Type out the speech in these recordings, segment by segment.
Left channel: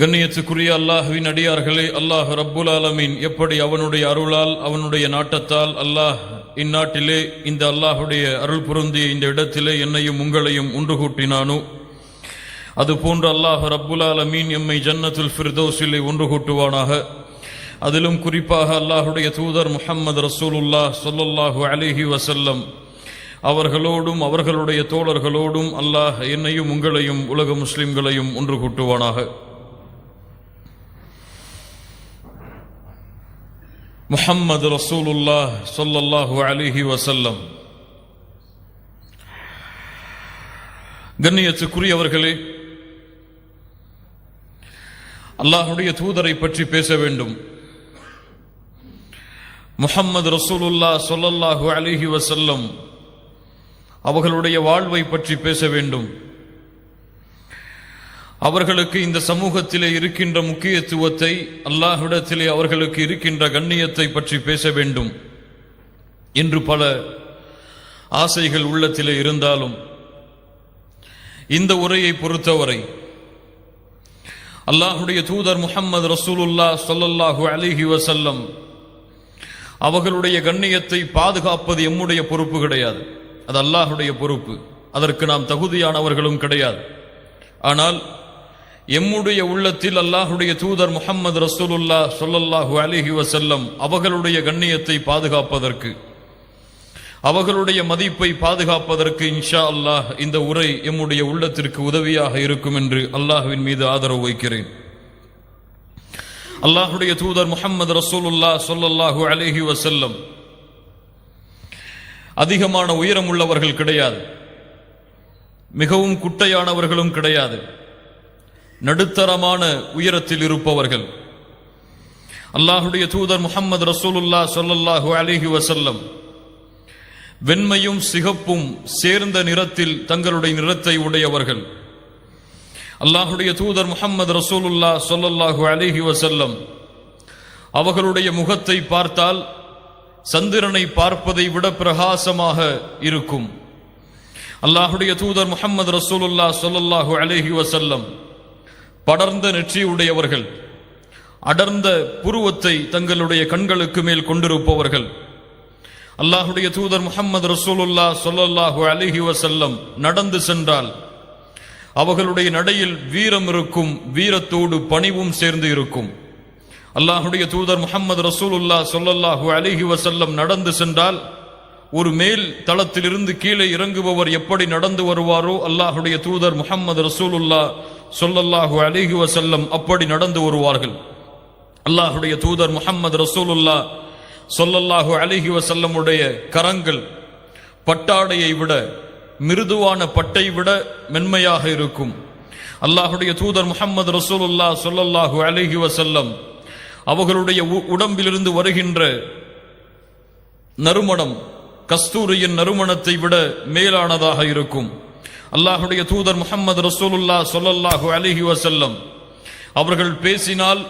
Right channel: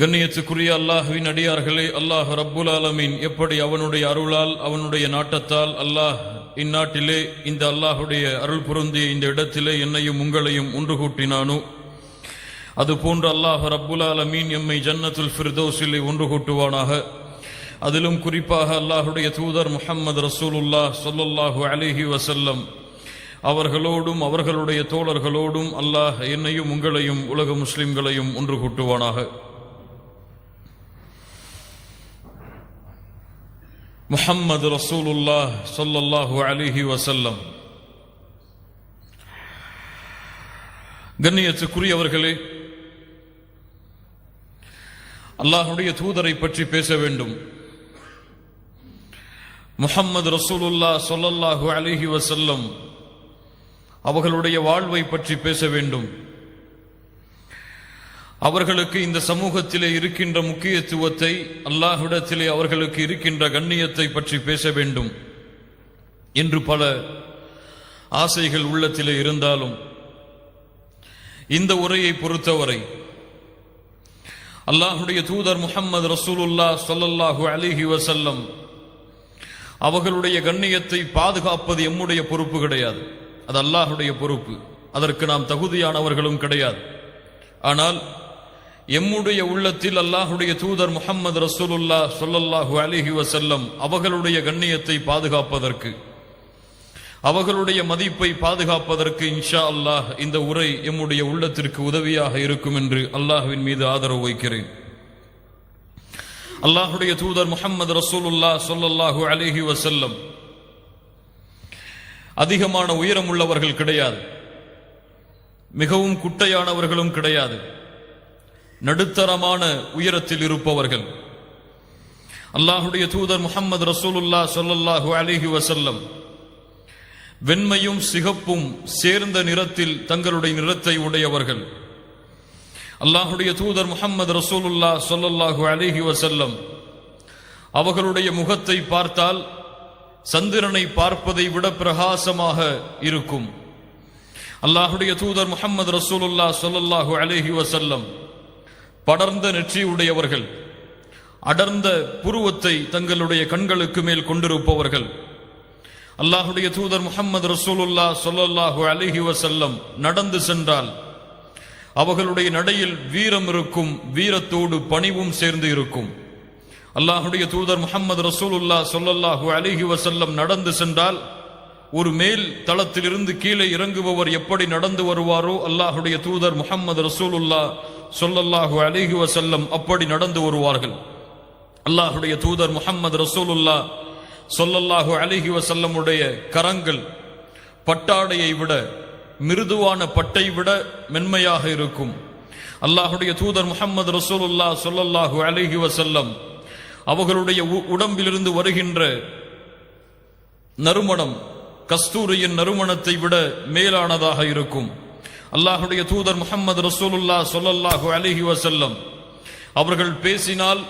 கண்ணியத்துக்குரிய அல்லாஹ்வின் அடியார்களே, அல்லாஹ் ரப்புல் ஆலமீன் எப்படி அவனுடைய அருளால் அவனுடைய நாட்டத்தால் அல்லாஹ் இந்நாட்டிலே இந்த அல்லாஹுடைய அருள் பொருந்திய இந்த இடத்திலே என்னையும் உங்களையும் ஒன்று கூட்டினானோ, அதுபோன்று அல்லாஹ் ரப்புல் ஆலமீன் எம்மை ஜன்னத்துல் ஃபிர்தௌஸிலே ஒன்று கூட்டுவானாக. அதிலும் குறிப்பாக அல்லாஹுடைய தூதர் முஹம்மது ரசூலுல்லாஹ் ஸல்லல்லாஹு அலைஹி வஸல்லம் அவர்களோடும் அவர்களுடைய தோழர்களோடும் அல்லாஹ் என்னையும் உங்களையும் உலக முஸ்லிம்களையும் ஒன்று கூட்டுவானாக. முஹம்மது ரசூலுல்லாஹ் ஸல்லல்லாஹு அலைஹி வஸல்லம். கண்ணியத்துக்குரியவர்களே, அல்லாஹுடைய தூதரை பற்றி பேச வேண்டும். முஹம்மது ரசூலுல்லாஹ் ஸல்லல்லாஹு அலைஹி வஸல்லம் அவர்களுடைய வாழ்வை பற்றி பேச வேண்டும். அவர்களுக்கு இந்த சமூகத்திலே இருக்கின்ற முக்கியத்துவத்தை, அல்லாஹ்விடத்திலே அவர்களுக்கு இருக்கின்ற கண்ணியத்தை பற்றி பேச வேண்டும் என்று பல ஆசைகள் உள்ளத்திலே இருந்தாலும், இந்த உரையை பொறுத்தவரை அல்லாஹுடைய தூதர் முஹம்மது ரசூலுல்லாஹ் ஸல்லல்லாஹு அலைஹி வஸல்லம் அவர்களுடைய கண்ணியத்தை பாதுகாப்பது எம்முடைய பொறுப்பு கிடையாது, அது அல்லாஹுடைய பொறுப்பு. அதற்கு நாம் தகுதியானவர்களும் கிடையாது. ஆனால் எம்முடைய உள்ளத்தில் அல்லாஹுடைய தூதர் முஹம்மது ரசூலுல்லாஹ் ஸல்லல்லாஹு அலைஹி வஸல்லம் அவர்களுடைய கண்ணியத்தை பாதுகாப்பதற்கு, அவர்களுடைய மதிப்பை பாதுகாப்பதற்கு இன்ஷா அல்லாஹ் இந்த உரை எம்முடைய உள்ளத்திற்கு உதவியாக இருக்கும் என்று அல்லாஹ்வின் மீது ஆதரவு வைக்கிறேன். அல்லாஹுடைய தூதர் முஹம்மது ரசூலுல்லாஹ் ஸல்லல்லாஹு அலைஹி வஸல்லம் அதிகமான உயரம் உள்ளவர்கள் கிடையாது, மிகவும் குட்டையானவர்களும் கிடையாது, நடுத்தரமான உயரத்தில் இருப்பவர்கள். அல்லாஹுடைய தூதர் முஹம்மது ரசூலுல்லாஹ் ஸல்லல்லாஹு அலைஹி வஸல்லம் வெண்மையும் சிகப்பும் சேர்ந்த நிறத்தில் தங்களுடைய நிறத்தை உடையவர்கள். அல்லாஹுடைய தூதர் முஹம்மது ரசூலுல்லாஹ் ஸல்லல்லாஹு அலைஹி வஸல்லம் அவர்களுடைய முகத்தை பார்த்தால் சந்திரனை பார்ப்பதை விட பிரகாசமாக இருக்கும். அல்லாஹுடைய தூதர் முஹம்மது ரசூலுல்லாஹ் ஸல்லல்லாஹு அலைஹி வஸல்லம் படர்ந்த நெற்றியுடையவர்கள், அடர்ந்த புருவத்தை தங்களுடைய கண்களுக்கு மேல் கொண்டிருப்பவர்கள். அல்லாஹுடைய தூதர் முஹம்மது ரசூலுல்லாஹ் ஸல்லல்லாஹு அலைஹி வஸல்லம் நடந்து சென்றால் அவர்களுடைய நடையில் வீரம் இருக்கும், வீரத்தோடு பணிவும் சேர்ந்து இருக்கும். அல்லாஹுடைய தூதர் முஹம்மது ரசூலுல்லாஹ் ஸல்லல்லாஹு அலைஹி வஸல்லம் நடந்து சென்றால் ஒரு மேல் தளத்திலிருந்து கீழே இறங்குபவர் எப்படி நடந்து வருவாரோ, அல்லாஹுடைய தூதர் முஹம்மது ரசூலுல்லாஹ் ஸல்லல்லாஹு அலைஹி வஸல்லம் அப்படி நடந்து வருவார்கள். அல்லாஹுடைய தூதர் முஹம்மது ரசூலுல்லாஹ் ஸல்லல்லாஹு அலைஹி வஸல்லமுடைய கரங்கள் பட்டாடையை விட, மிருதுவான பட்டை விட மென்மையாக இருக்கும். அல்லாஹுடைய தூதர் முஹம்மது ரசூலுல்லாஹ் ஸல்லல்லாஹு அலைஹி வஸல்லம் அவர்களுடைய உடம்பிலிருந்து வருகின்ற நறுமணம் கஸ்தூரியின் நறுமணத்தை விட மேலானதாக இருக்கும். அல்லாஹுடைய தூதர் முஹம்மது ரசூலுல்லாஹ் ஸல்லல்லாஹு அலைஹி வஸல்லம் அவர்கள் பேசினால்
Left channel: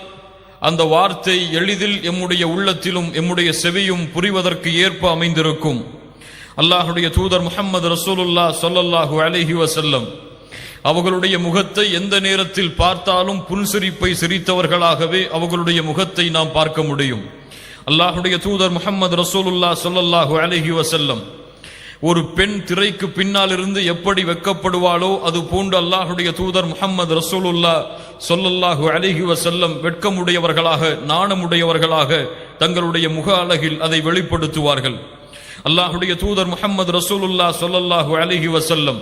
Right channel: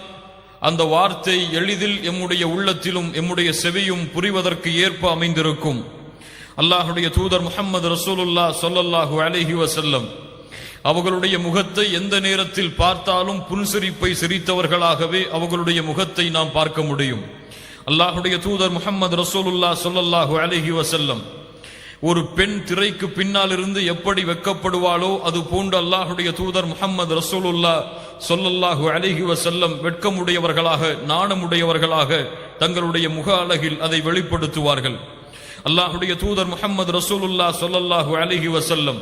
அந்த வார்த்தை எளிதில் எம்முடைய உள்ளத்திலும் எம்முடைய செவியும் புரிவதற்கு ஏற்ப அமைந்திருக்கும். அல்லாஹுடைய தூதர் முஹம்மது ரசூலுல்லாஹ் ஸல்லல்லாஹு அலைஹி வஸல்லம் அவர்களுடைய முகத்தை எந்த நேரத்தில் பார்த்தாலும் புன்சிரிப்பை சிரித்தவர்களாகவே அவர்களுடைய முகத்தை நாம் பார்க்க முடியும். அல்லாஹுடைய தூதர் முஹம்மது ரசூலுல்லாஹ் ஸல்லல்லாஹு அலைஹி வஸல்லம் ஒரு பெண் திரைக்கு பின்னால் இருந்து எப்படி வெட்கப்படுவாளோ அது போன்று அல்லாஹுடைய தூதர் முஹம்மது ரசூலுல்லாஹ் ஸல்லல்லாஹு அலைஹி வஸல்லம் வெட்கமுடையவர்களாக, நாணமுடையவர்களாக தங்களுடைய முக அழகில் அதை வெளிப்படுத்துவார்கள். அல்லாஹுடைய தூதர் முஹம்மது ரசூலுல்லாஹ் ஸல்லல்லாஹு அலைஹி வஸல்லம்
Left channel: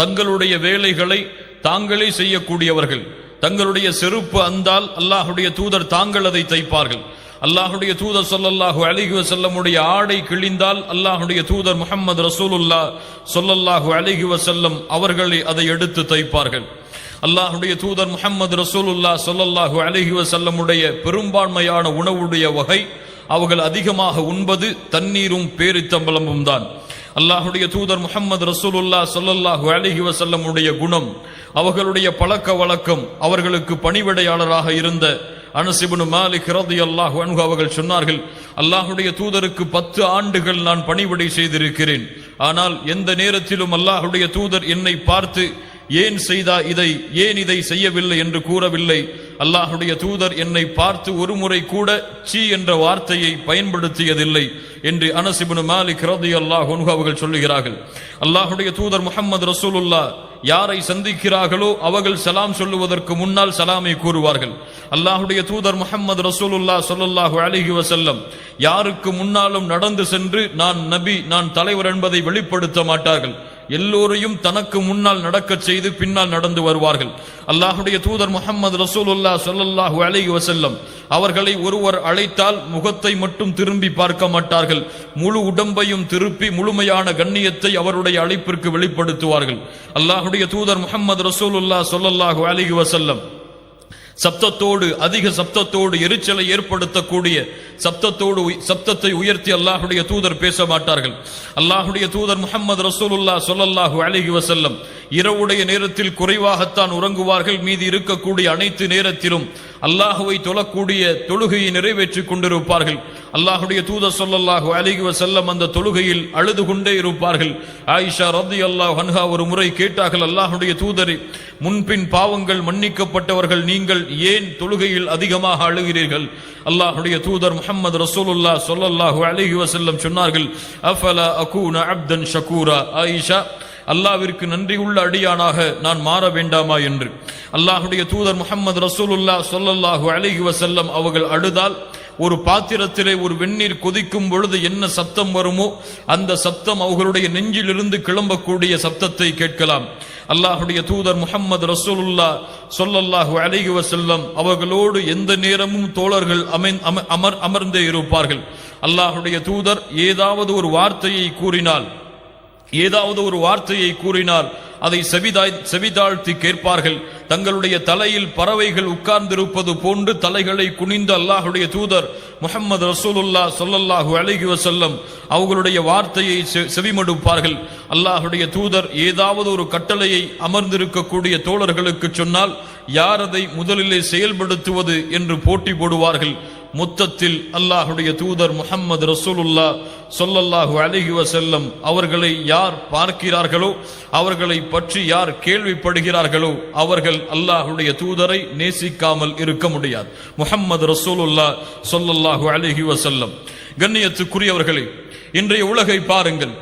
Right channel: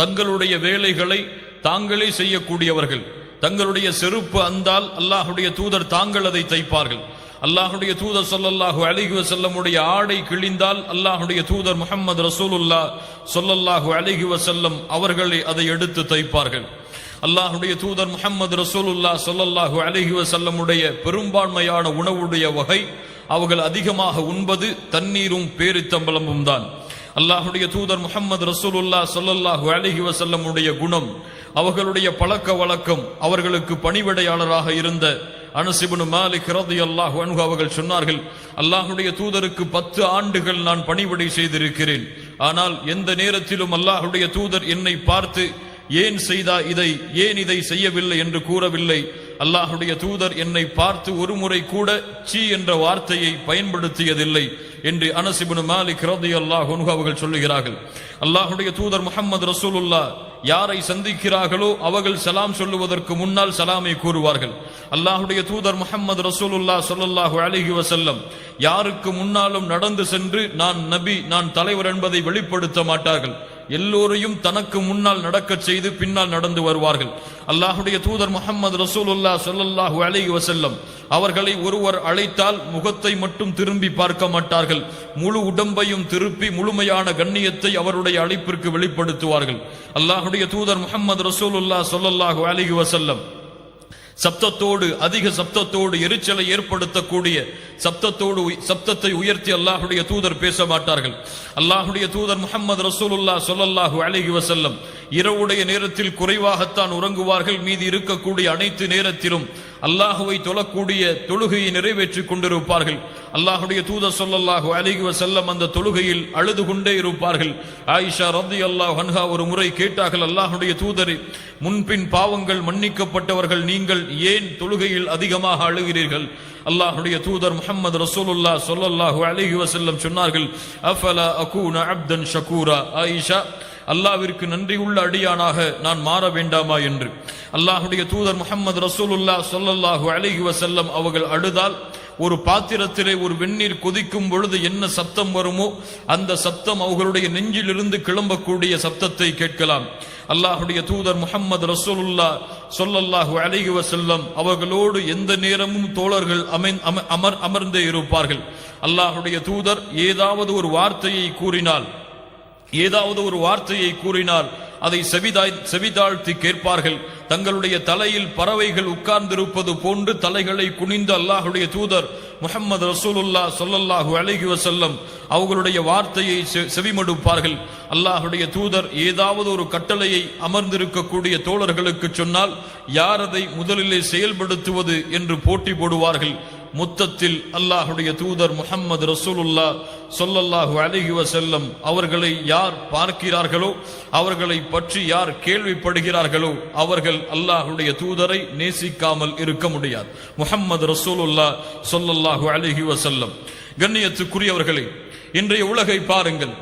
தங்களுடைய வேலைகளை தாங்களே செய்யக்கூடியவர்கள். தங்களுடைய செருப்பு அந்தால் அல்லாஹுடைய தூதர் தாங்கள் அதை தைப்பார்கள். அல்லாஹுடைய தூதர் ஸல்லல்லாஹு அலைஹி வஸல்லமுடைய ஆடை கிழிந்தால் அல்லாஹுடைய தூதர் முஹம்மது ரசூலுல்லாஹ் ஸல்லல்லாஹு அலைஹி வஸல்லம் அவர்களே அதை எடுத்து தைப்பார்கள். அல்லாஹுடைய தூதர் முஹம்மது ரசூலுல்லாஹ் ஸல்லல்லாஹு அலைஹி வஸல்லமுடைய பெரும்பான்மையான உணவுடைய வகை அவர்கள் அதிகமாக உண்பது தண்ணீரும் பேரித்தம்பலமும் தான். அல்லாஹுடைய தூதர் முஹம்மது ரசூலுல்லாஹ் ஸல்லல்லாஹு அலைஹி வஸல்லமுடைய குணம், அவர்களுடைய பழக்க வழக்கம், அவர்களுக்கு பணிவிடையாளராக இருந்த அனஸ் இப்னு மாலிக் ரலியல்லாஹு அன்ஹு அவர்கள் சொன்னார்கள், அல்லாஹுடைய தூதருக்கு 10 ஆண்டுகள் நான் பணிவிடை செய்திருக்கிறேன். ஆனால் எந்த நேரத்திலும் அல்லாஹுடைய தூதர் என்னை பார்த்து ஏன் இதை செய்யவில்லை என்று கூறவில்லை. அல்லாஹுடைய தூதர் என்னை பார்த்து ஒரு முறை கூட சீ என்ற வார்த்தையை பயன்படுத்தியதில்லை என்று அனஸ் இப்னு மாலிக் ரலியல்லாஹு அன்ஹு அவர்கள் சொல்லுகிறார்கள். அல்லாஹுடைய தூதர் முஹம்மது ரசூலுல்லாஹ் யாரை சந்திக்கிறார்களோ அவர்கள் சலாம் சொல்லுவதற்கு முன்னால் சலாமை கூறுவார்கள். அல்லாஹுடைய தூதர் முஹம்மது ரசூலுல்லாஹ் ஸல்லல்லாஹு அலைஹி வஸல்லம் யாருக்கு முன்னாலும் நடந்து சென்று நான் நபி, நான் தலைவர் என்பதை வெளிப்படுத்த மாட்டார்கள். எல்லோரையும் தனக்கு முன்னால் நடக்கச் செய்து பின்னால் நடந்து வருவார்கள். அல்லாஹுடைய தூதர் முஹம்மது ரசூலுல்லாஹ் ஸல்லல்லாஹு அலைஹி வஸல்லம் அவர்களை ஒருவர் அழைத்தால் முகத்தை மட்டும் திரும்பி பார்க்க மாட்டார்கள், முழு உடம்பையும் திருப்பி முழுமையான கண்ணியத்தை அவருடைய அழைப்பிற்கு வெளிப்படுத்துவார்கள். அல்லாஹுடைய தூதர் முஹம்மது ரசூலுல்லாஹ் ஸல்லல்லாஹு அலைஹி வஸல்லம் சப்தத்தோடு, அதிக சப்தத்தோடு, எரிச்சலை ஏற்படுத்தக்கூடிய சப்தத்தை உயர்த்தி அல்லாஹுடைய தூதர் பேச மாட்டார்கள். அல்லாஹுடைய தூதர் முஹம்மது ரசூலுல்லாஹ் ஸல்லல்லாஹு அலைஹி வஸல்லம் இரவுடைய நேரத்தில் குறைவாகத்தான் உறங்குவார்கள். மீதி இருக்கக்கூடிய அனைத்து நேரத்திலும் அல்லாஹுவை தொழக்கூடிய தொழுகையை நிறைவேற்றிக் கொண்டிருப்பார்கள். அல்லாஹுடைய தூதர் ஸல்லல்லாஹு அலைஹி வஸல்லம் அந்த தொழுகையில் அழுது கொண்டே இருப்பார்கள். ஆயிஷா ரலியல்லாஹு அன்ஹா ஒரு முறை கேட்டார்கள், அல்லாஹுடைய தூதரே, முன்பின் பாவங்கள் மன்னிக்கப்பட்டவர்கள் நீங்கள் ஏன் தொழுகையில் அதிகமாக அழுகிறீர்கள்? அல்லாஹுடைய தூதர் முஹம்மது ரசூலுல்லாஹ் ஸல்லல்லாஹு அலைஹி வஸல்லம் சொன்னார்கள், அஃபலா அகூன அப்தன் ஷகூரா, ஆயிஷா, அல்லாஹ்விற்கு நன்றியுள்ள அடியானாக நான் மாற வேண்டாமா என்று. அல்லாஹுடைய தூதர் முஹம்மது ரசூலுல்லாஹ் ஸல்லல்லாஹு அலைஹி வஸல்லம் அவர்கள் அழுதால் ஒரு பாத்திரத்திலே ஒரு வெந்நீர் கொதிக்கும் பொழுது என்ன சப்தம் வருமோ அந்த சப்தம் அவர்களுடைய நெஞ்சிலிருந்து கிளம்பக்கூடிய சப்தத்தை கேட்கலாம். அல்லாஹுடைய தூதர் முஹம்மது ரசூலுல்லாஹ் ஸல்லல்லாஹு அலைஹி வஸல்லம் அவர்களோடு எந்த நேரமும் தோழர்கள் அமர்ந்தே இருப்பார்கள். அல்லாஹுடைய தூதர் ஏதாவது ஒரு வார்த்தையை கூறினால் அதை செவிதாழ்த்தி கேட்பார்கள். தங்களுடைய தலையில் பறவைகள் உட்கார்ந்திருப்பது போன்று தலைகளை குனிந்து அல்லாஹுடைய தூதர் முஹம்மது ரசூலுல்லாஹ் ஸல்லல்லாஹு அலைஹி வஸல்லம் அவர்களுடைய வார்த்தையை செவிமடுப்பார்கள். அல்லாஹுடைய தூதர் ஏதாவது ஒரு கட்டளையை அமர்ந்திருக்கக்கூடிய தோழர்களுக்கு சொன்னால் யார் அதை முதலிலே செயல்படுத்துவது என்று போட்டி போடுவார்கள். மொத்தத்தில் அல்லாஹுடைய தூதர் முஹம்மது ரசூலுல்லாஹ் ஸல்லல்லாஹு அலைஹி வஸல்லம் அவர்களை யார் பார்க்கிறார்களோ, அவர்களை பற்றி யார் கேள்விப்படுகிறார்களோ அவர்கள் அல்லாஹுடைய தூதரை நேசிக்காமல் இருக்க முடியாது. முஹம்மது ரசூலுல்லாஹ் ஸல்லல்லாஹு அலைஹி வஸல்லம். கண்ணியத்துக்குரியவர்களே, இன்றைய உலகை பாருங்கள்.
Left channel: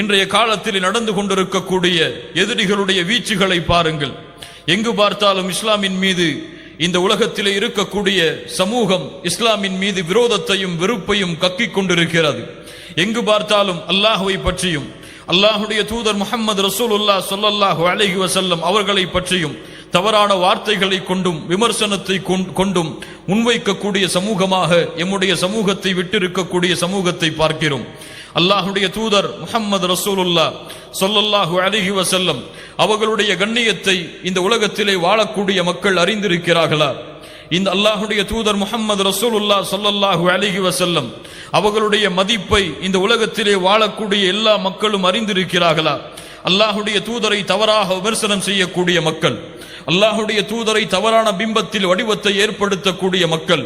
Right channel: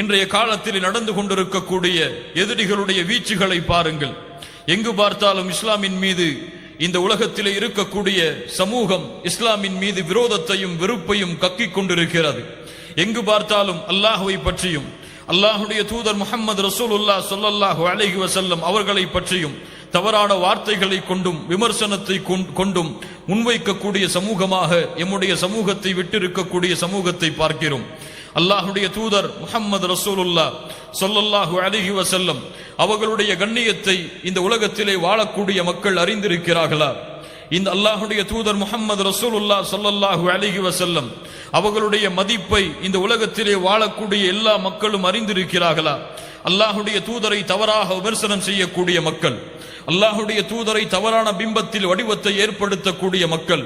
இன்றைய காலத்தில் நடந்து கொண்டிருக்கக்கூடிய எதிரிகளுடைய வீச்சுகளை பாருங்கள். எங்கு பார்த்தாலும் இஸ்லாமின் மீது, இந்த உலகத்திலே இருக்கக்கூடிய சமூகம் இஸ்லாமின் மீது விரோதத்தையும் வெறுப்பையும் கக்கிக் கொண்டிருக்கிறது. எங்கு பார்த்தாலும் அல்லாஹுவை பற்றியும் அல்லாஹுடைய தூதர் முஹம்மது ரசூலுல்லாஹ் ஸல்லல்லாஹு அலைஹி வஸல்லம் அவர்களை பற்றியும் தவறான வார்த்தைகளை கொண்டும் விமர்சனத்தை கொண்டும் முன்வைக்கக்கூடிய சமூகமாக எம்முடைய சமூகத்தை விட்டிருக்கக்கூடிய சமூகத்தை பார்க்கிறோம். அல்லாஹுடைய தூதர் முஹம்மது ரசூலுல்லாஹ் ஸல்லல்லாஹு அலைஹி வஸல்லம் அவர்களுடைய கண்ணியத்தை இந்த உலகத்திலே வாழக்கூடிய மக்கள் அறிந்திருக்கிறார்களா? இந்த அல்லாஹுடைய தூதர் முஹம்மது ரசூலுல்லாஹ் ஸல்லல்லாஹு அலைஹி வஸல்லம் அவர்களுடைய மதிப்பை இந்த உலகத்திலே வாழக்கூடிய எல்லா மக்களும் அறிந்திருக்கிறார்களா? அல்லாஹுடைய தூதரை தவறாக விமர்சனம் செய்யக்கூடிய மக்கள், அல்லாஹுடைய தூதரை தவறான பிம்பத்தில் வடிவத்தை ஏற்படுத்தக்கூடிய மக்கள்,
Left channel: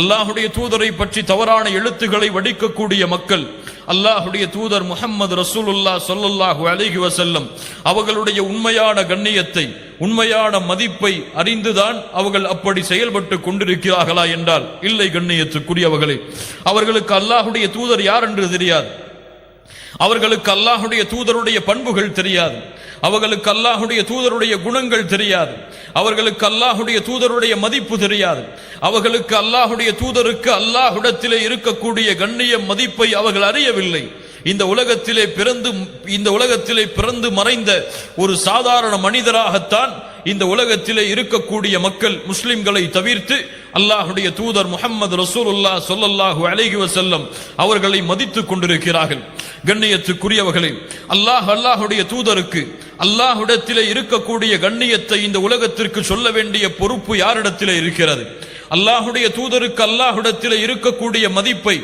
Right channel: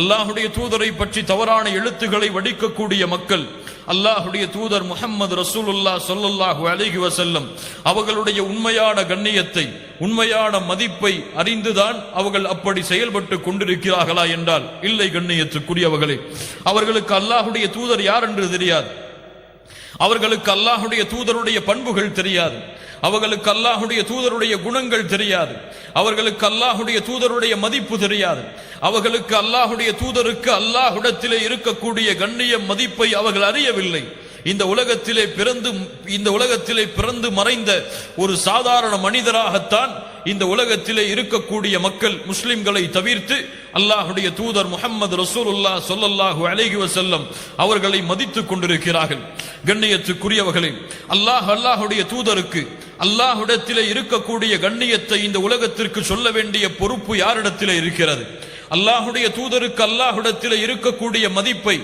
அல்லாஹுடைய தூதரை பற்றி தவறான எழுத்துக்களை வடிக்கக்கூடிய மக்கள், அல்லாஹுடைய தூதர் முஹம்மது ரசூலுல்லாஹ் ஸல்லல்லாஹு அலைஹி வஸல்லம் அவர்களுடைய உண்மையான கண்ணியத்தை, உண்மையான மதிப்பை அறிந்துதான் அவர்கள் அப்படி செயல்பட்டு கொண்டிருக்கிறார்களா என்றால் இல்லை. கண்ணியத்துக்குரியவர்களே, அவர்களுக்கு அல்லாஹுடைய தூதர் யார் என்று தெரியாது. அவர்களுக்கு அல்லாஹுடைய தூதருடைய பண்புகள் தெரியாது. அவர்களுக்கு அல்லாஹுடைய தூதருடைய குணங்கள் தெரியாது. அவர்களுக்கு அல்லாஹுடைய தூதருடைய மதிப்பு தெரியாது. அவர்களுக்கு அல்லாஹுடைய தூதருக்கு அல்லாஹ்விடத்திலே இருக்கக்கூடிய கண்ணிய மதிப்பை அவர்கள் அறியவில்லை. இந்த உலகத்திலே பிறந்து மறைந்த ஒரு சாதாரண மனிதராகத்தான் இந்த உலகத்திலே இருக்கக்கூடிய மக்கள் முஸ்லிம்களை தவிர்த்து அல்லாஹுடைய தூதர் முஹம்மது ரசூலுல்லாஹ் ஸல்லல்லாஹு அலைஹி வஸல்லம் அவர்களை மதித்துக் கொண்டிருக்கிறார்கள். கண்ணியத்துக்குரியவர்களே, அல்லாஹுடைய தூதருக்கு அல்லாஹ்விடத்திலே இருக்கக்கூடிய கண்ணியத்தை இந்த உலகத்திற்கு சொல்ல வேண்டிய பொறுப்பு யாரிடத்திலே இருக்கிறது? அல்லாஹுடைய தூதருக்கு அல்லாஹ்விடத்திலே இருக்கக்கூடிய மதிப்பை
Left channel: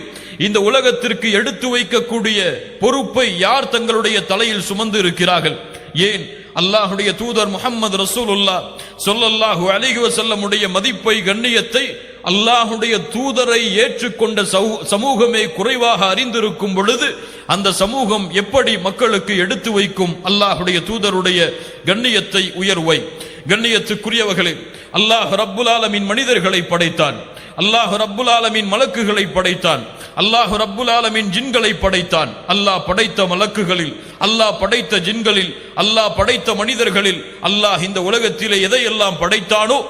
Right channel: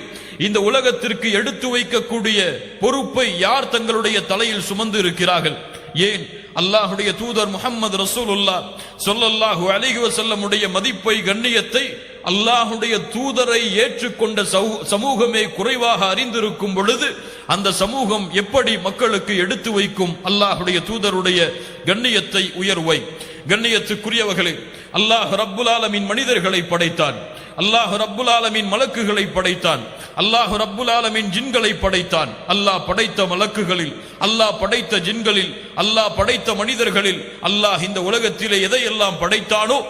இந்த உலகத்திற்கு எடுத்து வைக்கக்கூடிய பொறுப்பை யார் தங்களுடைய தலையில் சுமந்து இருக்கிறார்கள்? ஏன் அல்லாஹுடைய தூதர் முஹம்மது ரசூலுல்லாஹ் ஸல்லல்லாஹு அலைஹி வஸல்லம் உடைய மதிப்பை கண்ணியத்தை அல்லாஹுடைய தூதரை ஏற்றுக்கொண்ட சமூகமே குறைவாக அறிந்திருக்கும் பொழுது அந்த சமூகம் எப்படி மக்களுக்கு எடுத்து வைக்கும் அல்லாஹுடைய தூதருடைய கண்ணியத்தை உயர்வை? கண்ணியத்துக்குரியவர்களே, அல்லாஹ் ரப்புல் ஆலமீன் மனிதர்களை படைத்தான், அல்லாஹ் ரப்புல் ஆலமீன் மலக்குகளை படைத்தான், அல்லாஹ் ரப்புல் ஆலமீன் ஜின்களை படைத்தான். அல்லாஹ் படைத்த மலக்குகளில், அல்லாஹ் படைத்த ஜின்களில், அல்லாஹ் படைத்த மனிதர்களில் அல்லாஹ் இந்த உலகத்திலே எதையெல்லாம் படைத்தானோ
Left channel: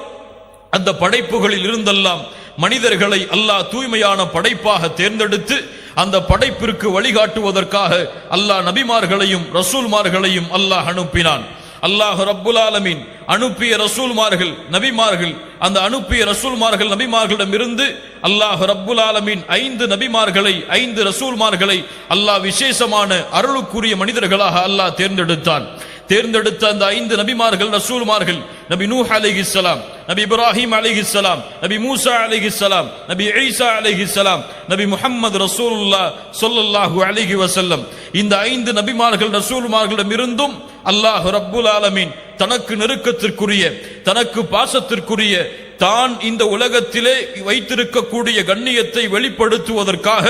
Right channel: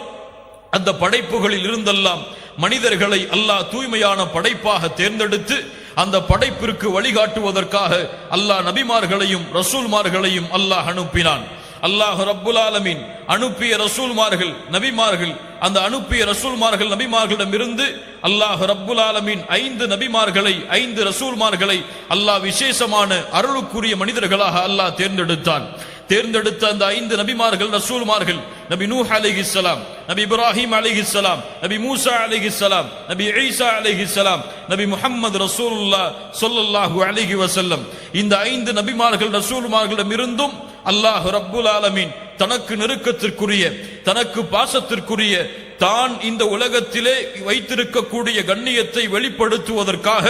அந்த படைப்புகளில் இருந்தெல்லாம் மனிதர்களை அல்லாஹ் தூய்மையான படைப்பாக தேர்ந்தெடுத்து அந்த படைப்பிற்கு வழிகாட்டுவதற்காக அல்லாஹ் நபிமார்களையும் ரசூல்மார்களையும் அல்லாஹ் அனுப்பினான். அல்லாஹ் ரப்புல் ஆலமீன் அனுப்பிய ரசூல்மார்கள் நபிமார்கள், அந்த அனுப்பிய ரசூல்மார்கள் நபிமார்களிடமிருந்து அல்லாஹ் ரப்புல் ஆலமீன் 5 நபிமார்களை 5 ரசூல்மார்களை அல்லாஹ் விசேஷமான அருளுக்குரிய மனிதர்களாக அல்லாஹ் தேர்ந்தெடுத்தான். தேர்ந்தெடுத்த அந்த 5 நபிமார்கள் ரசூல்மார்கள், நபி நூஹ் அலைஹிஸ்ஸலாம், நபி இப்ராஹிம் அலைஹிஸ்ஸலாம், நபி மூசா அலைஹிஸ்ஸலாம், நபி ஈசா அலைஹிஸ்ஸலாம், நபி முஹம்மது ரசூலுல்லாஹ் ஸல்லல்லாஹு அலைஹி வஸல்லம். இந்த 5 நபிமார்கள் ரசூல்மார்களிடமிருந்தும் அல்லாஹ் ரப்புல் ஆலமீன் தனக்கு நெருக்கத்திற்குரிய, தனக்கு பாசத்திற்குரிய, தான் இந்த உலகத்திலே வைத்திருக்கக்கூடிய கண்ணியத்தை வெளிப்படுத்துவதற்காக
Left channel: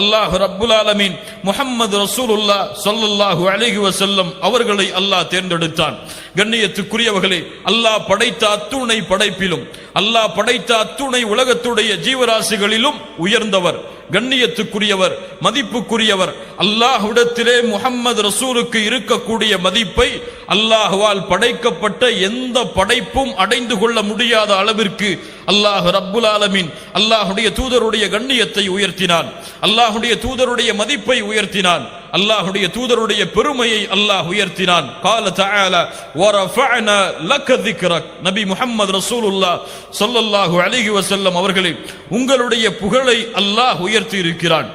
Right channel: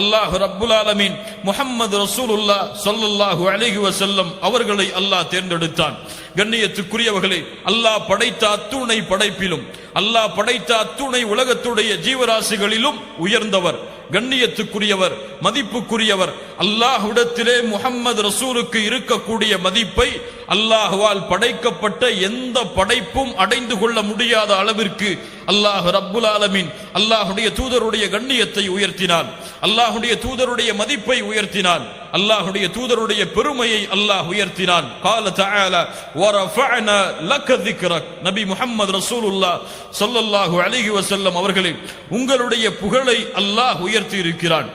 அல்லாஹ் ரப்புல் ஆலமீன் முஹம்மது ரசூலுல்லாஹ் ஸல்லல்லாஹு அலைஹி வஸல்லம் அவர்களை அல்லாஹ் தேர்ந்தெடுத்தான். கண்ணியத்துக்குரியவர்களே, அல்லாஹ் படைத்த அத்துணை படைப்பிலும், அல்லாஹ் படைத்த அத்துணை உலகத்துடைய ஜீவராசிகளிலும் உயர்ந்தவர், கண்ணியத்துக்குரியவர், மதிப்புக்குரியவர். அல்லாஹ்விடத்திலே முஹம்மது ரசூலுக்கு இருக்கக்கூடிய மதிப்பை அல்லாஹ்வால் படைக்கப்பட்ட எந்த படைப்பும் அடைந்து கொள்ள முடியாத அளவிற்கு அல்லாஹ் ரப்புல் ஆலமீன் அல்லாஹுடைய தூதருடைய கண்ணியத்தை உயர்த்தினான், அல்லாஹுடைய தூதருடைய மதிப்பை உயர்த்தினான், அல்லாஹுடைய தூதருடைய பெருமையை அல்லாஹ் உயர்த்தினான். قال تعالى ورفعنا لك ذكرك. நபி முஹம்மது ரசூலுல்லாஹ் ஸல்லல்லாஹு அலைஹி வஸல்லம் அவர்களே, உங்களுடைய புகழை அல்லாஹ் உயர்த்தி இருக்கிறான்.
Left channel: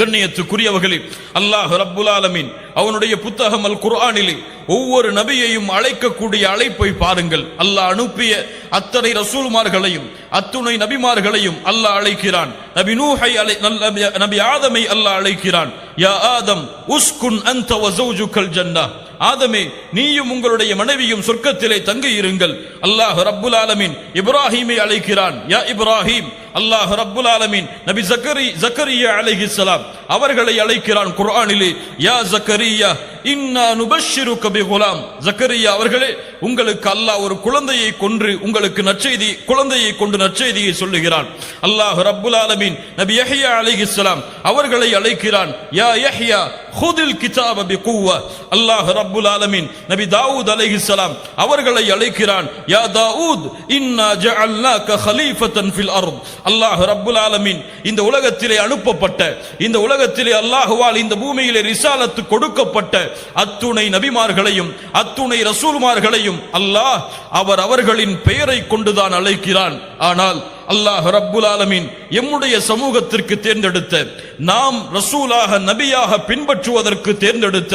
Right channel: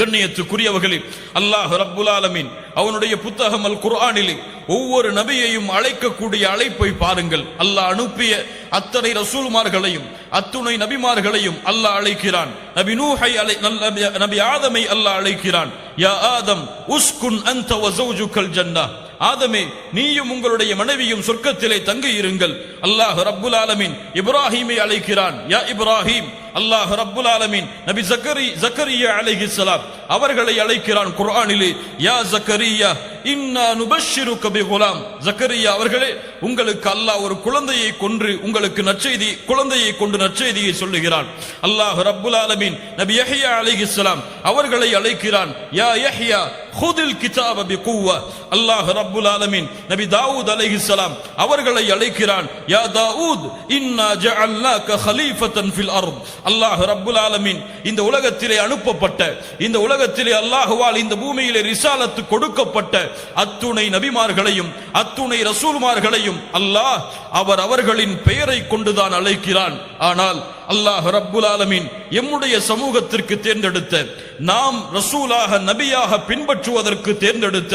கண்ணியத்துக்குரியவர்களே, அல்லாஹ் ரப்புல் ஆலமீன் அவனுடைய புத்தகம் அல் குர்ஆனிலே ஒவ்வொரு நபியையும் அழைக்கக்கூடிய அழைப்பை பாருங்கள். அல்லாஹ் அனுப்பிய அத்தனை ரசூல்மார்களையும் அத்துணை நபிமார்களையும் அல்லாஹ் அழைக்கிறான். நபி நூஹை நபி ஆதமை அல்லாஹ் அழைக்கிறான். யா ஆதம் உஸ்குன் அன்த வ ஸௌஜுகல் ஜன்னah. ஆதமே, நீயும் உங்களுடைய மனைவியும் சொர்க்கத்திலே தங்கி இருங்கள். அல்லாஹ் ரப்புல் ஆலமீன் இப்ராஹீமை அழைக்கிறான். யா இப்ராஹீம். அல்லாஹ் ரப்புல் ஆலமீன் நபி ஜக்கரியா அலைஹிஸ்ஸலாம் அவர்களை அழைக்கிறான் குர்ஆனிலே. யா ஜக்கரியா இன்னா நுபஷ்ஷிருக பிகுலாம். ஜக்கரியா அவர்களே, உங்களுக்கு அல்லாஹ் ஒரு குழந்தையை கொன்று உங்களுக்கு நற்செய்தி, குழந்தையை கொண்டு நற்செய்தியை சொல்லுகிறான். அல்லாஹ் ரப்புல் ஆலமீன் நபி யஹ்யா அலைஹிஸ்ஸலாம் அவர்களை அழைக்கிறான். யா யஹ்யா ஹுதில் கிதாப பிகுவா. அல்லாஹ் ரப்புல் ஆலமீன் நபி தாவூத் அலைஹிஸ்ஸலாம் அவர்களை அழைக்கிறான். யா தாவூத் இன்னா ஜஅல்னாக கலீஃபத்தன் ஃபில் அர்த். அல்லாஹ் ரப்புல் ஆலமீன் இந்த உலகத்திலே அனுப்பப்பட்ட, இந்த உலகத்திலே அல்லாஹ்வால் இந்த பூமியிலே ரிசாலத்து கொடுக்கப்பட்ட அத்துணை நபிமார்களையும் அத்துணை ரசூல்மார்களையும் அல்லாஹ் அவர்களின் பெயரை கொண்டுதான் அழைக்கிறான். ஆனால் அல்லாஹ் ரப்புல் ஆலமீன் எம்முடைய சமூகத்திற்கு தேர்ந்தெடுத்த, நாம் ரசூலாக நபியாக பின்பற்றுவதற்கு தேர்ந்தெடுத்த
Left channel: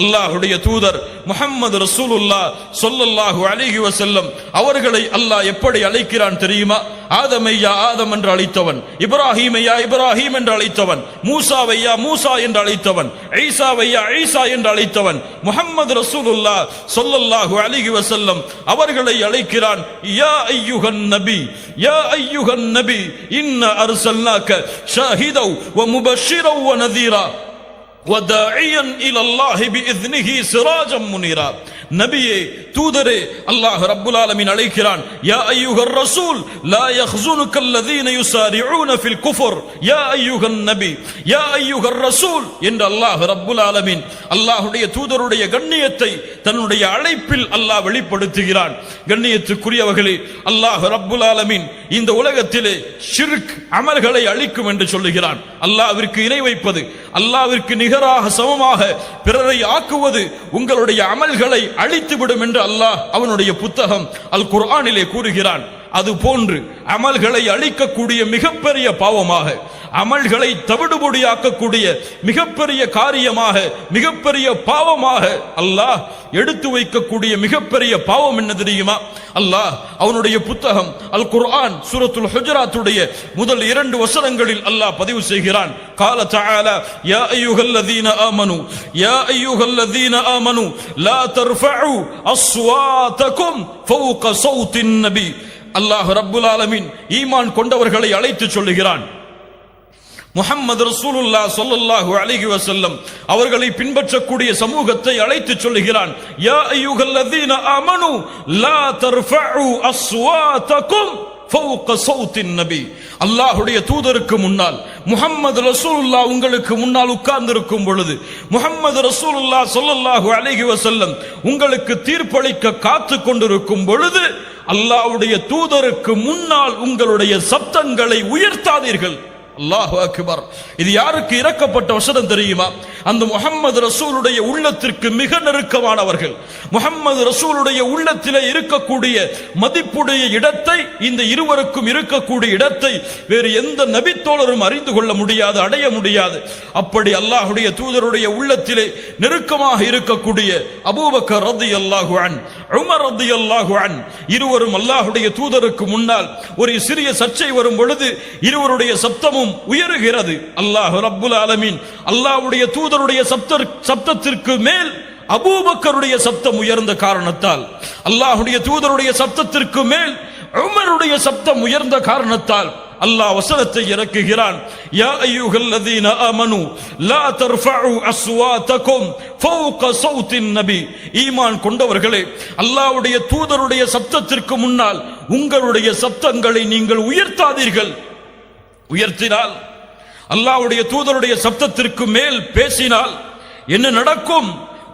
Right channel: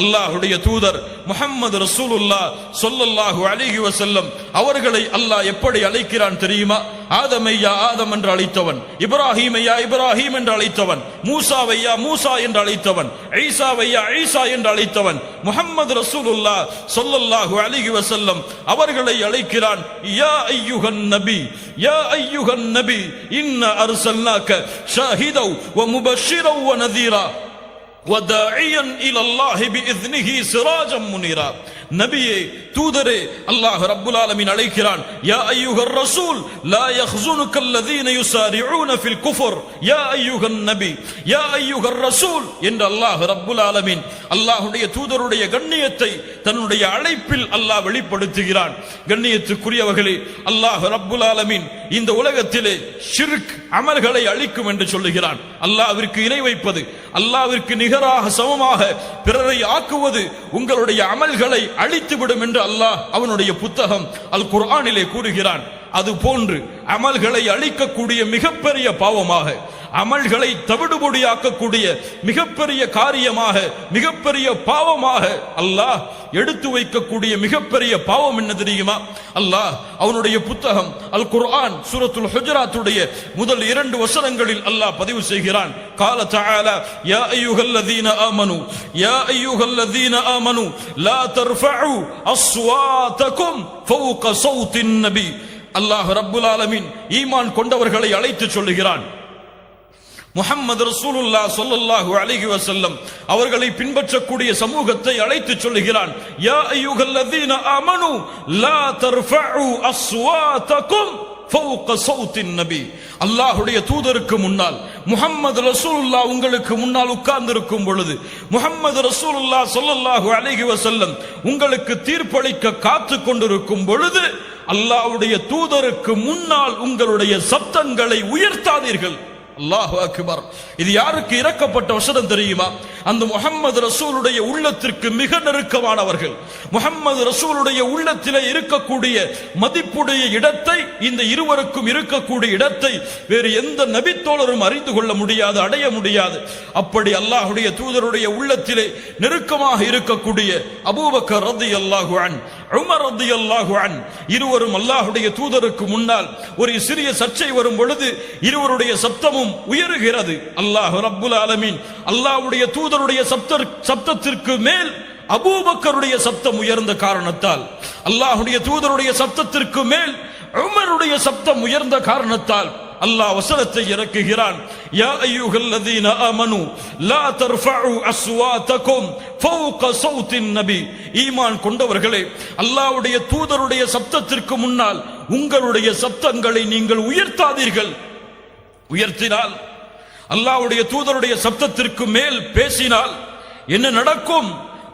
அல்லாஹுடைய தூதர் முஹம்மது ரசூலுல்லாஹ் ஸல்லல்லாஹு அலைஹி வஸல்லம் அவர்களை அல்லாஹ் எப்படி அழைக்கிறான் தெரியுமா? ஆதமை யா ஆதம் என்று அழைத்தவன், இப்ராஹீமை யா இப்ராஹீம் என்று அழைத்தவன், மூசாவை யா மூசா என்று அழைத்தவன், ஈசாவை யா ஈசா என்று அழைத்தவன், முஹம்மது ரசூலுல்லாஹ் ஸல்லல்லாஹு அலைஹி வஸல்லம் அவர்களை அழைக்கிறான். யா அய்யுஹன் நபி, யா அய்யுஹன் நபி இன்னா அர்சல்னாக ஷாஹிதன் வ முபஷ்ஷிரன் வ நதீரா وَدَاعِيًا إِلَى اللَّهِ بِإِذْنِهِ سِرَاجًا مُنِيرًا. நபியே, தூதரே, அல்லாஹ் ரப்புல் ஆலமீன் அழைக்கிறான். யா அய்யுஹர் ரசூல் லா யஹ்ஸுனுக அல்லதீன யுஸாரிஊன ஃபில் குஃப்ர் யா அய்யுஹன் நபி யா அய்யுஹர் ரசூல் என்று அல்லாஹ் ரப்புல் ஆலமீன் அல்லாஹ்வுடைய தூதருடைய கண்ணியத்தை தன்னுடைய அழைப்பில் அல்லாஹ் வெளிப்படுத்துகிறான். கண்ணியத்துக்குரியவர்களே, அல்லாஹ் ரப்புல் ஆலமீன் இந்த உலகத்திலே ஷிர்க் அமல்களை அழிக்கும் என்று சொல்லுகிறான். அல்லாஹ்விற்கு இணை வைப்பது, அல்லாஹ்விற்கு நிகராக சமமாக பிறரை ஆக்குவது உங்களுடைய அமல்களை அழித்துவிடும் என்று அல்லாஹ் அவனுடைய புத்தகம் அல் குர்ஆனிலே கூறுகிறான். அது போன்று அமல்களை அழிக்கக்கூடிய மிகப்பெரிய பாவமாக, அமல்களை தவிடுபொடியாக்கக்கூடிய மிகப்பெரிய காரியமாக, மிகப்பெரிய பாவமாக அல்லாஹ் எடுத்து வைக்கக்கூடிய மிகப்பெரிய பாவம் என்ன தெரியுமா? அல்லாஹ் அவனுடைய புத்தகம் அல் குர்ஆன் சூரத்துல் ஹுஜராத்துடைய முதல் 2 வசனங்களில் அல்லாஹ் பதிவு செய்கிறான். قال تعالى يا ايها الذين امنوا يا ايها الذين امنوا لا ترفعوا اصواتكم فوق صوت النبي. அல்லாஹ் ரப்புல் ஆலமீன் ஈமான் கொண்டவர்களை அழைத்து சொல்லுகிறான். முஹம்மது ரசூலுல்லாஹ் ஸல்லல்லாஹு அலைஹி வஸல்லம் அவர்களை பின்பற்றக்கூடிய சமூகத்தை அழைத்து சொல்லுகிறான். யா அய்யுஹல்லதீன ஆமனு லா தர்ஃபஉ அஸ்வாதகும் ஃபௌக ஸௌத்தின் நபி. அல்லாஹ்வுடைய தூதருக்கு முன்னால் முஹம்மது ரசூலுல்லாஹ் உங்களுக்கு முன்னால் உட்கார்ந்திருக்கும் பொழுது, முஹம்மது ரசூலுல்லாஹ் ஸல்லல்லாஹு அலைஹி வஸல்லம் உங்களுக்கு தீர்ப்பளிக்க காத்து கொண்டிருக்கும் பொழுது அல்லாஹ்வுடைய தூதருக்கு முன்னால் உங்களுடைய சப்தங்களை உயர்த்தாதீர்கள். அல்லாஹு அக்பர். இது யாருக்கு இறக்கப்பட்ட வசனம் தெரியுமா? அந்த முஹம்மது ரசூலுடைய உள்ளத்திற்கு மிக நெருக்கமானவர்கள். முஹம்மது ரசூலுடைய உள்ளத்திலே இருக்கக்கூடிய மதிப்புடைய இடத்தை, இந்த இருவருக்கும் இருக்கக்கூடிய இடத்தை வேறு எந்த நபித்தோழரும் அறிந்து கொள்ள முடியாது, அடைய முடியாது. அப்படி அல்லாஹ்வுடைய தூதருடைய உள்ளத்திலே நெருக்கமாக இருக்கக்கூடிய அபூபக்கர் ரலியல்லாஹு அன்ஹு, உமர் ரலியல்லாஹு அன்ஹு இருவரும் அல்லாஹ்வுடைய தூதருக்கு முன்னால் ஒரு சிறிய சர்ச்சை வரும் பொழுது இருவருடைய சப்தமும் உயருகிறது. அல்லாஹ் ரப்புல் ஆலமீன் அல்லாஹ்வுடைய தூதருடைய சப்தத்திற்கு மேல் அபூபக்கருடைய சப்தம் உயர்ந்த காரணத்தால், அல்லாஹ்வுடைய தூதருடைய சப்தத்திற்கு மேல் உமருடைய சப்தம் உயர்ந்த காரணத்தால் அல்லாஹ் வசனத்தை இறக்குகிறான். யா அய்யுஹல்லதீன ஆமனு லா தர்ஃபஉ அஸ்வாதகும் ஃபௌக ஸௌத்தின் நபி. ஈமான் கொண்டவர்களே, அல்லாஹ்வுடைய தூதருடைய சப்தத்திற்கு முன்னால் உங்களுடைய சப்தங்களை நீங்கள் உயர்த்தாதீர்கள். உயர்த்தினால், அல்லாஹ்வுடைய தூதருடைய சப்தத்திற்கு மேல் பேசினால் என்ன நடக்கும்?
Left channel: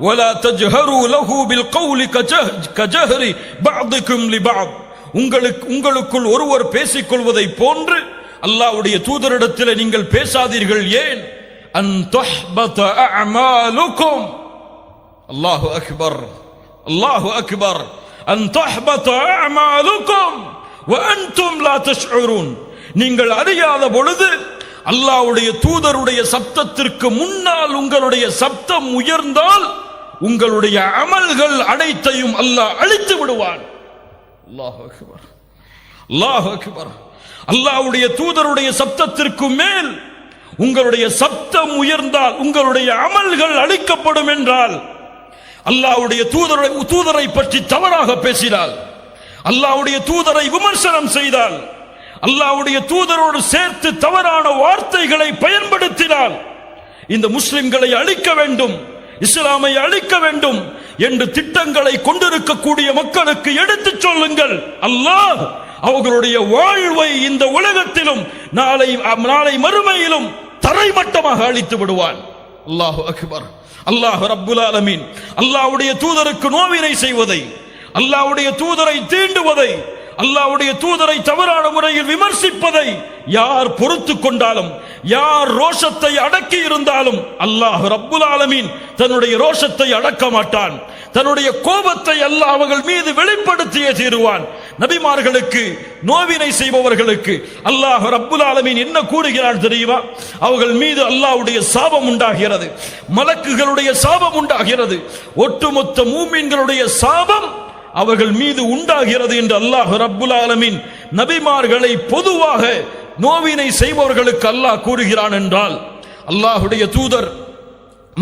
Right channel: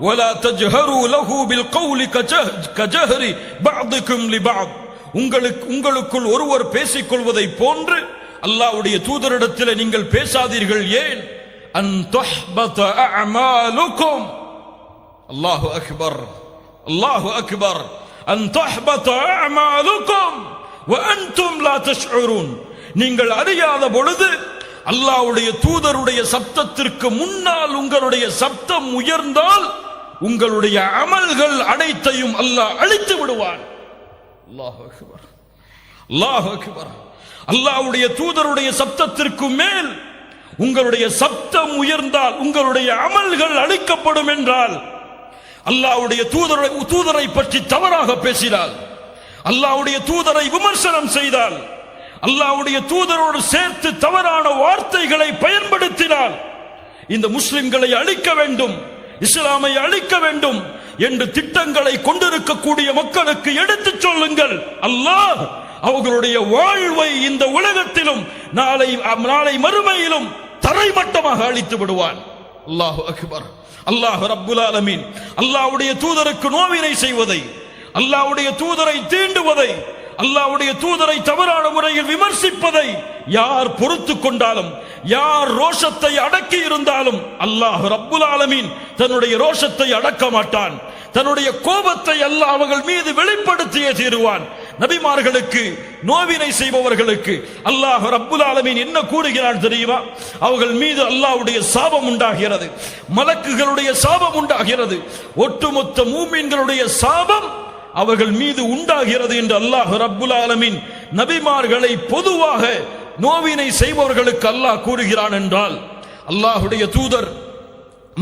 வலா தஜ்ஹரு லஹு பில் கௌலி கஜஹரி பஅதுகும் லிபஅத். உங்களுக்குள் ஒருவர் பேசிக் கொள்வதை போன்று அல்லாஹ்வுடைய தூதரிடத்தில் நீங்கள் பேசாதீர்கள். ஏன்? அன் தஹ்பத அஅமாலுக்கும். அல்லாஹு அக்பர், அல்லாஹு அக்பர். அன் தஹ்பத அஅமாலுக்கும் வ அன்தும் லா தஷ்உரூன். நீங்கள் அறியாத பொழுது அல்லாஹ்வுடைய தூதருடைய சப்தத்திற்கு முன்னால் உங்களுடைய சப்தம் உயர்ந்தால் உங்களுடைய அமல்கள் அனைத்தையும் அல்லாஹ் அழித்து விடுவான். அல்லாஹு அக்பர், அல்லாஹு அக்பர். அல்லாஹ்வுடைய தூதருடைய சப்தத்திற்கு மேல் உங்களுடைய சப்தம் உயர்ந்தால் உங்களுடைய அமல்கள் அழிக்கப்படும் என்றால், அல்லாஹ்வுடைய தூதரை பற்றி தவறாக பேசினால், அல்லாஹ்வுடைய தூதரை விமர்சனம் செய்தால், அல்லாஹ்வுடைய தூதரோடு சேர்த்து தவறான வார்த்தைகளை பயன்படுத்தினால், இந்த முஸ்லிம்களை அழிக்க வேண்டும், இஸ்லாமை அழிக்க வேண்டும் என்று திட்டங்களை கொண்டிருக்கக்கூடிய மக்களுக்கு எடுத்துச் சொல்லுங்கள். அல்லாஹ் அவர்களுடைய வாழ்வை இந்த உலகத்திலும் நாளை மறுமையிலும் தரைமட்டமாக அழித்து விடுவான். அல்லாஹு அக்பர். அல்லாஹ் ரப்புல் ஆலமீன் அல்லாஹ்வுடைய தூதருக்கு நோவினை செய்வதை, அல்லாஹ்வுடைய தூதரை தீண்டுவதை, அல்லாஹ்வுடைய தூதரை தவறான முறையில் விமர்சிப்பதை யார் பொறுத்துக் கொண்டாலும், யார் ரோஷத்தை அடக்கி இருந்தாலும் அல்லாஹ் ரப்புல் ஆலமீன் தன்னுடைய ரோஷத்தை அடக்க மாட்டான். தன்னுடைய கோபத்தை அல்லாஹ் அவர்கள் மீது வெளிப்படுத்தியே தீருவான். நபிமார்களுக்கு நோவினை செய்பவர்களுக்கு அல்லாஹ் ரப்புல் ஆலமீன் என்ன கூறுகிறான் தெரியுமா? அவர்கள் மீது அல்லாஹ்வுடைய சாபம் உண்டாகிறது, மலக்குகளுடைய சாபம் உண்டாகிறது, ஒட்டுமொத்த மூமின்களுடைய சாபம் அவர்கள் மீது உண்டாகிறது என்று அல்லாஹ் ரப்புல் ஆலமீன் நபிமார்களை பொதுவாக நோவினை செய்பவர்களுக்கு அல்லாஹ் கூறுகிறான் என்றால், அல்லாஹ்வுடைய தூதர்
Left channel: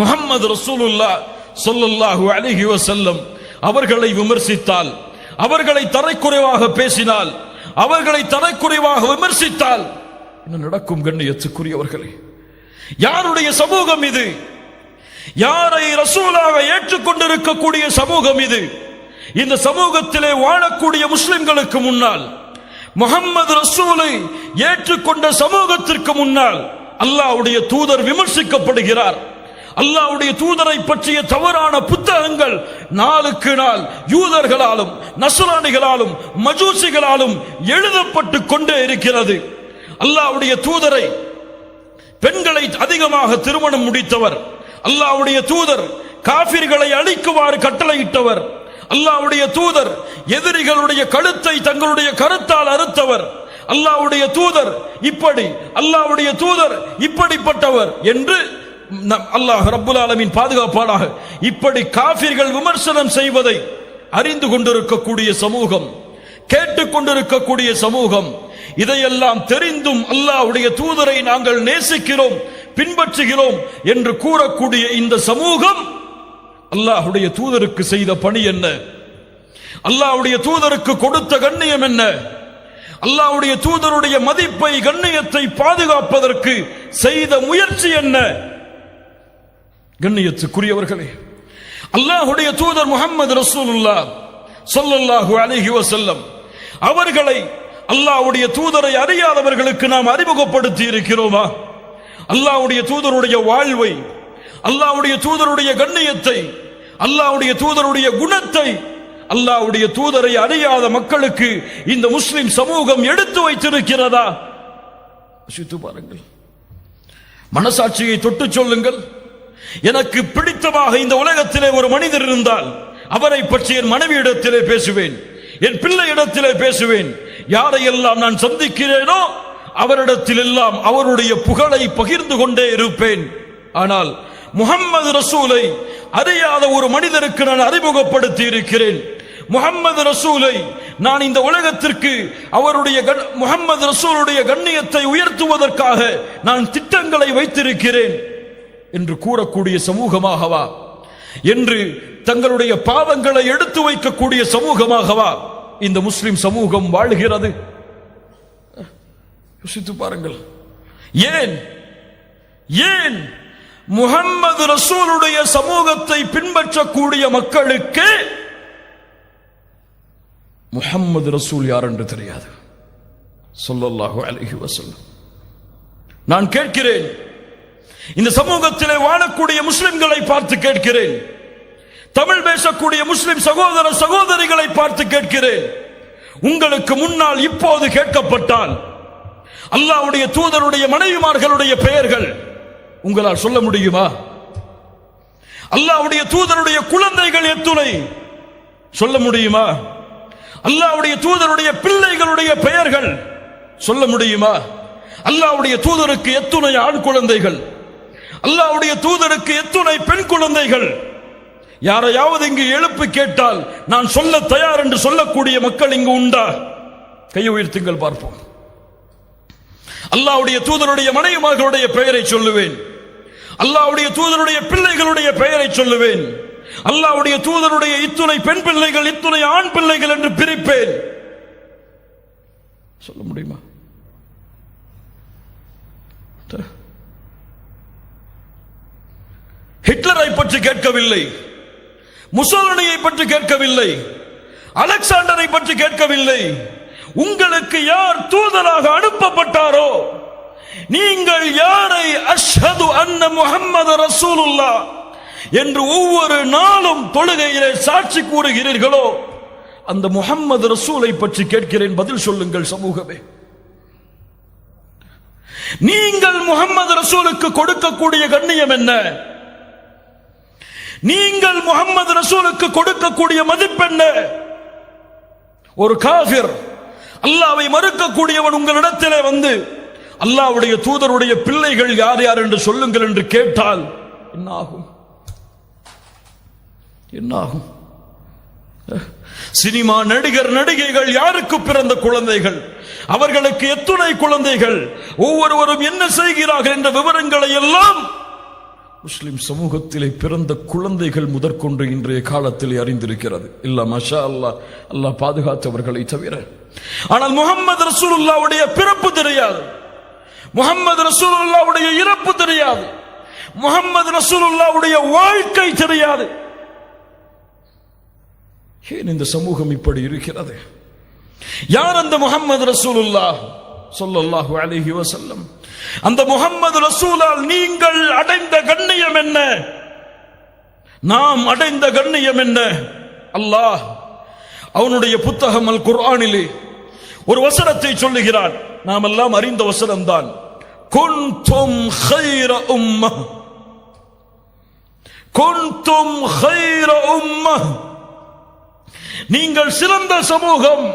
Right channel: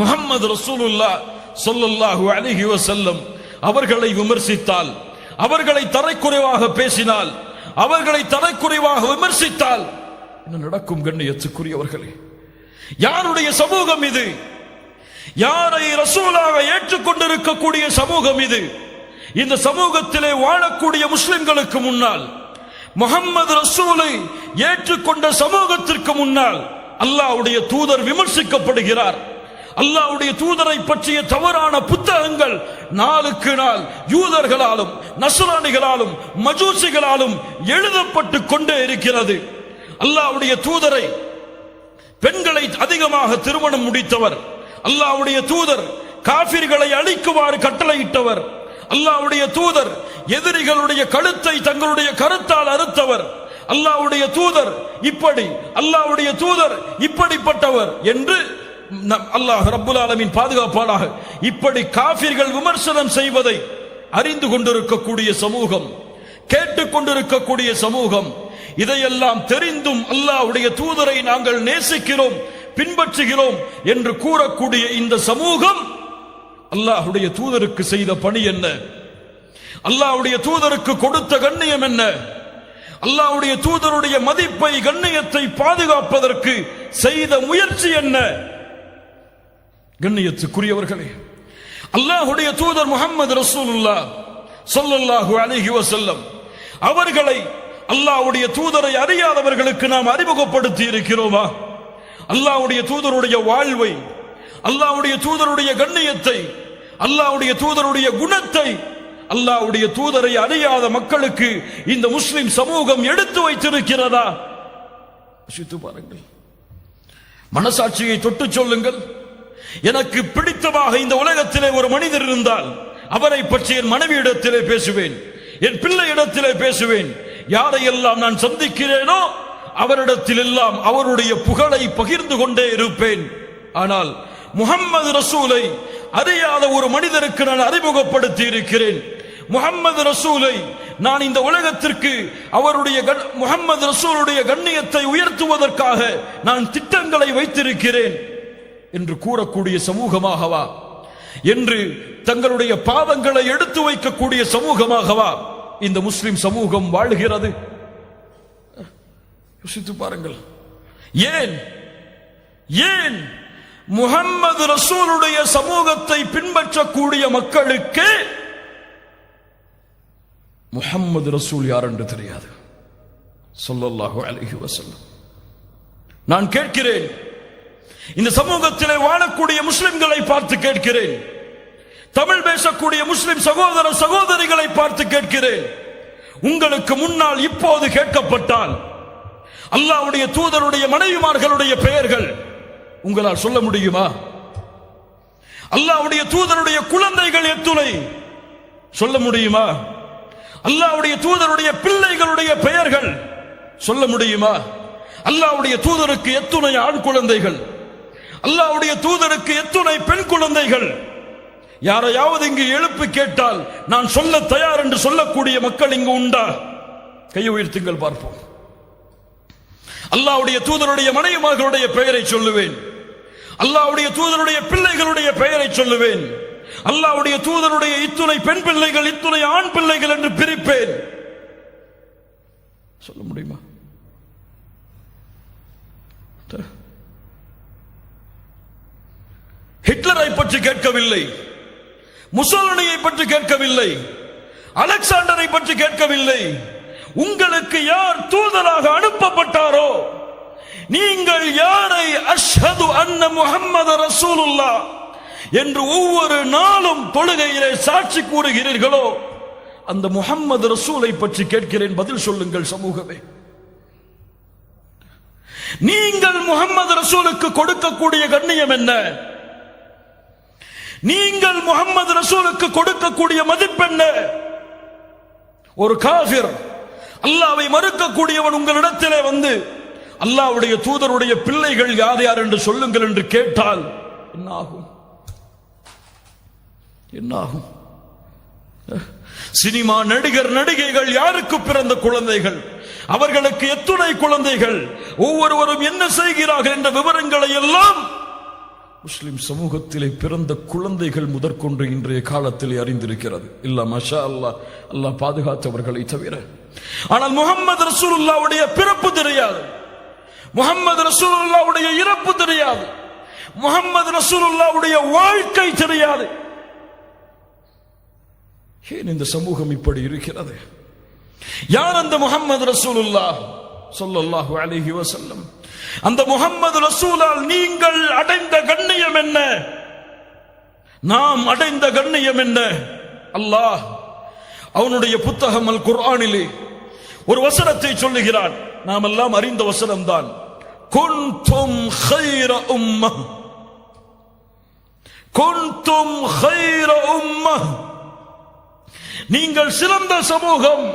முஹம்மது ரசூலுல்லாஹ் ஸல்லல்லாஹு அலைஹி வஸல்லம் அவர்களை விமர்சித்தால், அவர்களை தரைக்குறைவாக பேசினால், அவர்களை தரைக்குறைவாக விமர்சித்தால் என்ன நடக்கும்? கண்ணியத்துக்குரியவர்களே, யாருடைய சமூகம் இது? யாரை ரசூலாக ஏற்றுக்கொண்டிருக்கக்கூடிய சமூகம் இது? இந்த சமூகத்திலே வாழக்கூடிய முஸ்லிம்களுக்கு முன்னால், முஹம்மது ரசூலை ஏற்றுக்கொண்ட சமூகத்திற்கு முன்னால் அல்லாஹ்வுடைய தூதர் விமர்சிக்கப்படுகிறார். அல்லாஹ்வுடைய தூதரை பற்றிய தவறான புத்தகங்கள் நாளுக்கு நாள் யூதர்களாலும் நஸ்ரானிகளாலும் மஜூசிகளாலும் எழுதப்பட்டு கொண்டே இருக்கிறது. அல்லாஹ்வுடைய தூதரை பெண்களை அதிகமாக திருமணம் முடித்தவர், அல்லாஹ்வுடைய தூதர் காஃபிர்களை அழிக்குமாறு கட்டளையிட்டவர், அல்லாஹ்வுடைய தூதர் எதிரிகளுடைய கழுத்தை தங்களுடைய கருத்தால் அறுத்தவர், அல்லாஹ்வுடைய தூதர் இப்படி, அல்லாஹ்வுடைய தூதர் இப்படிப்பட்டவர் என்று அல்லாஹ் ரப்புல் ஆலமீன் பாதுகாப்பானாக. இப்படி காஃபிர்கள் விமர்சனம் செய்வதை அறிந்து கொண்டிருக்கக்கூடிய சமூகம், கேட்டுக்கொண்டிருக்கக்கூடிய சமூகம், இதையெல்லாம் தெரிந்தும் அல்லாஹ்வுடைய தூதரை நாங்கள் நேசிக்கிறோம், பின்பற்றுகிறோம் என்று கூறக்கூடிய இந்த சமூகம் அல்லாஹ்வுடைய தூதருக்கு செய்த பணி என்ன? அல்லாஹ்வுடைய தூதருக்கு கொடுத்த கண்ணியம் என்ன? அல்லாஹ்வுடைய தூதருடைய மதிப்பை, கண்ணியத்தை பாதுகாப்பதற்கு செய்த முயற்சி என்ன? கண்ணியத்துக்குரியவர்களே, அல்லாஹ்வுடைய தூதர் முஹம்மது ரசூலுல்லாஹ் ஸல்லல்லாஹு அலைஹி வஸல்லம் அவர்களை, அல்லாஹ்வுடைய தூதரை அறியாதவர்களுக்கு நாம் அறிமுகப்படுத்தி இருக்கிறோமா? அல்லாஹ்வுடைய தூதருடைய வாழ்வை, அல்லாஹ்வுடைய தூதருடைய கண்ணியத்தை, அல்லாஹ்வுடைய தூதருடைய குணத்தை, அல்லாஹ்வுடைய தூதரை அறியாத மக்களுக்கு இந்த முஸ்லிம் சமூகம் எடுத்து வைத்திருக்கிறதா? யோசித்து பாருங்கள். மனசாட்சியை தொட்டு சொல்லுங்கள். எனக்கு பிடித்தமாக இந்த உலகத்திலே ஒரு மனிதர் இருந்தால் அவரை பற்றி என் மனைவியிடத்திலே பேசுவேன், என் பிள்ளையிடத்திலே பேசுவேன். யாரையெல்லாம் நான் சந்திக்கிறேனோ அவரிடத்தில் எல்லாம் அவருடைய புகழை பகிர்ந்து கொண்டே இருப்பேன். ஆனால் முஹம்மது ரசூலை அறியாத ஒரு மனிதருக்கு நான் அறிமுகப்படுத்தி இருக்கிறேன். முஹம்மது ரசூலை நான் இந்த உலகத்திற்கு அவருடைய முஹம்மது ரசூலுடைய கண்ணியத்தை உயர்த்துவதற்காக நான் திட்டங்களை வைத்திருக்கிறேன் என்று கூறக்கூடிய சமூகமாகவா, என்று தங்களுடைய பாவங்களை எடுத்து வைக்கக்கூடிய சமூகமாகவா இந்த முஸ்லிம் சமூகம் வாழ்கிறது? யோசித்து பாருங்கள். ஏன் ஏன் முஹம்மது ரசூலுடைய சமூகத்தை பின்பற்றக்கூடிய மக்களுக்கு முஹம்மது ரசூல் யார் என்று தெரியாது? ஸல்லல்லாஹு அலைஹி வஸல்லம். நான் கேட்கிறேன், இந்த சமூகத்திலே வாழக்கூடிய முஸ்லிம்களை பார்த்து கேட்கிறேன், தமிழ் பேசக்கூடிய முஸ்லிம் சகோதர சகோதரிகளை பார்த்து கேட்கிறேன், உங்களுக்கு முன்னால் இப்போது கேட்கப்பட்டால் அல்லாஹ்வுடைய தூதருடைய மனைவிமார்களுடைய பெயர்கள் உங்களால் சொல்ல முடியுமா? அல்லாஹ்வுடைய தூதருடைய குழந்தைகள் எத்துணை சொல்ல முடியுமா? அல்லாஹ்வுடைய தூதருடைய பிள்ளைகளுடைய பெயர்கள் சொல்ல முடியுமா? அல்லாஹ்வுடைய தூதருக்கு எத்துணை ஆண் குழந்தைகள், அல்லாஹ்வுடைய தூதருக்கு எத்துணை பெண் குழந்தைகள்? யாரையாவது இங்கு எழுப்பி கேட்டால் நான் சொல்ல தயார் என்று சொல்லக்கூடிய மக்கள் இங்கு உண்டா? கை உயர்த்துங்கள் பார்ப்போம். அல்லாஹ்வுடைய தூதருடைய மனைவிமார்களுடைய பெயரை சொல்லுவேன், அல்லாஹ்வுடைய தூதருடைய பிள்ளைகளுடைய பெயரை சொல்லுவேன், அல்லாஹ்வுடைய தூதருடைய இத்துணை பெண் பிள்ளைகள், இத்துணை ஆண் பிள்ளைகள் என்று பிரிப்பேன். சொல்ல முடியுமா? ஹிட்லரை பற்றி கேட்கவில்லை, முசோலினியை பற்றி கேட்கவில்லை, அலெக்சாண்டரை பற்றி கேட்கவில்லை. உங்களுக்கு யார் தூதராக அனுப்பப்பட்டாரோ, நீங்கள் யாரை அஷ்ஹது அன்ன முஹம்மது ரசூலுல்லாஹ் என்று ஒவ்வொரு நாளும் தொழுகையிலே சாட்சி கூறுகிறீர்களோ அந்த முஹம்மது ரசூலை பற்றி கேட்கிறேன், பதில் சொல்லுங்கள் சமூகமே. நீங்கள் முஹம்மது ரசூலுக்கு கொடுக்கக்கூடிய கண்ணியம் என்ன? நீங்கள் முஹம்மது ரசூலுக்கு கொடுக்கக்கூடிய மதிப்பென்ன? ஒரு காஃபிர், அல்லாஹ்வை மறுக்கக்கூடியவன் உங்களிடத்திலே வந்து அல்லாஹ்வுடைய தூதருடைய பிள்ளைகள் யார் யார் என்று சொல்லுங்கள் என்று கேட்டால் என்ன ஆகும்? என்ன ஆகும்? சினிமா நடிகர் நடிகைகள் யாருக்கு பிறந்த குழந்தைகள், அவர்களுக்கு எத்துணை குழந்தைகள், ஒவ்வொருவரும் என்ன செய்கிறார்கள் என்ற விவரங்களை எல்லாம் முஸ்லிம் சமூகத்திலே பிறந்த குழந்தைகள் முதற்கொண்டு இன்றைய காலத்தில் அறிந்திருக்கிறது. இல்ல மாஷா அல்லாஹ், அல்லாஹ் பாதுகாத்தவர்களை தவிர. ஆனால் முஹம்மது ரசூலுல்லாஹ்வுடைய பிறப்பு தெரியாது, முஹம்மது ரசூலுல்லாஹ்வுடைய இறப்பு தெரியாது, முஹம்மது ரசூலுல்லாஹ்வுடைய வாழ்க்கை தெரியாது. ஏன் இந்த சமூகம் இப்படி இருக்கிறது? யார் அந்த முஹம்மது ரசூலுல்லாஹ் ஸல்லல்லாஹு அலைஹி வஸல்லம்? அந்த முஹம்மது ரசூலால் நீங்கள் அடைந்த கண்ணியம் என்ன? நாம் அடைந்த கண்ணியம் என்ன? அல்லாஹ் அவனுடைய புத்தகம் அல் குர்ஆனிலே ஒரு வசனத்தை சொல்லுகிறான், நாம் எல்லாம் அறிந்த வசனம் தான். குன்தும் கைர உம்மஹ், குன்தும் கைர உம்மஹ், நீங்கள் சிறந்த சமூகம்.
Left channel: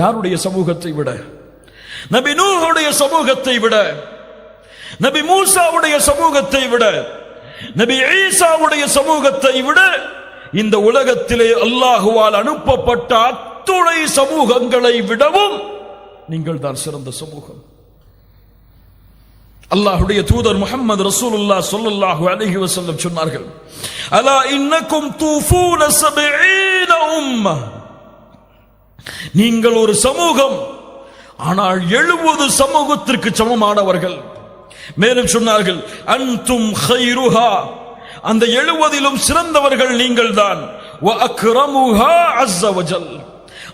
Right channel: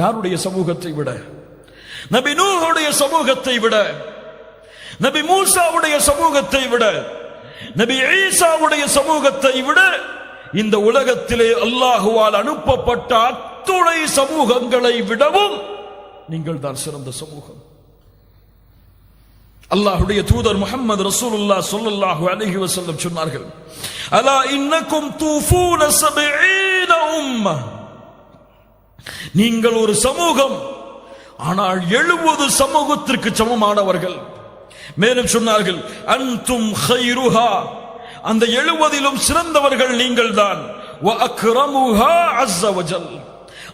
யாருடைய சமூகத்தை விட? நபி நூஹுடைய சமூகத்தை விட, நபி மூசாவுடைய சமூகத்தை விட, நபி ஈசாவுடைய சமூகத்தை விட இந்த உலகத்திலே அல்லாஹுவால் அனுப்பப்பட்ட அத்துணை சமூகங்களை விடவும் நீங்கள் தான் சிறந்த சமூகம். அல்லாஹ்வுடைய தூதர் முஹம்மது ரசூலுல்லாஹ் ஸல்லல்லாஹு அலைஹி வஸல்லம் சொன்னார்கள், அலா இன்னக்கும் தூஃபூன 70 உம்ம. நீங்கள் ஒரு சமூகம், ஆனால் 70 சமூகத்திற்கு சமமானவர்கள். மேலும் சொன்னார்கள், அன்தும் கைருஹா, அந்த 70லும் சிறந்தவர்கள் நீங்கள் தான். வ அக்ரமுஹா அஸ்ஸ வஜல்,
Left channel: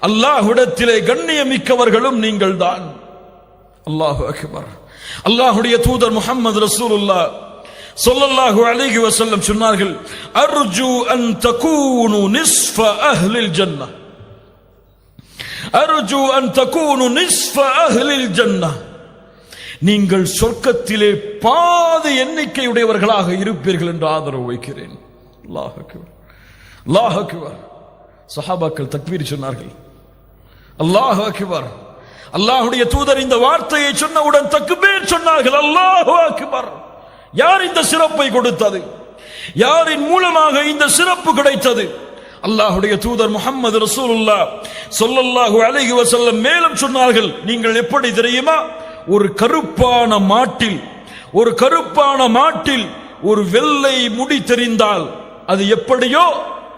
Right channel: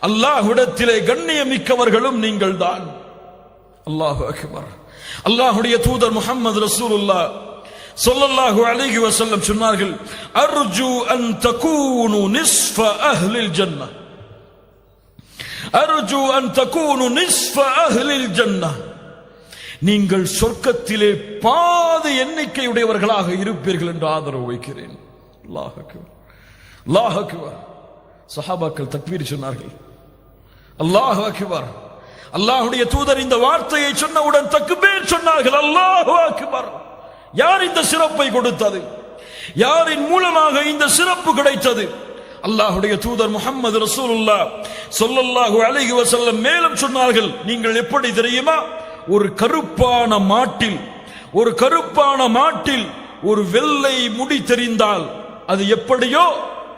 அல்லாஹ்விடத்திலே கண்ணியமிக்கவர்களும் நீங்கள் தான். அல்லாஹு அக்பர். அல்லாஹ்வுடைய தூதர் முஹம்மது ரசூலுல்லாஹ் ஸல்லல்லாஹு அலைஹி வஸல்லம் சொன்னார்கள், அர்ஜு அன் தகூனு நிஸ்ஃப அஹ்லில் ஜன்னah, அர்ஜு அன் தகூனு நிஸ்ஃப அஹ்லில் ஜன்னah, நீங்கள் சொர்க்கத்திலே பாதி எண்ணிக்கையுடையவர்களாக இருப்பீர்கள் என்று ஆதரவு வைக்கிறேன். அல்லாஹ் அக்பர், அல்லாஹ் அக்பர். சஹாபாக்கள் தக்பீர் சொன்னார்கள். அல்லாஹ் அக்பர். அல்லாஹ்வுடைய தூதர் இந்த வார்த்தையை சொன்னவுடன் தக்பீர் சொன்னார்கள். அல்லாஹ் அக்பர். யார் இந்த சிறப்பை கொடுத்தது? யாரின் மூலமாக இந்த சிறப்பு கிடைத்தது? அல்லாஹ்வுடைய தூதர் முஹம்மது ரசூலுல்லாஹ் ஸல்லல்லாஹு அலைஹி வஸல்லம் மேலும் சொன்னார்கள், நீங்கள் எப்படி தெரியுமா? ஒரு கருப்பான மாட்டில் ஒரு வெள்ளை முடி தெரிந்தால் அது எப்படியோ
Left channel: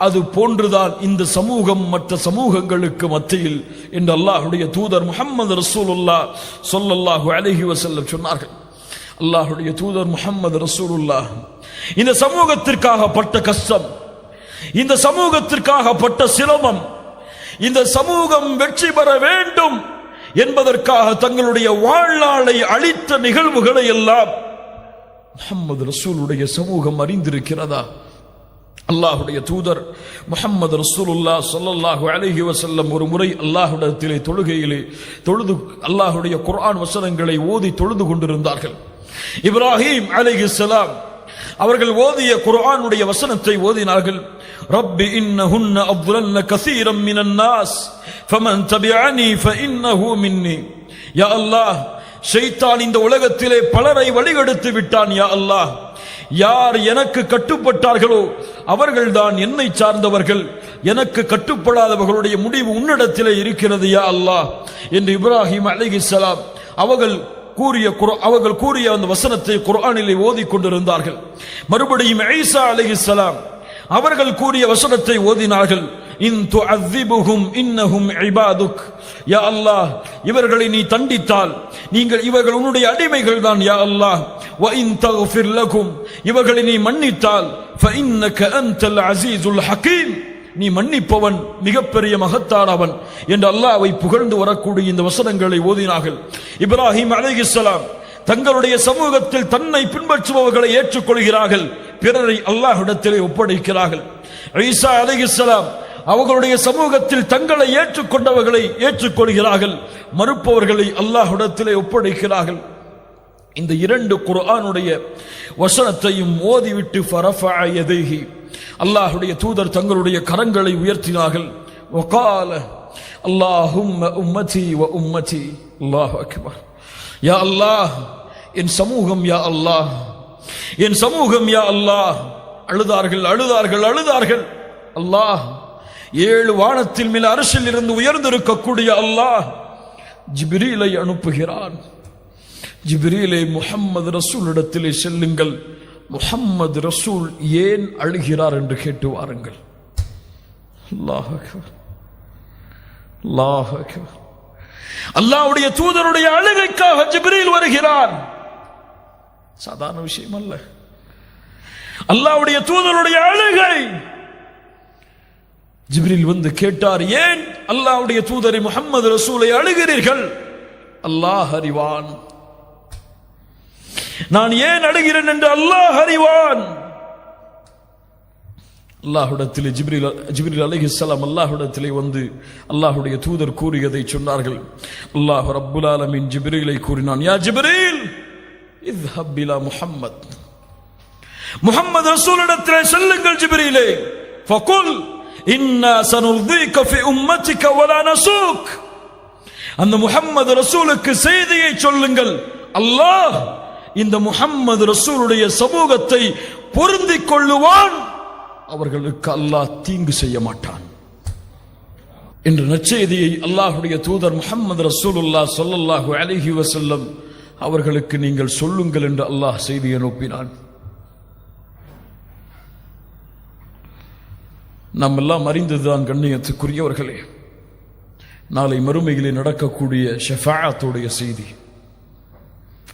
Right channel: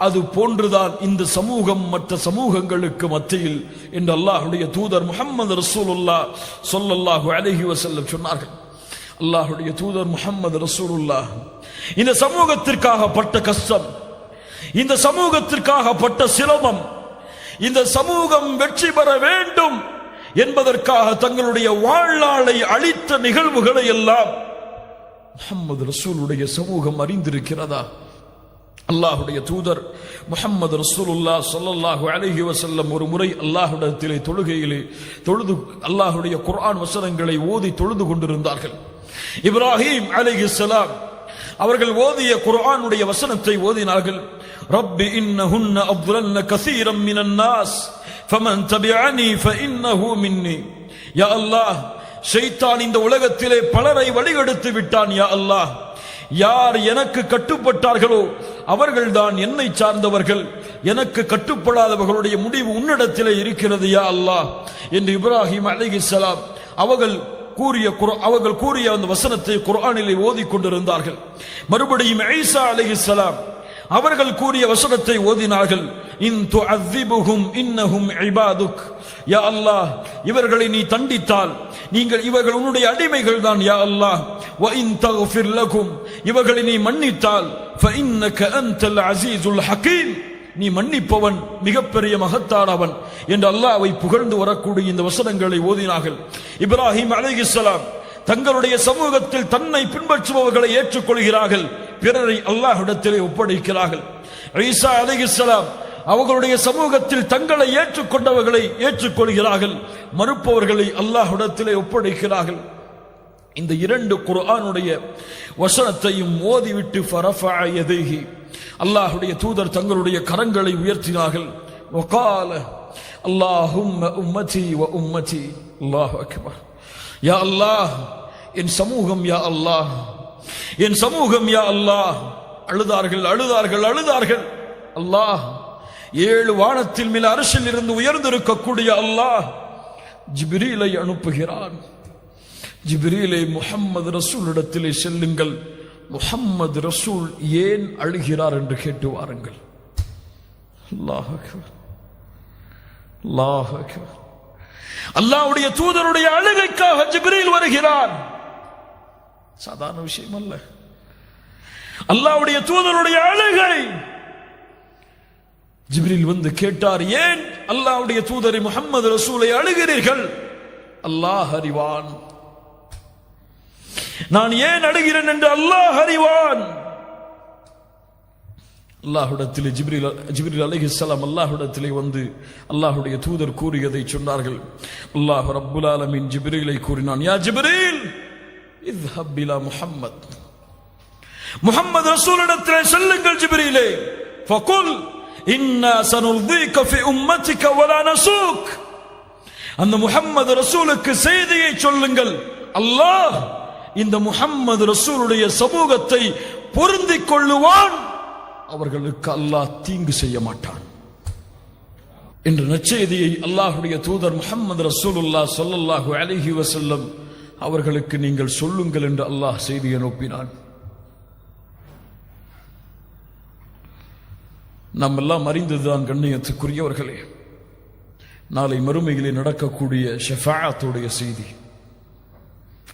அது போன்றுதான் இந்த சமூகம் மற்ற சமூகங்களுக்கு மத்தியில் என்று அல்லாஹ்வுடைய தூதர் முஹம்மது ரசூலுல்லாஹ் ஸல்லல்லாஹு அலைஹி வஸல்லம் சொன்னார்கள். அல்லாஹ்வுடைய தூதர் முஹம்மது ரசூலுல்லாஹ் இந்த சமூகத்திற்காக பட்ட கஷ்டம், இந்த சமூகத்திற்காக பட்ட சிரமம், இந்த சமூகம் வெற்றி பெற வேண்டும் என்பதற்காக தங்களுடைய வாழ்நாளை அளித்த நிகழ்வுகளை எல்லாம் முஹம்மது ரசூலுடைய சமூகம் அறிந்திருக்கிறதா? அல்லாஹ்வுடைய தூதர் முஹம்மது ரசூலுல்லாஹ் ஸல்லல்லாஹு அலைஹி வஸல்லம் ஒரு முறை அல்லாஹ்விடத்திலே தொழுகையிலே தொழுது அல்லாஹ்வுடைய குர்ஆன் வசனங்களை ஓதி தொழுது கொண்டிருந்தார்கள். இப்ராஹீம் அலைஹிஸ்ஸலாம் அவர்கள் ஓதிய குர்ஆனுடைய வசனத்தை ஓதினார்கள். ரப்பி இன்னஹுன்ன அضللن كثيرا من الناس فمن تبعني فانه مني. யா அல்லாஹ், ஷைத்தான் இந்த உலகத்திலே பலரை வழிகெடுத்து விட்டான். யா அல்லாஹ், யார் எனக்கு கட்டுப்பட்டார்களோ அவர்கள்தான் என்னை சார்ந்தவர்கள், எனக்கு கட்டுப்படாதவர்களுடைய முடிவு உன்னிடத்திலே இருக்கிறது யா அல்லாஹ் என்று இப்ராஹிம் அலைஹிஸ்ஸலாம் அவர்கள் கூறிய அந்த வசனத்தை குர்ஆனிலே ஓதிக் கொண்டிருந்தார்கள். மறுபடியும் ஈசா அலைஹிஸ்ஸலாம் அவர்கள் கூறிய வசனத்தை ஓதினார்கள். இன் துஅذிபுஹும் இன்னஹும் இபாதுக். யா அல்லாஹ், இவர்களை நீ தண்டித்தால் இவர்கள் உன்னுடைய அடிமைகள் தான் யா அல்லாஹ். வ இன் தக்ஃபிர் லகும், இவர்களை நீ மன்னித்தால் ஃபஇன்னக அன்தல் அஸீஸுல் ஹகீம், நீ மன்னிப்பவன், மிகப்பெரிய மகத்தானவன் என்று அல்லாஹ்வை புகழ்ந்து வரக்கூடிய இந்த வசனங்களை ஓதினார்கள். இப்ராஹிம் அலைஹிஸ்ஸலாம் தங்களுடைய சமூகத்தில் தன்னை பின்பற்றுபவர்களை ஏற்றுக்கொள்கிறார்கள், பிறரை அல்லாஹ்விடத்திலே ஒப்படைக்கிறார்கள். ஈசா அலைஹிஸ்ஸலாம் அவர்களுடைய சமூகத்தில் தங்களை ஏற்றுக்கொண்டவர்களை ஏற்றுக்கொள்கிறார்கள், மறுப்பவர்களை அல்லாஹ்விடத்திலே ஒப்படைக்கிறார்கள். இந்த இரண்டு குர்ஆனுடைய வசனத்தையும் ஓதிவிட்டு ஃபரஃபஅ யதைஹி, அல்லாஹ்வுடைய தூதர் தங்களுடைய கரங்களை உயர்த்தினார்கள். வகால அல்லாஹும்ம உம்மதி வ உம்மதி. அல்லாஹு அக்பர். யா அல்லாஹ், என் சமூகம் யா அல்லாஹ், என் சமூகம் யா அல்லாஹ். அழுதார்கள் அழுதார்கள் அழுதார்கள். அல்லாஹ், 7 வானத்தில் மேல் அர்ஷில் இருந்து உயர்ந்திருக்கக்கூடிய அல்லாஹ் ஜிப்ரீலை அனுப்புகிறான். ஜிப்ரீலை முஹம்மது ரசூலிடத்திலே செல்லுங்கள், முஹம்மது ரசூல் ஏன் அழுகிறார் என்று கேட்டு வாருங்கள். அல்லாஹ் அக்பர், அல்லாஹ் அக்பர். அல்லாஹ்வுடைய தூதருடைய அழுகைக்காக ஜிப்ரீல் வருகிறார். சாதாரண விஷயம் அல்ல. அல்லாஹ்வுடைய தூதருடைய அழுகை. ஜிப்ரீல் வந்து கேட்டார், ஏன் அல்லாஹ்வுடைய தூதரை முஹம்மது ரசூலை அழுகிறீர்கள்? அல்லாஹ் அறிவான். நான் ஏன் அழுகிறேன் என்று அல்லாஹ் அறிவான். அல்லாஹ்விடத்திலே ஜிப்ரீல் அலைஹிஸ்ஸலாம் அல்லாஹ்விடத்திலே வந்து அல்லாஹ்வுடைய தூதர் கூறியதை சொன்னார்கள். அல்லாஹ் ரப்புல் ஆலமீன் ஜிப்ரீலை கூறினான், யா ஜிப்ரீல் இذهب இலா முஹம்மத் முஹம்மது ரசூலிடத்திலே செல்லுங்கள் ஜிப்ரீலே, ஃபகுல் இன்னா சனுர்தீக ஃபி உம்மத்திக வலா நஸூக். அந்த முஹம்மது ரசூலுக்கு செய்தியை சொல்லுங்கள், அல்லாஹ் இந்த முஹம்மது ரசூலுடைய சமூகத்தை பொருந்திக் கொள்ளுவான், அவர்களுக்கு அல்லாஹ் தீங்கு செய்ய மாட்டான் என்ற நற்செய்தியை அல்லாஹ்வுடைய தூதர் முஹம்மது ரசூலுல்லாஹ் ஸல்லல்லாஹு அலைஹி வஸல்லம் அவர்களுக்கு நீங்கள் சொல்லுங்கள் என்று அல்லாஹ் செய்தி அனுப்பினான். நாம் எல்லாம் அறிந்ததுதான் கண்ணியத்துக்குரியவர்களே, நாளை மறுமையிலே நடக்கக்கூடிய ஷஃபாஅத்துடைய செய்தி.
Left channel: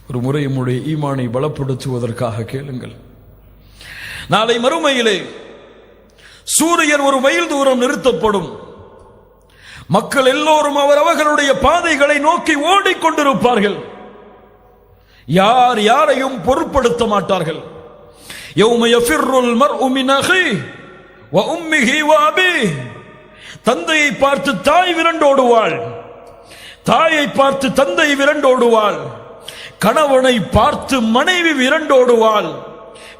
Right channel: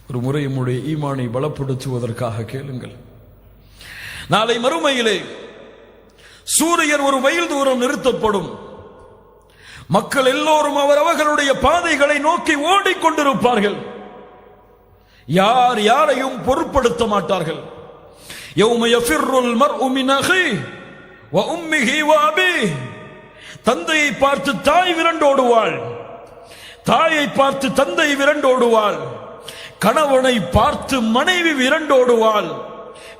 ஒரு முறை நம்முடைய ஈமானை பலப்படுத்துவதற்காக கேளுங்கள். நாளை மறுமையிலே சூரியன் ஒரு மைல் தூரம் நிறுத்தப்படும். மக்கள் எல்லோரும் அவரவர்களுடைய பாதைகளை நோக்கி ஓடிக்கொண்டிருப்பார்கள். யார் யாரையும் பொருட்படுத்த மாட்டார்கள். யௌம யஃபிர்ருல் மர்உ மின் அஹீஹி வ உம்மிஹி வ அபீஹி. தந்தையை பார்த்து தாய் விரண்டோடுவாள், தாயை பார்த்து தந்தை விரண்டோடுவாள், கணவனை பார்த்து மனைவி விரண்டோடுவாள்,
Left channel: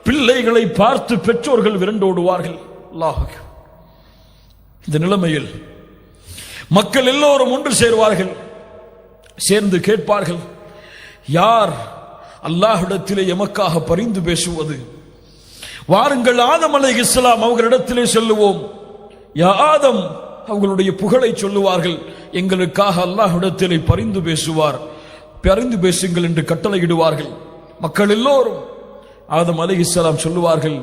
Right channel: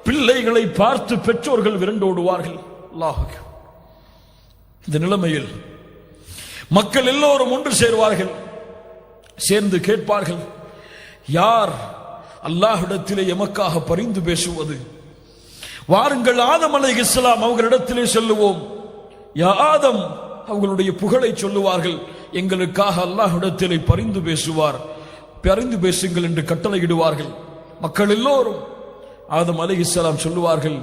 பிள்ளைகளை பார்த்து பெற்றோர்கள் விரண்டோடுவார்கள். அல்லாஹ், இந்த நிலைமையில் மக்கள் எல்லோரும் ஒன்று சேர்வார்கள். சேர்ந்து கேட்பார்கள், யார் அல்லாஹ்விடத்திலே எமக்காக பரிந்து பேசுவது? வாருங்கள், ஆதம் அலைஹிஸ்ஸலாம் அவர்களிடத்திலே செல்லுவோம். யா ஆதம், அவர்களுடைய புகழை சொல்லுவார்கள். எங்களுக்காக அல்லாஹ்விடத்திலே பரிந்து பேசுவார், பரிந்து பேசுங்கள் என்று கட்டளையிடுவார்கள். மக்கள் எல்லோரும் ஆதம் அலைஹிஸ்ஸலாம் சொல்லுவார்கள்,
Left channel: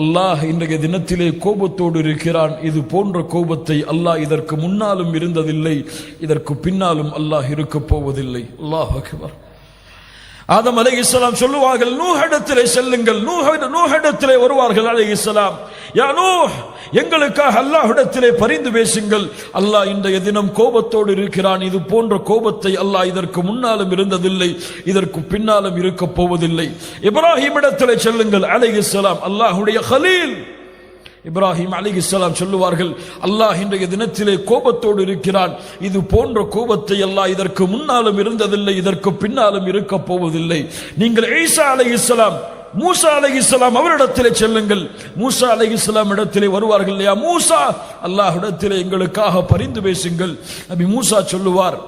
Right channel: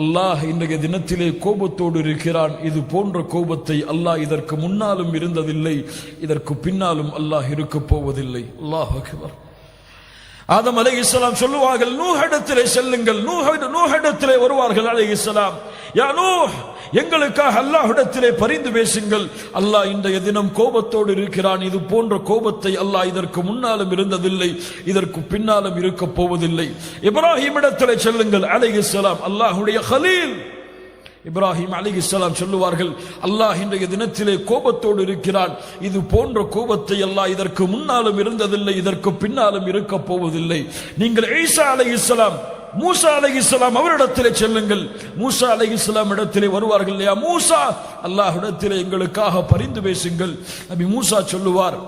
அல்லாஹ் இன்றைய தினத்திலே கோபத்தோடு இருக்கிறான். இது போன்ற கோபத்தை அல்லாஹ் இதற்கு முன்னாலும் இருந்ததில்லை, இதற்கு பின்னாலும் அல்லாஹ் இருக்கப் போவதில்லை. அல்லாஹ் அக்பர். ஆதம் அலைஹிஸ்ஸலாம் சொல்லுவார்கள், நூஹிடத்திலே செல்லுங்கள். நூஹிடத்திலே வருவார்கள் அலைஹிஸ்ஸலாம். யா நூஹ், எங்களுக்காக அல்லாஹ்விடத்திலே பரிந்து பேசுங்கள். அல்லாஹ் இன்றைய தினம் கோபத்தோடு இருக்கிறான். இது போன்ற கோபத்தை அல்லாஹ் இதற்கு முன்னாலும் இருந்ததில்லை, இதற்கு பின்னாலும் இருக்கப் போவதில்லை. இப்ராஹிம் இடத்திலே செல்லுங்கள் அலைஹிஸ்ஸலாம். அல்லாஹ்வுடைய கலீல் இப்ராஹிம் அலைஹிஸ்ஸலாம் சொல்லுவார்கள், அல்லாஹ் இன்றைய தினத்திலே கோபத்தோடு இருக்கிறான். இது போன்ற கோபத்தை அல்லாஹ் இதற்கு முன்னாலும் இருந்ததில்லை, இதற்கு பின்னாலும் இருக்கப் போவதில்லை. நீங்கள் ஈசா அலைஹிஸ்ஸலாம், மூசா அலைஹிஸ்ஸலாம் அவரிடத்திலே செல்லுங்கள். மூசா அலைஹிஸ்ஸலாம் இடத்திலே வருவார்கள். யா மூசா, அல்லாஹ்விடத்திலே எங்களுக்காக பரிந்து பேசுங்கள். நபி மூசா சொல்லுவார்,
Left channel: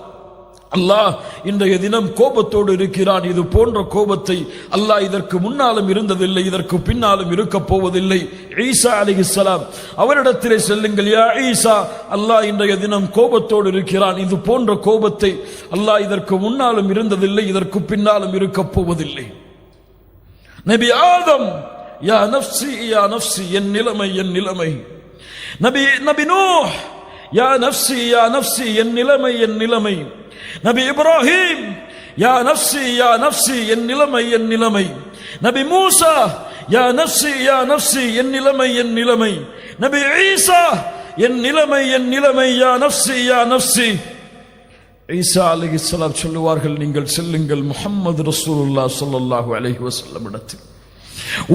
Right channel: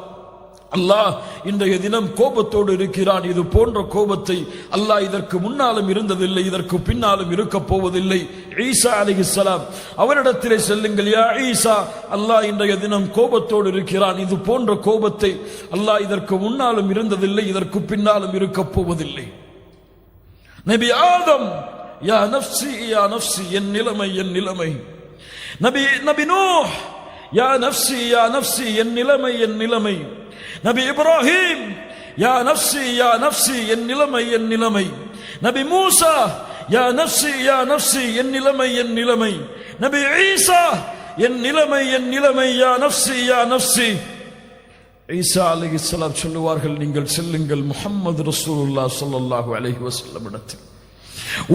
அல்லாஹ் இன்றைய தினம் கோபத்தோடு இருக்கிறான். இது போன்ற கோபத்தை அல்லாஹ் இதற்கு முன்னாலும் இருந்ததில்லை, இதற்கு பின்னாலும் இருக்கப் போவதில்லை. ஈசா அலைஹிஸ்ஸலாம் அவரிடத்திலே செல்லுங்கள். யா ஈசா, அல்லாஹ் இன்றைய தினம் கோபத்தோடு இருக்கிறான். இது போன்ற கோபத்தை அல்லாஹ் இதற்கு முன்னாலும் இருந்ததில்லை, இதற்கு பின்னாலும் இருக்கப் போவதில்லை. நபி ஆதம், யா நஃப்ஸி யா நஃப்ஸி, என் நிலைமை என் நிலைமை. நபி நூஹ், யா நஃப்ஸி யா நஃப்ஸி, என் நிலைமை என் நிலைமை. நபி இப்ராஹிம், யா நஃப்ஸி யா நஃப்ஸி, என் நிலைமை என் நிலைமை. நபி மூசா, யா நஃப்ஸி யா நஃப்ஸி, என் நிலைமை என் நிலைமை. நபி ஈசா, என் நிலைமை என் நிலைமை. யா நஃப்ஸி யா நஃப்ஸி. ஈசா அலைஹிஸ்ஸலாம் சொல்லுவார்கள், நீங்கள் செல்லுங்கள் முஹம்மது ரசூலுல்லாஹ் ஸல்லல்லாஹு அலைஹி வஸல்லம் இடத்தில்.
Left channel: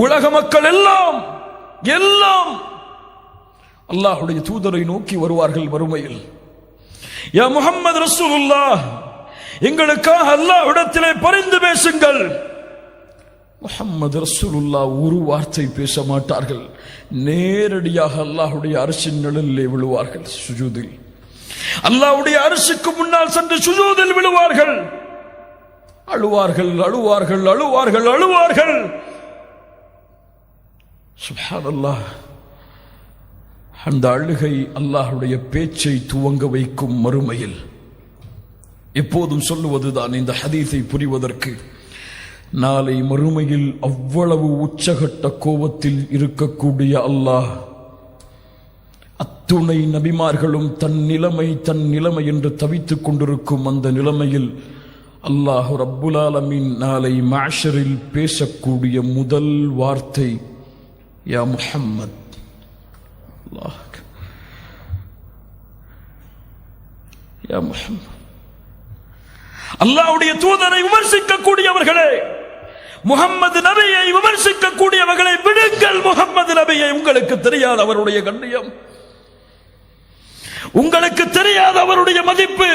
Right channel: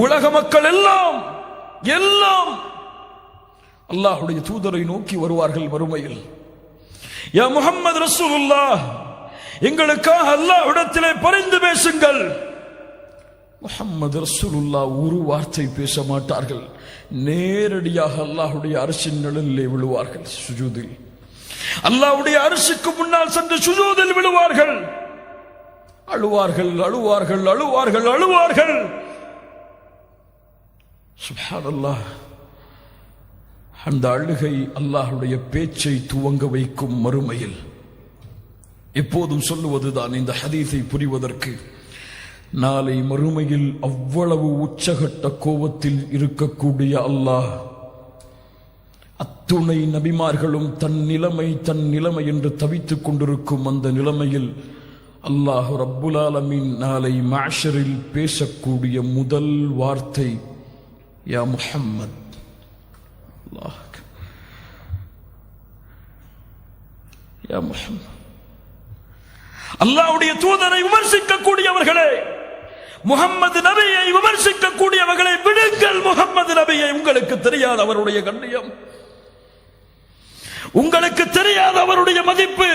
உலக மக்கள் எல்லாம் அல்லாஹ்வுடைய தூதரை நோக்கி வருவார்கள் மறுமையில். யா முஹம்மது ரசூலுல்லாஹ், எங்களுக்காக அல்லாஹ்விடத்திலே பரிந்து பேசுங்கள். முஹம்மது ரசூலுல்லாஹ் ஒரு வார்த்தை பேச மாட்டார்கள். நேரடியாக அல்லாஹ்வுடைய அர்ஷின் நிழலிலே விழுவார்கள். சுஜூதில் அல்லாஹ்வுடைய அர்ஷுக்கு முன்னால் சென்று சுஜூதில் விழுவார்கள். அழுவார்கள் அழுவார்கள் அழுவார்கள் அழுவார்கள். சுப்ஹானல்லாஹ். அந்த அழுகை அல்லாஹ்வுடைய பேச்சை துவங்க வைக்கும் மறுமையில். எப்போதும் சொல்லுவதுதான் இந்த ஹதீஸை புரிவதற்கு, நாளை மறுமையில் அவ்வளவு உச்சகட்ட கோபத்தில் இருக்கக்கூடிய அல்லாஹ், அத்துணை நபிமார்களும் தன் நிலைமை என்று தவித்துக் கொண்டிருக்கும் அந்த நிலைமையில் அல்லாஹ் ரப்புல் ஆலமீன் நாளை மஹ்ஷரில் பேசக்கூடிய முதல் வார்த்தை, யா முஹம்மத். அல்லாஹ், யா முஹம்மத். அல்லாஹ்வுடைய தூதரை விமர்சிக்கக்கூடியவர்களே, முஹம்மது நபியை விமர்சிக்கக்கூடியவர்களை விடுங்கள். முஹம்மது நபியை உங்களுக்கு தெரியாத அவருடைய கண்ணியம், உங்களுக்கு தெரியாத அவருடைய மதிப்பு,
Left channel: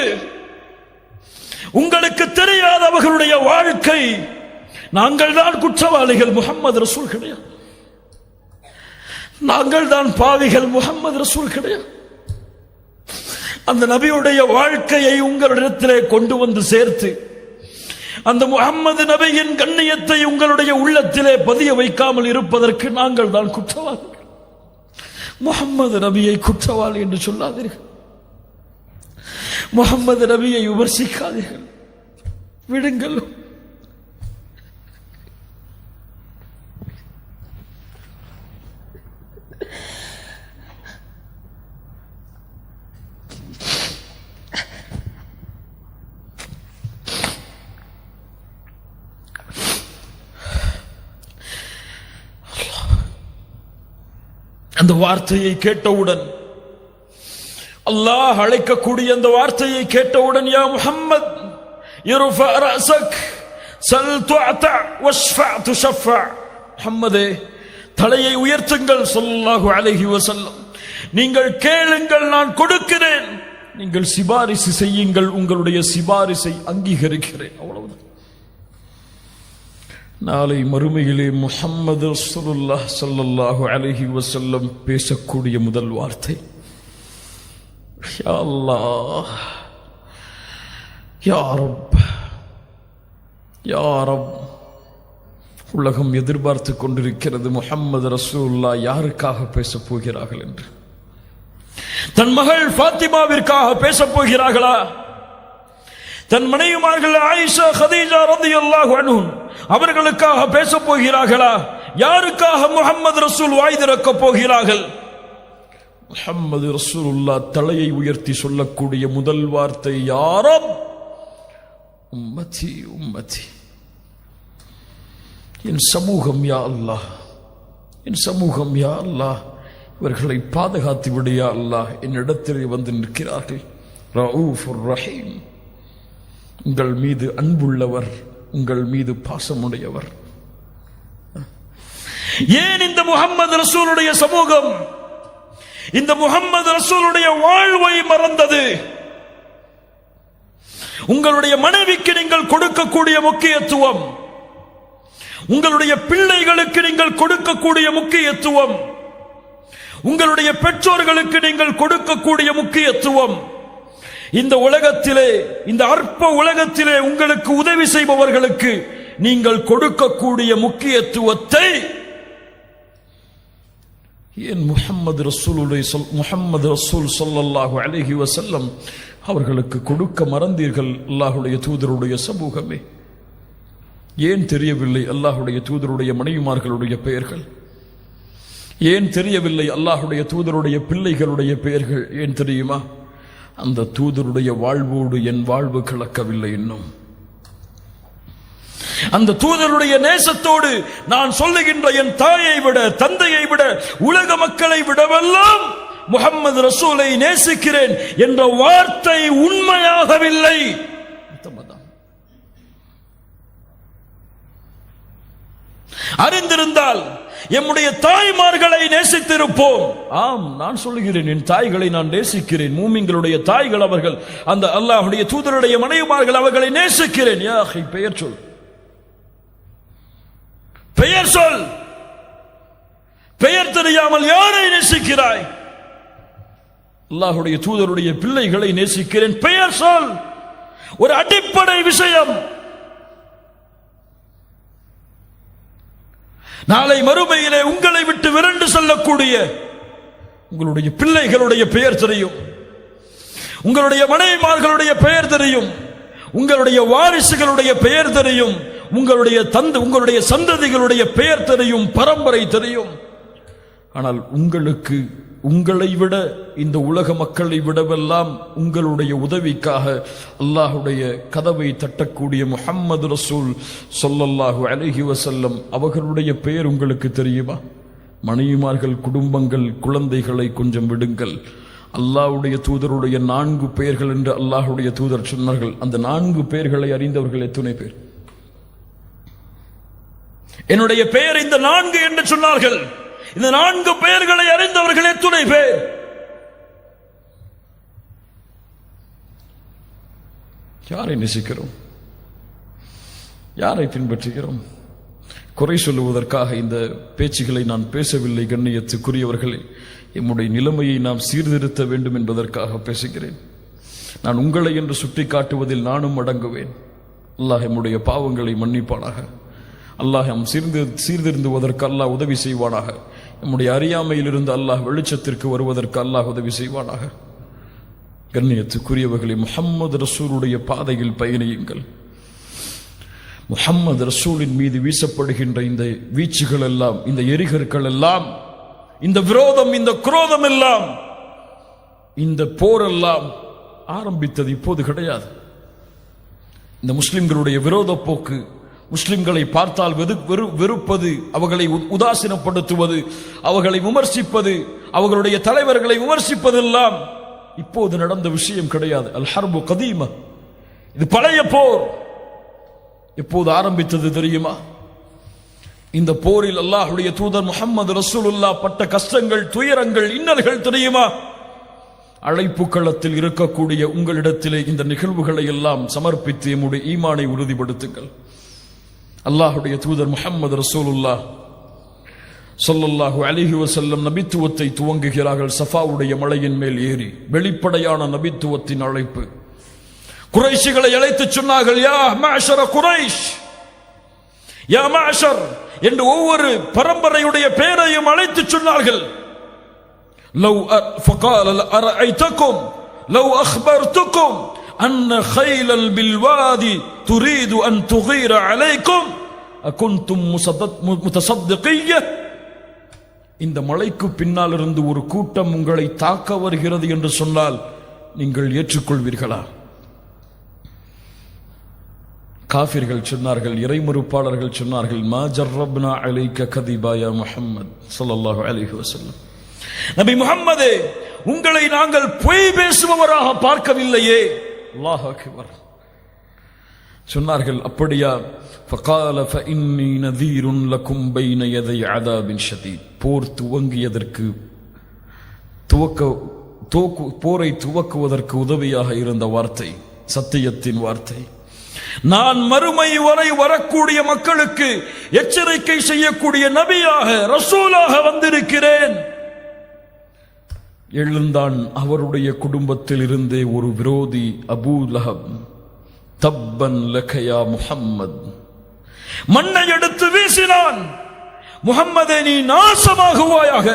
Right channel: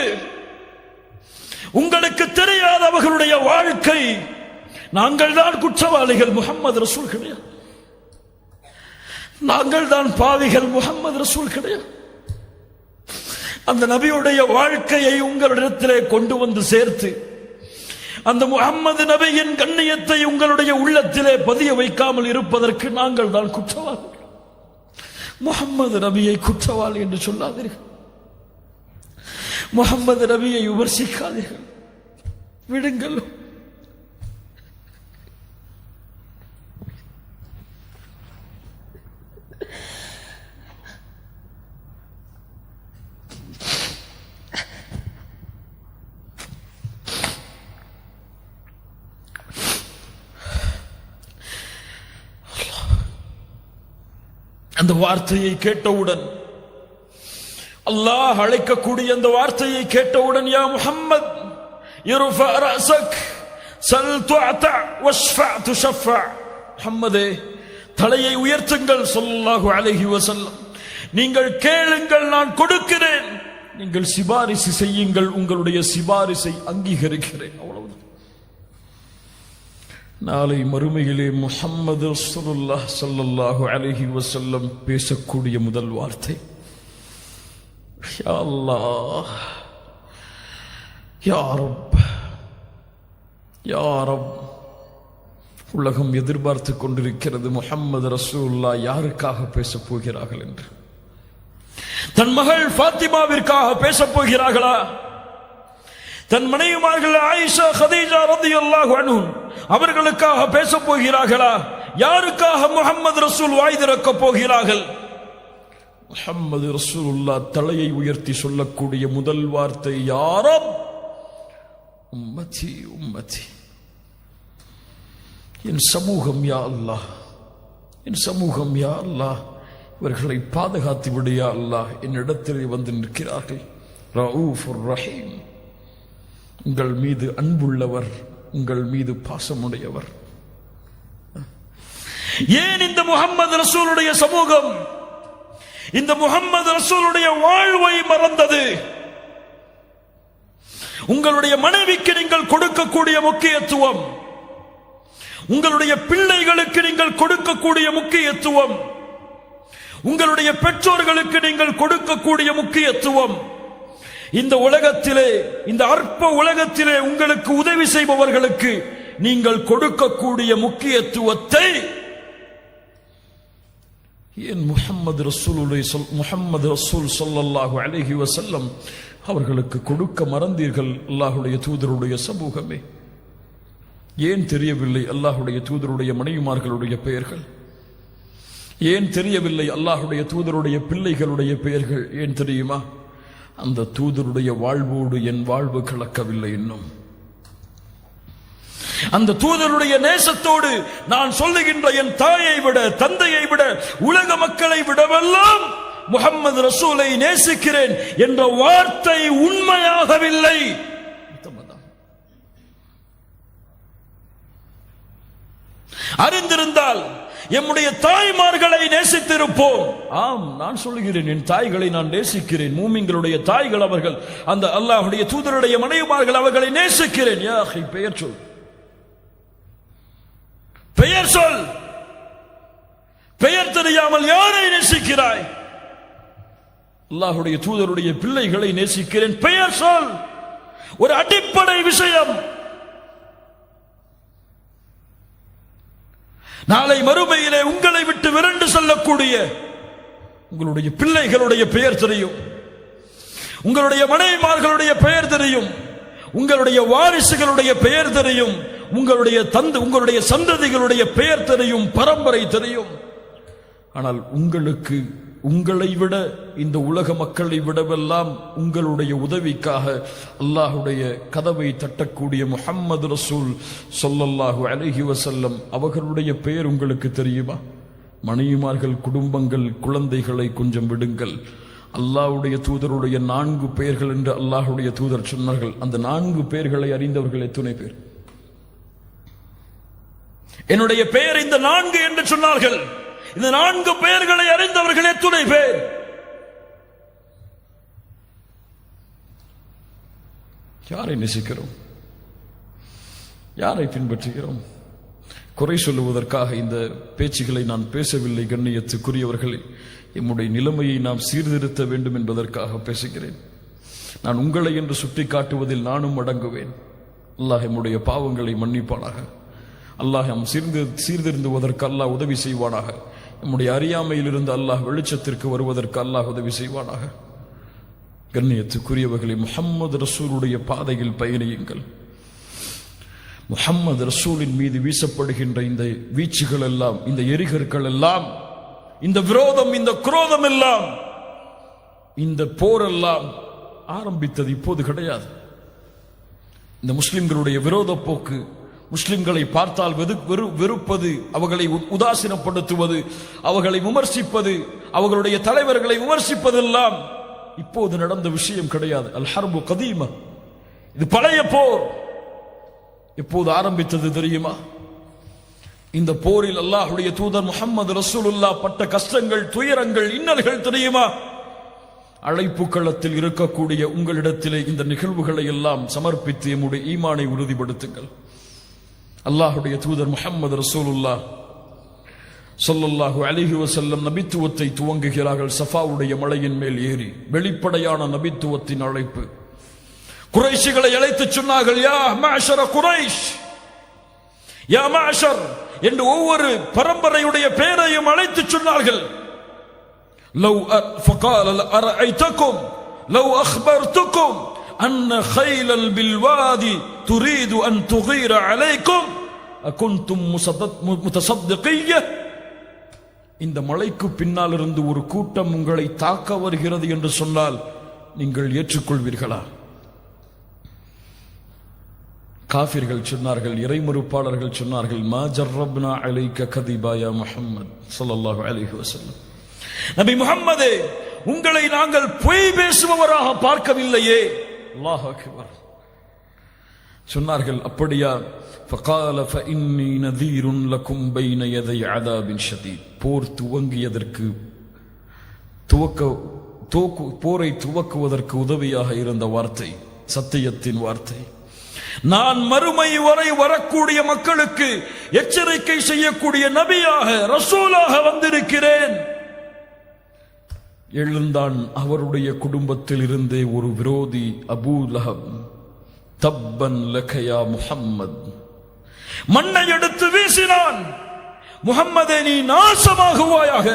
உங்களுக்கு தெரியாத அவர்களுடைய வாழ்க்கை. நாங்கள் தான் குற்றவாளிகள், முஹம்மது ரசூல் கிடையாது. நாங்கள் தான் பாவிகள், முஹம்மது ரசூல் கிடையாது. அந்த நபியுடைய வாழ்க்கையை உங்களிடத்திலே கொண்டு வந்து சேர்த்து அந்த முஹம்மது நபியின் கண்ணியத்தை உங்களுடைய உள்ளத்திலே பதிய வைக்காமல் இருப்பதற்கு நாங்கள் தான் குற்றவாளிகள். முஹம்மது நபியை குற்றவாளி என்று சொல்லாதீர்கள். முஹம்மது நபியை விமர்சிக்காதீர்கள், விடுங்கள். அந்த வார்த்தையை கேட்டவுடன், அல்லாஹ் அழைக்கக்கூடிய அந்த வார்த்தையை கேட்டவுடன், யா முஹம்மத் இர்ஃபா ரஅஸக் சல் துஅத வஷ்ஃபா துஷஃபா, முஹம்மதே தலையை உயர்த்துங்கள் ஸல்லல்லாஹு அலைஹி வஸல்லம், நீங்கள் கேளுங்கள் நான் கொடுக்கிறேன், நீங்கள் சிபாரிசு செய்யுங்கள் உங்களுடைய சிபாரிசை அங்கீகரிக்கிறேன். அவ்வளவுதான். நாளை மறுமையிலே முஹம்மது ரசூலுல்லாஹ் ஸல்லல்லாஹு அலைஹி வஸல்லம் பேசக்கூடிய முதல் வார்த்தை, யா அல்லாஹ், யா ரப், யா ரப். உலகம் எதிர்பார்த்து கொண்டிருக்கிறது முஹம்மது ரசூலுல்லாஹ் யாருக்காக பேசப் போகிறார்கள் என்று. தன் மகள் ஃபாத்திமாவிற்காக பேசப் போகிறார்களா? தன் மனைவிமார்கள் ஆயிஷா, கதீஜா ரலியல்லாஹு அன்ஹும் அவர்களுக்காக பேசப் போகிறார்களா? யாருக்காக முஹம்மது ரசூல் வாய் திறக்கப் போகிறார்கள்? முஹம்மது ரசூலுல்லாஹ் தலையை உயர்த்தி சொல்லக்கூடிய முதல் வார்த்தை, யா ரப், உம்மதி உம்மதி, என் சமூகம் யா அல்லாஹ், என் சமூகம் யா அல்லாஹ், இவர்களை பாதுகாத்து விடு யா அல்லாஹ். என்னிடத்தில் வந்து நிற்கிறார்கள். ரഊஃபுர் ரஹீம், உங்கள் மீது அன்புள்ளவர், உங்கள் மீது பாசமுடையவர். ஏன் இந்த முஹம்மது ரசூலுடைய சமூகம் இந்த முஹம்மது ரசூலுடைய வாழ்வை மறந்தது? உங்களுடைய மனைவிக்கு நீங்கள் கொடுக்கக்கூடிய முக்கியத்துவம், உங்களுடைய பிள்ளைகளுக்கு நீங்கள் கொடுக்கக்கூடிய முக்கியத்துவம், உங்களுடைய பெற்றோர்களுக்கு நீங்கள் கொடுக்கக்கூடிய முக்கியத்துவம், இந்த உலகத்திலே, இந்த அற்ப உலகத்திலே உங்களுக்கு உதவி செய்பவர்களுக்கு நீங்கள் கொடுக்கக்கூடிய முக்கியத்துவத்தை ஏன் முஹம்மது ரசூல் ஸல்லல்லாஹு அலைஹி வஸல்லம் அவர்களுக்கு கொடுக்க மறந்தீர்கள்? அல்லாஹ்வுடைய தூதருடைய சமூகமே, ஏன் தெரியவில்லை அல்லாஹ்வுடைய தூதருடைய மனைவிமார்களுடைய பெயர்கள்? ஏன் தெரியவில்லை அல்லாஹ்வுடைய தூதருடைய பிள்ளைகளுடைய பெயர்கள்? ஏன் தெரியுமா? அந்த தூதருடைய வாழ்வோடு என் வாழ்வு கலக்கவில்லை இன்னும். அந்த தூதருடைய நேசத்தோடு நான் சொல்லுகின்ற என் தாயை விட, தந்தையை விட, உலக மக்களை விடவெல்லாம் முஹம்மது ரசூலை நேசிக்கிறேன் என்ற வார்த்தை உண்மையாகவில்லை. அறிந்திருந்தால் எம்முடைய தாய்மார்களை நேசித்திருப்போம். ஆம், நான் சொல்லுகிறேன், என் தாய்களை நான் நேசிக்கிறேன். மூமின்களுடைய தாய்கள் அவர்கள், அந்த அல்லாஹ்வுடைய தூதருடைய மனைவிமார்கள் அவர்களை நேசிக்கிறேன். யா அஹி, பெயர் சொல், பெயர் சொல். பெயர் தெரியாமல் யாரை நேசிக்கிறாய்? அல்லாஹ்வுடைய தூதருடைய பிள்ளைகளை நேசிக்கிறேன், பெயர் சொல். ஒரு அடிப்படை விஷயம். நாளை மறுமையிலே உங்களை விட்டு விரண்டு செல்லக்கூடிய உங்களுடைய பிள்ளைகளுடைய பெயர் தெரியும், உங்களுடைய மனைவிமார்களுடைய பெயர் தெரியும், உங்களுடைய வாரிசுகளுடைய பெயர் தெரியும், உங்களுடைய சந்ததிகளுடைய பெயர் தெரியும், பரம்பரை தெரியும். ஆனால் உங்களுக்கு, உங்களை விட, இந்த உலக மக்களை விடவெல்லாம் உங்களுடைய உதவிக்காக அல்லாஹ்வுடைய கதவை தட்டக்கூடிய முஹம்மது ரசூல் ஸல்லல்லாஹு அலைஹி வஸல்லம் அவர்களுடைய பெயர் உங்களுக்கு தெரியுமா? மனைவிமார்கள், குடும்பங்கள், குழந்தைகளை கொஞ்சம் விடுங்கள். அல்லாஹ்வுடைய தூதருடைய 4 பெயர்கள் என்று அல்லாஹ்வுடைய தூதர் சொன்னார்கள். அந்த 4 பெயர்களை அறிந்தவர்கள் எத்தனை பேர்? என்னுடைய பெயர் இந்த 4 என்று சொன்னார்கள். இந்த 4 பெயர்களை அறிந்தவர்கள் எத்தனை பேர்? யாரை நேசிக்கிறோம்? யாரை பின்பற்றுகிறோம்? குறை சொல்லுவதற்காக இந்த பேச்சுகளை நான் பேசவில்லை. கண்ணியத்துக்குரியவர்களே, எம்முடைய நிலைமையை நாம் சீர்திருத்த வேண்டும் என்பதற்காக பேசுகிறேன். நான் உங்களை என்று சுட்டி காட்டுவதில் நானும் அடங்குவேன். அல்லாஹ் எம்முடைய பாவங்களை மன்னிப்பானாக. அல்லாஹ் சீர்திருந்துவதற்கு அல்லாஹ் உதவி செய்வானாக. நம்முடைய அறியாமையிலிருந்து அல்லாஹ் வெளிச்சத்திற்கு வருவதற்கு அல்லாஹ் உதவி செய்வானாக. கண்ணியத்துக்குரியவர்களே, முஹம்மது ரசூலுடைய பாதையில் பயணியுங்கள். முஹம்மது ரசூலின் மீது வீசப்படுகின்ற இந்த வீச்சுகள் எல்லாம், இந்த எரிகற்கள் எல்லாம், இந்த விரோதம், இந்த குரோதம் எல்லாம், இந்த போரெல்லாம் ஆரம்பித்தது இப்போது கிடையாது. இந்த முஸ்லிம்களுடைய விரோத போக்கு, முஸ்லிம்களை பார்த்தால் வெறுப்பது, அவர்களை உதாசீனப்படுத்துவது, அவர்களை விமர்சிப்பது, அவர்களுடைய தலைவர்களை விமர்சிப்பதெல்லாம் இப்போது நடந்த விஷயம் கிடையாது. அல் ஹர்பு கதீமா, இது பழைய போர். எப்போது ஆரம்பித்தது தெரியுமா? இந்த போரில் அல்லாஹ்வுடைய தூதர் முஹம்மது ரசூலுல்லாஹ் பட்ட கஷ்டங்கள், துயரங்கள், இன்னல்கள் தெரியுமா? அழைப்பு களத்தில் இருக்கக்கூடிய உங்களிடத்திலே இந்த நிகழ்வுகளை எல்லாம் சமர்ப்பித்து எம்முடைய ஈமானை உறுதிப்படுத்துங்கள். அல்லாஹ்வுடைய தூதர் முஹம்மது ரசூலுல்லாஹ் ஸல்லல்லாஹு அலைஹி வஸல்லம் நபித்துவத்தை துவங்குகிறார்கள். சஃபாவுடைய மலையின் மேல் ஏறி வெளிப்படையான நபித்துவத்தின் அழைப்பு. குறைஷிகளை அழைத்து சொன்னார்கள், யா மஅஷர குறைஷ், யா மஅஷர் என்று ஒவ்வொரு பரம்பரையுடைய பெயரையும் அழைத்து சொன்னார்கள். லவ் ஃபகால அரஐதகும் லவ் அக்பர்துகும் அன்ன கைலல் பில்வாதி துரீது அன் துகீர அலைக்கும் அகுன்தும் முத்தஸத்திகிய்ய. இந்த மலைக்கு பின்னால் இருந்து ஒரு கூட்டம் உங்களை தாக்க வருகிறது என்று சொன்னால் நீங்கள் ஏற்றுக்கொள்வீர்களா? காஃபிர்கள் சொன்னார்கள், இறைமறுப்பாளர்கள் சொன்னார்கள், மா ஜர்ரப்னா அலைக கதிபா யா முஹம்மது ஸல்லல்லாஹு அலைஹி வஸல்லம். நபி முஹம்மதே, உங்களை நாங்கள் பொய் பேசுபவராக பார்க்கவில்லையே. அல்லாஹ் அக்பர். சொன்னார்கள், அப்படியா? ஃபகால ஃபஇன்னி நதீருன் லகும் பைன யதை அதாபின் ஷதீத். போர் துவங்கியதற்கு போரை துவக்குவதற்கு உதவியாக இருந்த வார்த்தை, சத்தியத்தின் வார்த்தை. நான் மறுமை வரை வரக்கூடிய மக்களுக்கு எச்சரிக்கை செய்யக்கூடிய நபியாக, ரசூலாக வந்திருக்கிறேன். எழுந்தான் அவருடைய குடும்பத்தில் இருந்தே ஒரு விரோதி, அபூ லஹப். தப்பன் லக யா முஹம்மத். மண்ணை எடுத்து வீசினான். முஹம்மதே, நீ நாசமாகுவாயாக.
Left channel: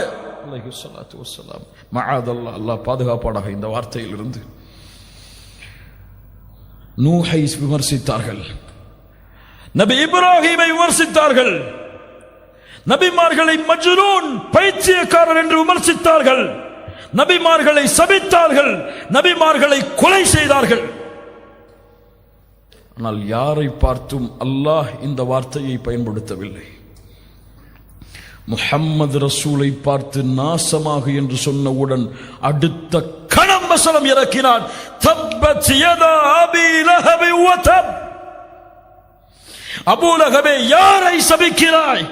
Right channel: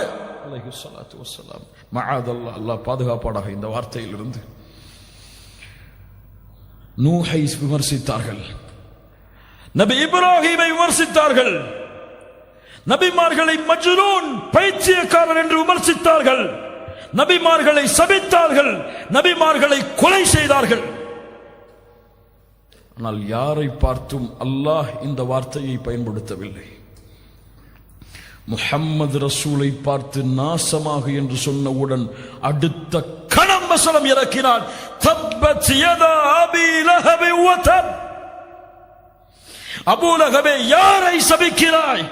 அலைஹிஸ்ஸலாத்து வஸ்ஸலாம். மஆதல்லாஹ், அல்லாஹ் பாதுகாப்பானாக இந்த வார்த்தையில் இருந்து. நூஹை விமர்சித்தார்கள், நபி இப்ராஹீமை விமர்சித்தார்கள், நபிமார்களை மஜ்னூன், பைத்தியக்காரர் என்று விமர்சித்தார்கள், நபிமார்களை சபித்தார்கள், நபிமார்களை கொலை செய்தார்கள். ஆனால் யாரை பார்த்தும் அல்லாஹ் இந்த வார்த்தையை பயன்படுத்தவில்லை. முஹம்மது ரசூலை பார்த்து நாசமாக என்று சொன்னவுடன் அடுத்த கணம் வசனம் இறக்கினான், தப்பத் யதா அபீ லஹப் வ தப். அபூ லஹபே, யாரை சபிக்கிறாய்?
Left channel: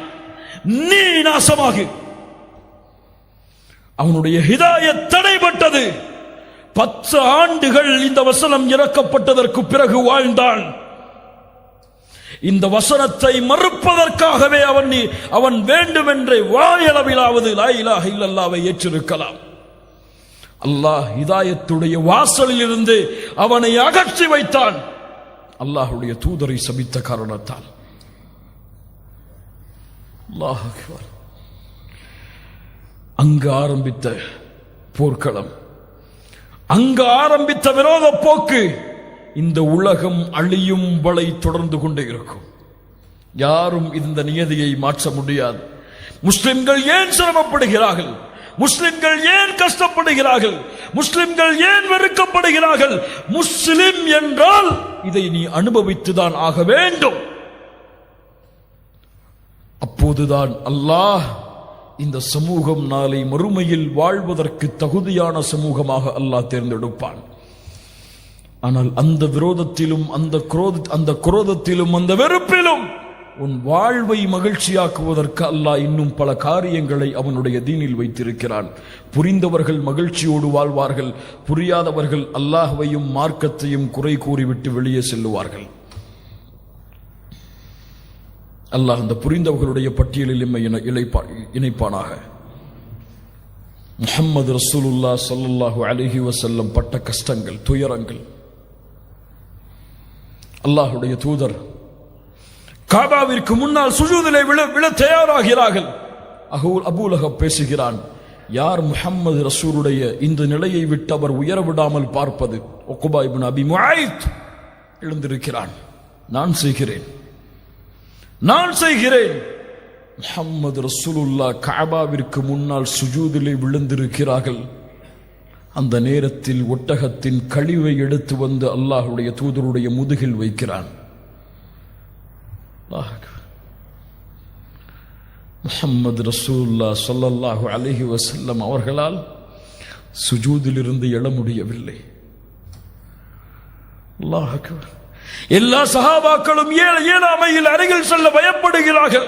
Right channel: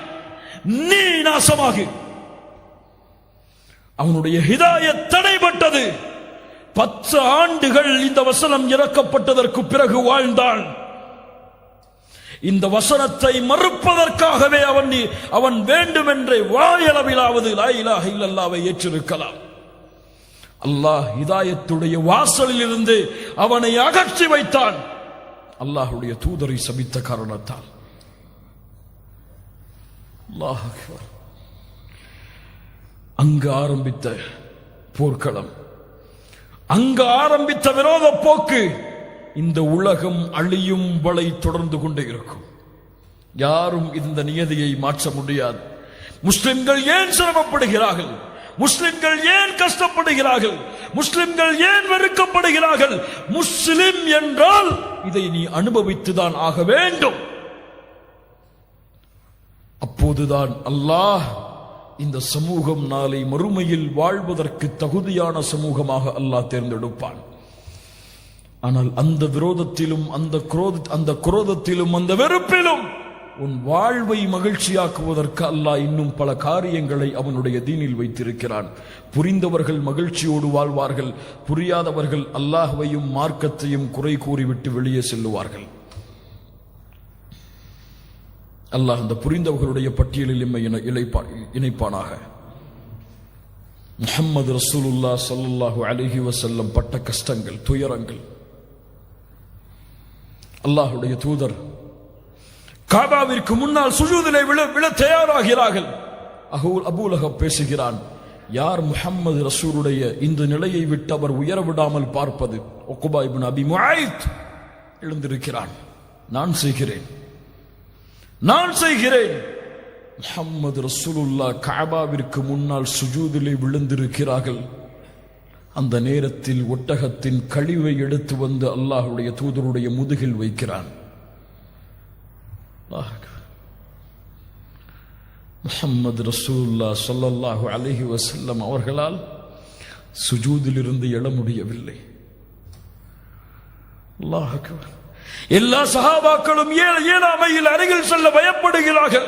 நீ நாசமாகு. அவனுடைய ஹிதாயத் தடைபட்டது. 10 ஆண்டுகள் இந்த வசனம் இறக்கப்பட்டதற்கு பிறகு வாழ்ந்தான். இந்த வசனத்தை மறுப்பதற்காகவே அவன் வேண்டுமென்றே வாயளவிலாவது லா இலாஹ இல்லல்லாஹ்வை ஏற்றிருக்கலாம். அல்லாஹ் ஹிதாயத்துடைய வாசலில் இருந்து அவனை அகற்றி வைத்தான், அல்லாஹ்வுடைய தூதரை சபித்த காரணத்தால். அல்லாஹ் அக்பர். அங்கு ஆரம்பித்த போர்க்களம், அங்கு ஆரம்பித்த விரோத போக்கு இந்த உலகம் அழியும் வரை தொடர்ந்து கொண்டே இருக்கும். யாரும் இந்த நியதியை மாற்ற முடியாது. முஸ்லிம்கள் ஏன் சிரமப்படுகிறார்கள்? முஸ்லிம்கள் ஏன் கஷ்டப்படுகிறார்கள்? முஸ்லிம்கள் ஏன் வெறுக்கப்படுகிறார்கள்? முஸ்லிம் என்றால் இதை நீ அனுபவித்துதான் ஆக வேண்டும். அப்போதுதான் அல்லாஹ் இந்த சமூகம் நாளை மறுமையில் வாழ்வதற்கு தகுதியான சமூகமாக அல்லாஹ் தேர்ந்தெடுப்பான். ஆனால் அந்த விரோதத்திலும் அந்த குரோதத்திலும் அந்த வெறுப்பிலும் உன் வாழ்வை மகிழ்ச்சியாக்குவதற்கு அல்லாஹ் இன்னும் பல காரியங்களை அவனுடைய தீனில் வைத்திருக்கிறான். புரிந்தவர்கள் மகிழ்ச்சியோடு வாழ்வார்கள், புரியாதவர்கள் அல்லாஹ்வையும் மார்க்கத்தையும் குறை கூறிவிட்டு வெளியே செல்லுவார்கள். அல்லாஹ் அந்த புரிந்தவர்களுடைய பட்டியலில் எம்மை இணைப்பானாக. முஹம்மது ரசூலுல்லாஹ் ஸல்லல்லாஹு அலைஹி வஸல்லம் பட்ட கஷ்டங்கள், துயரங்கள். அல்லாஹ்வுடைய தூதர் காபாவிற்கு முன்னால் சுஜூதிலே விழ தயாராகிறார்கள். அபூ லஹப் பேசுகிறான், யார் முஹம்மது ரசூலுடைய இந்த நிலையை விட்டு அவர் உயர விடாமல் பார்ப்பது? உக்பா இப்னு அபி முஆய்த் எழுந்திருக்கிறான், நான் செய்கிறேன். முஹம்மது ரசூலுல்லாஹ் கஅபாவிற்கு முன்னால் சுஜூதிலே விழுந்திருக்கிறார்கள். அந்த நேரத்தில் ஒட்டகத்தின் கழிவை எடுத்து வந்து அல்லாஹ்வுடைய தூதருடைய முதுகில் வைக்கிறான். முஹம்மது ரசூலுல்லாஹ் ஸல்லல்லாஹு அலைஹி வஸல்லம் அவர்களால் சுஜூதிலிருந்து எழ முடியவில்லை. அல்லாஹ் அக்பர். எல்லா சஹாபாக்களும் ஏழாமையில் அருகில் செல்ல பயப்படுகிறார்கள்.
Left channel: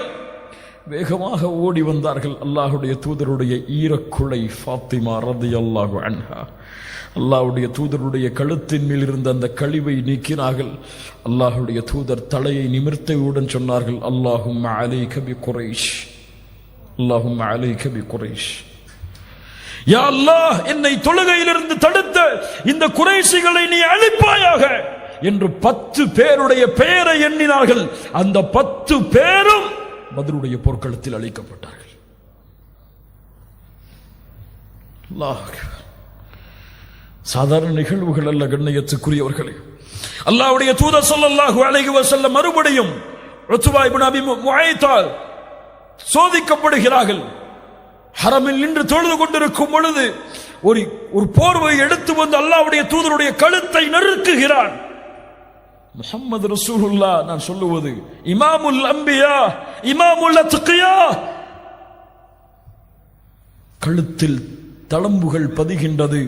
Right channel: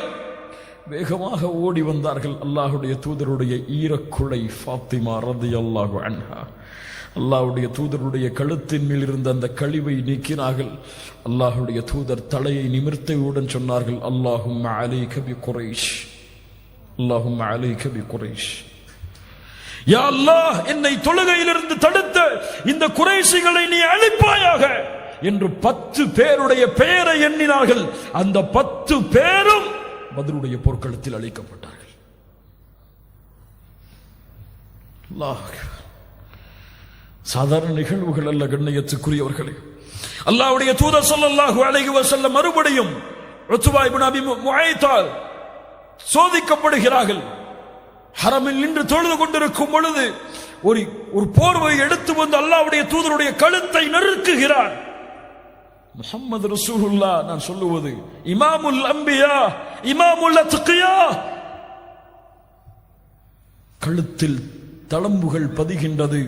வேகமாக ஓடி வந்தார்கள். அல்லாஹ்வுடைய தூதருடைய ஈரக்குலை ஃபாத்திமா ரலியல்லாஹு அன்ஹா அல்லாஹ்வுடைய தூதருடைய கழுத்தின் மேல் இருந்த அந்த கழிவை நீக்கினார்கள். அல்லாஹ்வுடைய தூதர் தலையை நிமிர்த்தியவுடன் சொன்னார்கள், அல்லாஹும்ம அலைக பி குரைஷ், அல்லாஹும்ம அலைக பி குரைஷ். யா அல்லாஹ், என்னை தொழுகையிலிருந்து தடுத்த இந்த குறைஷிகளை நீ அழிப்பாயாக என்று 10 பேருடைய பெயரை எண்ணினார்கள். அந்த 10 பேரும் பத்ருடைய போர்க்களத்தில் அழிக்கப்பட்டார்கள். அல்லாஹ், சாதாரண நிகழ்வுகள் அல்ல கண்ணியத்துக்குரியவர்களே. அல்லாஹ்வுடைய தூதர் ஸல்லல்லாஹு அலைஹி வஸல்லம் மறுபடியும் உத்பா இப்னு அபி முஆய்த்தால் சோதிக்கப்படுகிறார்கள். ஹரமில் நின்று தொழுது கொண்டிருக்கும் பொழுது ஒரு போர்வை எடுத்து வந்து அல்லாஹ்வுடைய தூதருடைய கழுத்தை நெருக்குகிறார். முஹம்மது ரசூலுல்லாஹ், நான் சொல்லுவது இமாமுல் அம்பியா, இமாமுல் அத்கியா, கழுத்தில் தளம்புகள் பதிகின்றது.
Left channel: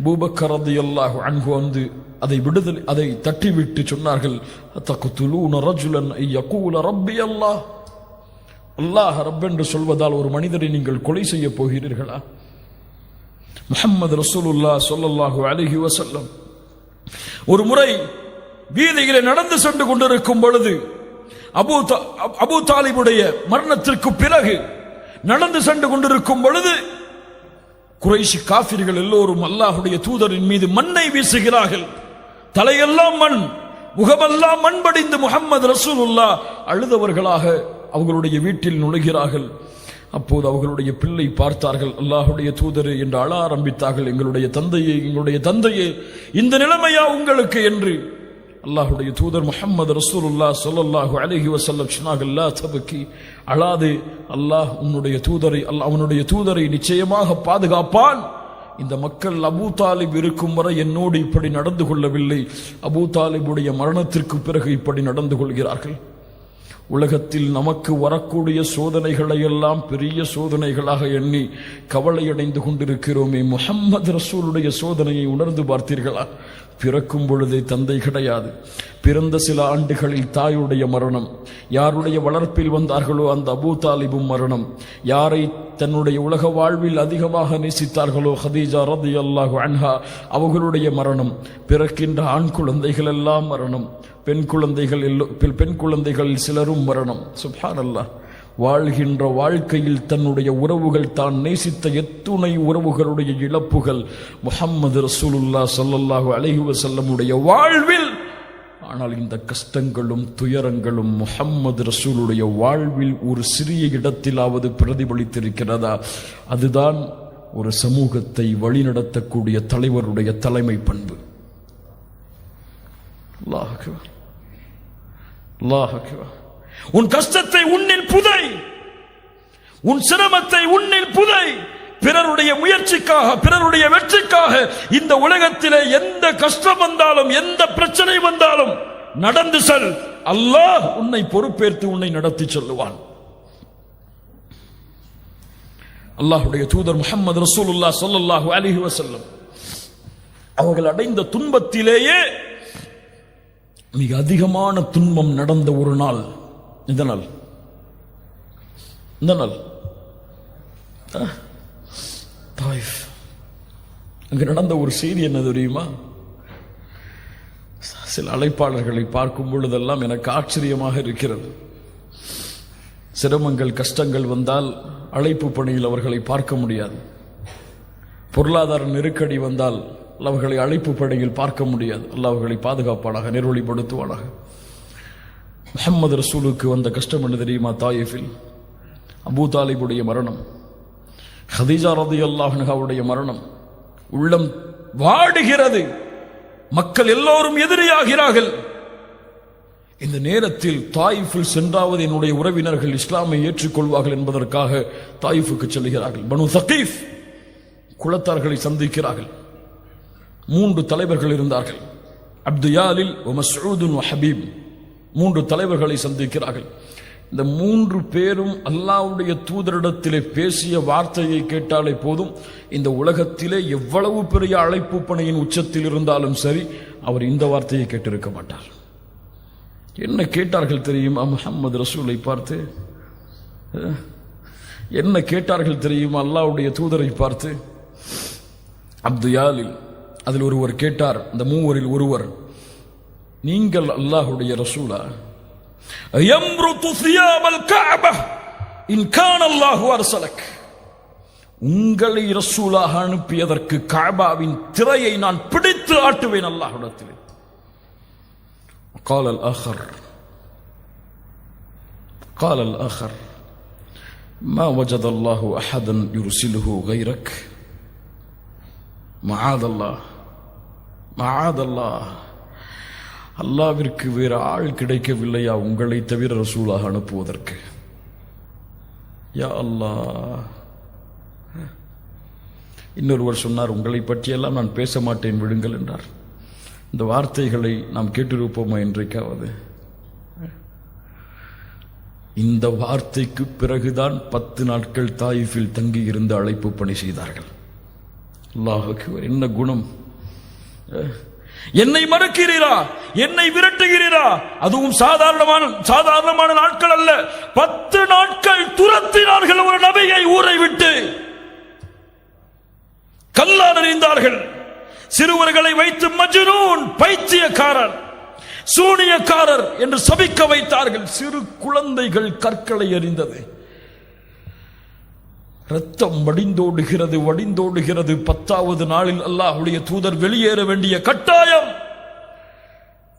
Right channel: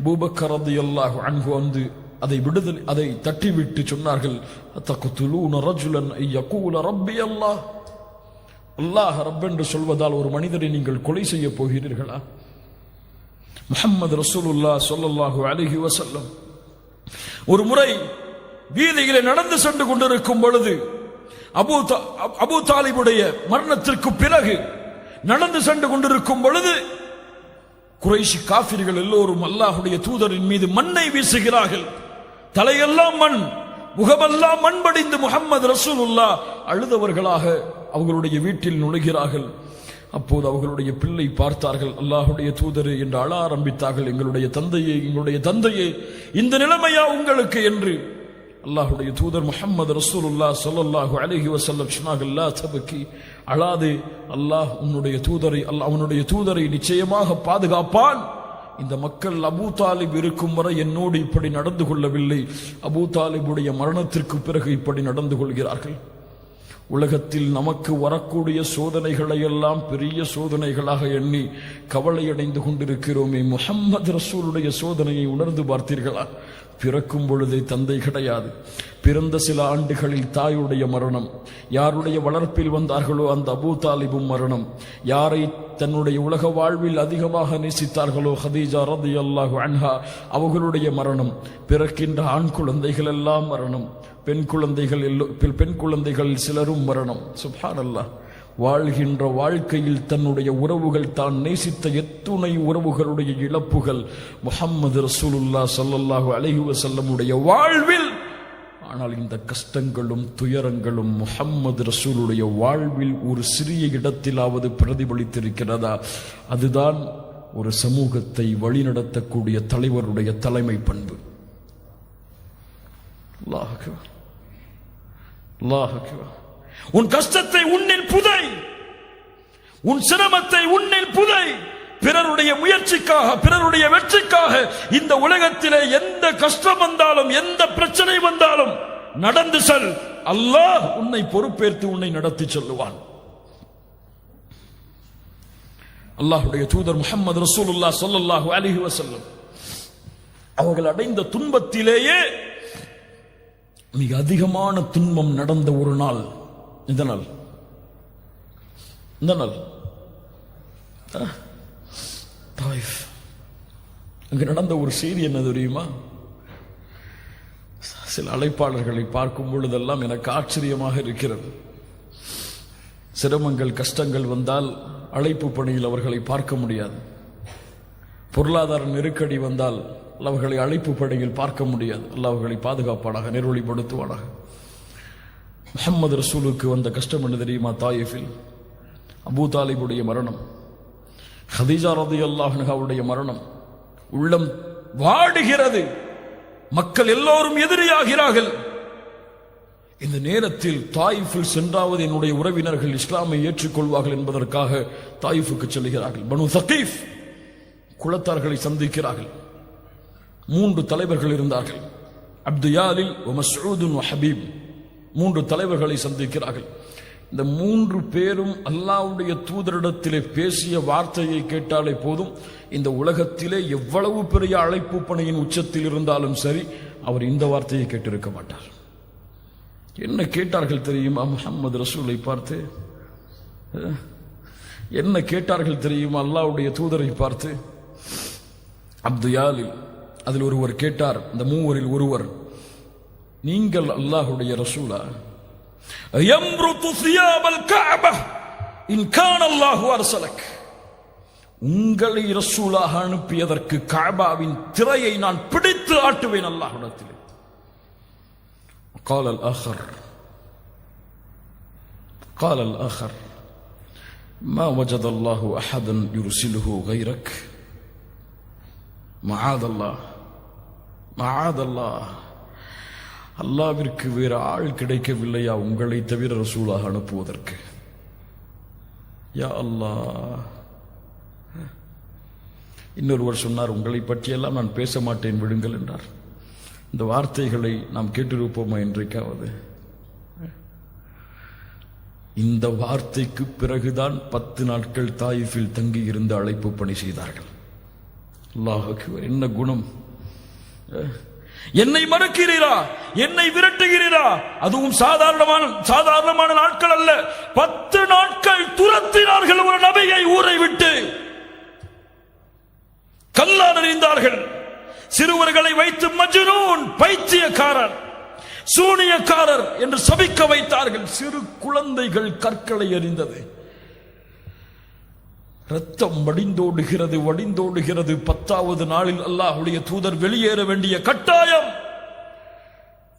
அபூபக்கர் ரலியல்லாஹு அன்ஹு வந்து அதை தட்டிவிட்டு சொன்னார்கள், தக்துலூன ரஜுலன் யகூல ரப்பி அல்லாஹ், அல்லாஹ் ரப் என்று சொல்வதால் ஒரு மனிதரை நீங்கள் கொலை செய்ய போகிறீர்களா? முஹம்மது ரசூலுல்லாஹ் ஸல்லல்லாஹு அலைஹி வஸல்லம் ஒரு முறை வீதியிலே நடந்து சென்று கொண்டிருக்கும் பொழுது அபூ தாலிபுடைய மரணத்திற்கு பிறகு நடந்து சென்று கொண்டிருக்கும் பொழுது குறைஷி காஃபிர்கள் எல்லோரும் அல்லாஹ்வுடைய தூதரின் மீது மண்ணை வீசுகிறார்கள். தலையெல்லாம் மண், முகமெல்லாம் மண் படிந்து முஹம்மது ரசூலுல்லாஹ் அழுதவர்களாக அவர்களுடைய வீட்டில் நுழைகிறார்கள். அப்போது அவர்களுடைய பிள்ளை பார்த்தார்கள், அல்லாஹ்வுடைய தூதரே என்று அழ ஆரம்பித்தார்கள். எங்களுடைய தந்தையே இந்த நிலைமையா உங்களுக்கு என்று. அல்லாஹ்வுடைய தூதர் முஹம்மது ரசூலுல்லாஹ் ஸல்லல்லாஹு அலைஹி வஸல்லம் சொன்னார்கள், லா தபகி, அழாதே, அல்லாஹ் அவனுடைய தூதரை நிச்சயமாக பாதுகாப்பான். இந்த மக்கள் அபூ தாலிப் இருக்கும் வரை என்னோடு இப்படி நடந்து கொள்ளவில்லை, அபூ தாலிபுடைய மரணத்திற்கு பிறகு இப்படி நடந்து கொள்கிறார்கள். உலகத்தில் நமக்கு வரக்கூடிய சோதனைகளை எல்லாம் பெரிய சோதனைகளாக எண்ணி கவலையடைந்து கொண்டிருக்கிறோமே, முஹம்மது ரசூலுடைய சோதனையை உணர்ந்து பார்த்தீர்களா? பிறக்கும் பொழுதே தந்தை கிடையாது, பிறந்த சில ஆண்டுகளில் தாயுடைய மரணம், யாருடைய வளர்ப்பில் வந்தார்களோ அந்த அபூ தாலிபும் மரணம், யாரை தன்னுடைய உலக வாழ்வில் அதிகமாக நேசித்தார்களோ ஹதீஜா ரலியல்லாஹு அன்ஹா அவர்களுடைய மரணம், பிறக்கின்ற ஆண் குழந்தைகள் எல்லாம் மரணம், பெண் குழந்தைகள் சிலரும் மரணம். சுப்ஹானல்லாஹ். வாழ்கின்ற வாழ்க்கையில் தன்னுடைய உறவுகள், தான் நேசித்த எத்துணை உறவுகளுடைய இழப்புகள் முஹம்மது ரசூலுல்லாஹ் ஸல்லல்லாஹு அலைஹி வஸல்லமுடைய வாழ்வில். ஆனால் இந்த கஷ்டங்களும் துயரங்களும் முஹம்மது ரசூலுடைய வாழ்வில் ஒரு சிறிய இடத்திலாவது பிரதிபலித்திருக்கிறதா? அதுதான் ஒரு சமூகத்தை வழிநடத்தக்கூடிய தலைவருடைய தலைமை பண்பு. அல்லாஹ் அக்பர், அல்லாஹ் அக்பர். உன் கஷ்டத்தை உன்னில் புதை, உன் சிரமத்தை உன்னில் புதை. பிறருடைய முயற்சிக்காக, பிறருடைய வெற்றிக்காக இந்த உலகத்திலே எந்த கஷ்டம் வந்தாலும், எந்த பிரச்சனை வந்தாலும் நடந்து செல். அல்லாஹ் உன்னை பொறுப்பேற்று உன்னை நடத்தி செல்லுவான். அல்லாஹ்வுடைய தூதர் முஹம்மது ரசூலுல்லாஹ் ஸல்லல்லாஹு அலைஹி வஸல்லம் அவர்கள் அடைந்த துன்பத்திலேயே மிக அதிகமான துன்பம் நடந்த ஒரு நாள் இந்த நாள். தாயிஃப். அங்கு நடந்த ஒரு செய்தி என்ன தெரியுமா? சில அழைப்பாளர்களை பார்க்கும் பொழுதெல்லாம் எனக்கு ஆச்சரியமாக இருக்கிறது. சிரமங்கள் கஷ்டங்கள் வந்தால் அழைப்பு பணியில் அவர்களை பார்க்க முடியாது. பொருளாதார நெருக்கடி வந்தால் அவர்களை அழைப்பு பணியில் பார்க்க முடியாது. அல்லாஹ் அவர்களை பாதுகாப்பானாக, நெருவழிப்படுத்துவானாக. முஹம்மது ரசூலுக்கு வந்த கஷ்டம் என்ன தெரியுமா? தாயிஃபில் அபூ தாலிபுடைய மரணம், ஹதீஜா ரலியல்லாஹு அன்ஹாவுடைய மரணம். உள்ளம் வாடுகிறது. மக்கள் எல்லோரும் எதிரியாகிறார்கள். இந்த நேரத்தில் தாயிஃபில் சென்றாவது என்னுடைய உறவினர்கள் இஸ்லாமை ஏற்றுக்கொள்வார்கள் என்பதற்காக தாயிஃபுக்கு செல்கிறார்கள். பனு சகீஃப் குலத்தார்களை சந்திக்கிறார்கள். 3 தலைவர்கள் இருந்தார்கள், அப்துயாலில், மஸ்ஊத், ஹபீப். 3 தலைவர்களை சந்திக்கிறார்கள். இந்த 3 பேரும் அல்லாஹ்வுடைய தூதரிடத்திலே பேசிய வார்த்தையை கேட்டாலே போதும், இந்த உலகத்திலே எவ்வளவு பெரிய அழைப்பு பணியின் உச்சத்தில் இருந்தாலும் சரி, அவர் இந்த வார்த்தையை கேட்டிருக்க மாட்டார். என்ன கேட்டார்கள் தெரியுமா? முஹம்மது ரசூலை பார்த்து என்ன கேட்டார்கள் தெரியுமா? அல்லாஹ்வுடைய தூதரை பார்த்து. அப்துயாலில் அதில் ஒருவர் கேட்டார், இந்த 3 ஒருவர், நீங்கள் அல்லாஹ்வுடைய ரசூலா? யம்ருது சியாபல் கஅபா இன் கான அல்லாஹு அர்ஸலக். உங்களை ரசூலாக அனுப்பியதற்கு கஅபாவின் திரையை நான் பிடித்து ஆட்டுவேன் அல்லாஹ்விடத்தில். قال الآخر ما وجد الله أحدا يرسله غيرك معاذ الله. அல்லாஹ்விற்கு வேறு ஆள் கிடைக்கவில்லையா உங்களை தவிர ரசூலாக அனுப்புவதற்கு? யா அல்லாஹ். இன்னொருவர் சொன்னார், உங்களை பற்றியெல்லாம் நான் பேச மாட்டேன், விடுங்கள் என்றார். இந்த வார்த்தைகளை நாம் கேட்டிருப்போமா என்றைக்காவது? இந்த வார்த்தைக்கு பிறகுதான் 10 நாட்கள் தாயிஃபில் தங்கி இருந்து அழைப்பு பணி செய்தார்கள். அல்லாஹ் அக்பர். என்ன குணம்! என்னை மறுக்கிறீரா, என்னை விரட்டுகிறீரா? அதுவும் சாதாரணமான நாட்கள் அல்ல. 10 நாட்கள் துரத்தினார்கள் ஒரு நபியை ஊரை விட்டு. கல்லால் எறிந்தார்கள். சிறுவர்களை வைத்து மஜ்னூன், பைத்தியக்காரர், சூனியக்காரர் என்று சபிக்க வைத்தார்கள். சிறு குழந்தைகள் கற்களை எறிந்தது. ரத்தம் வடிந்தோடுகிறது. 10வது நாளில் அல்லாஹ்வுடைய தூதர் வெளியேற வேண்டிய கட்டாயம்.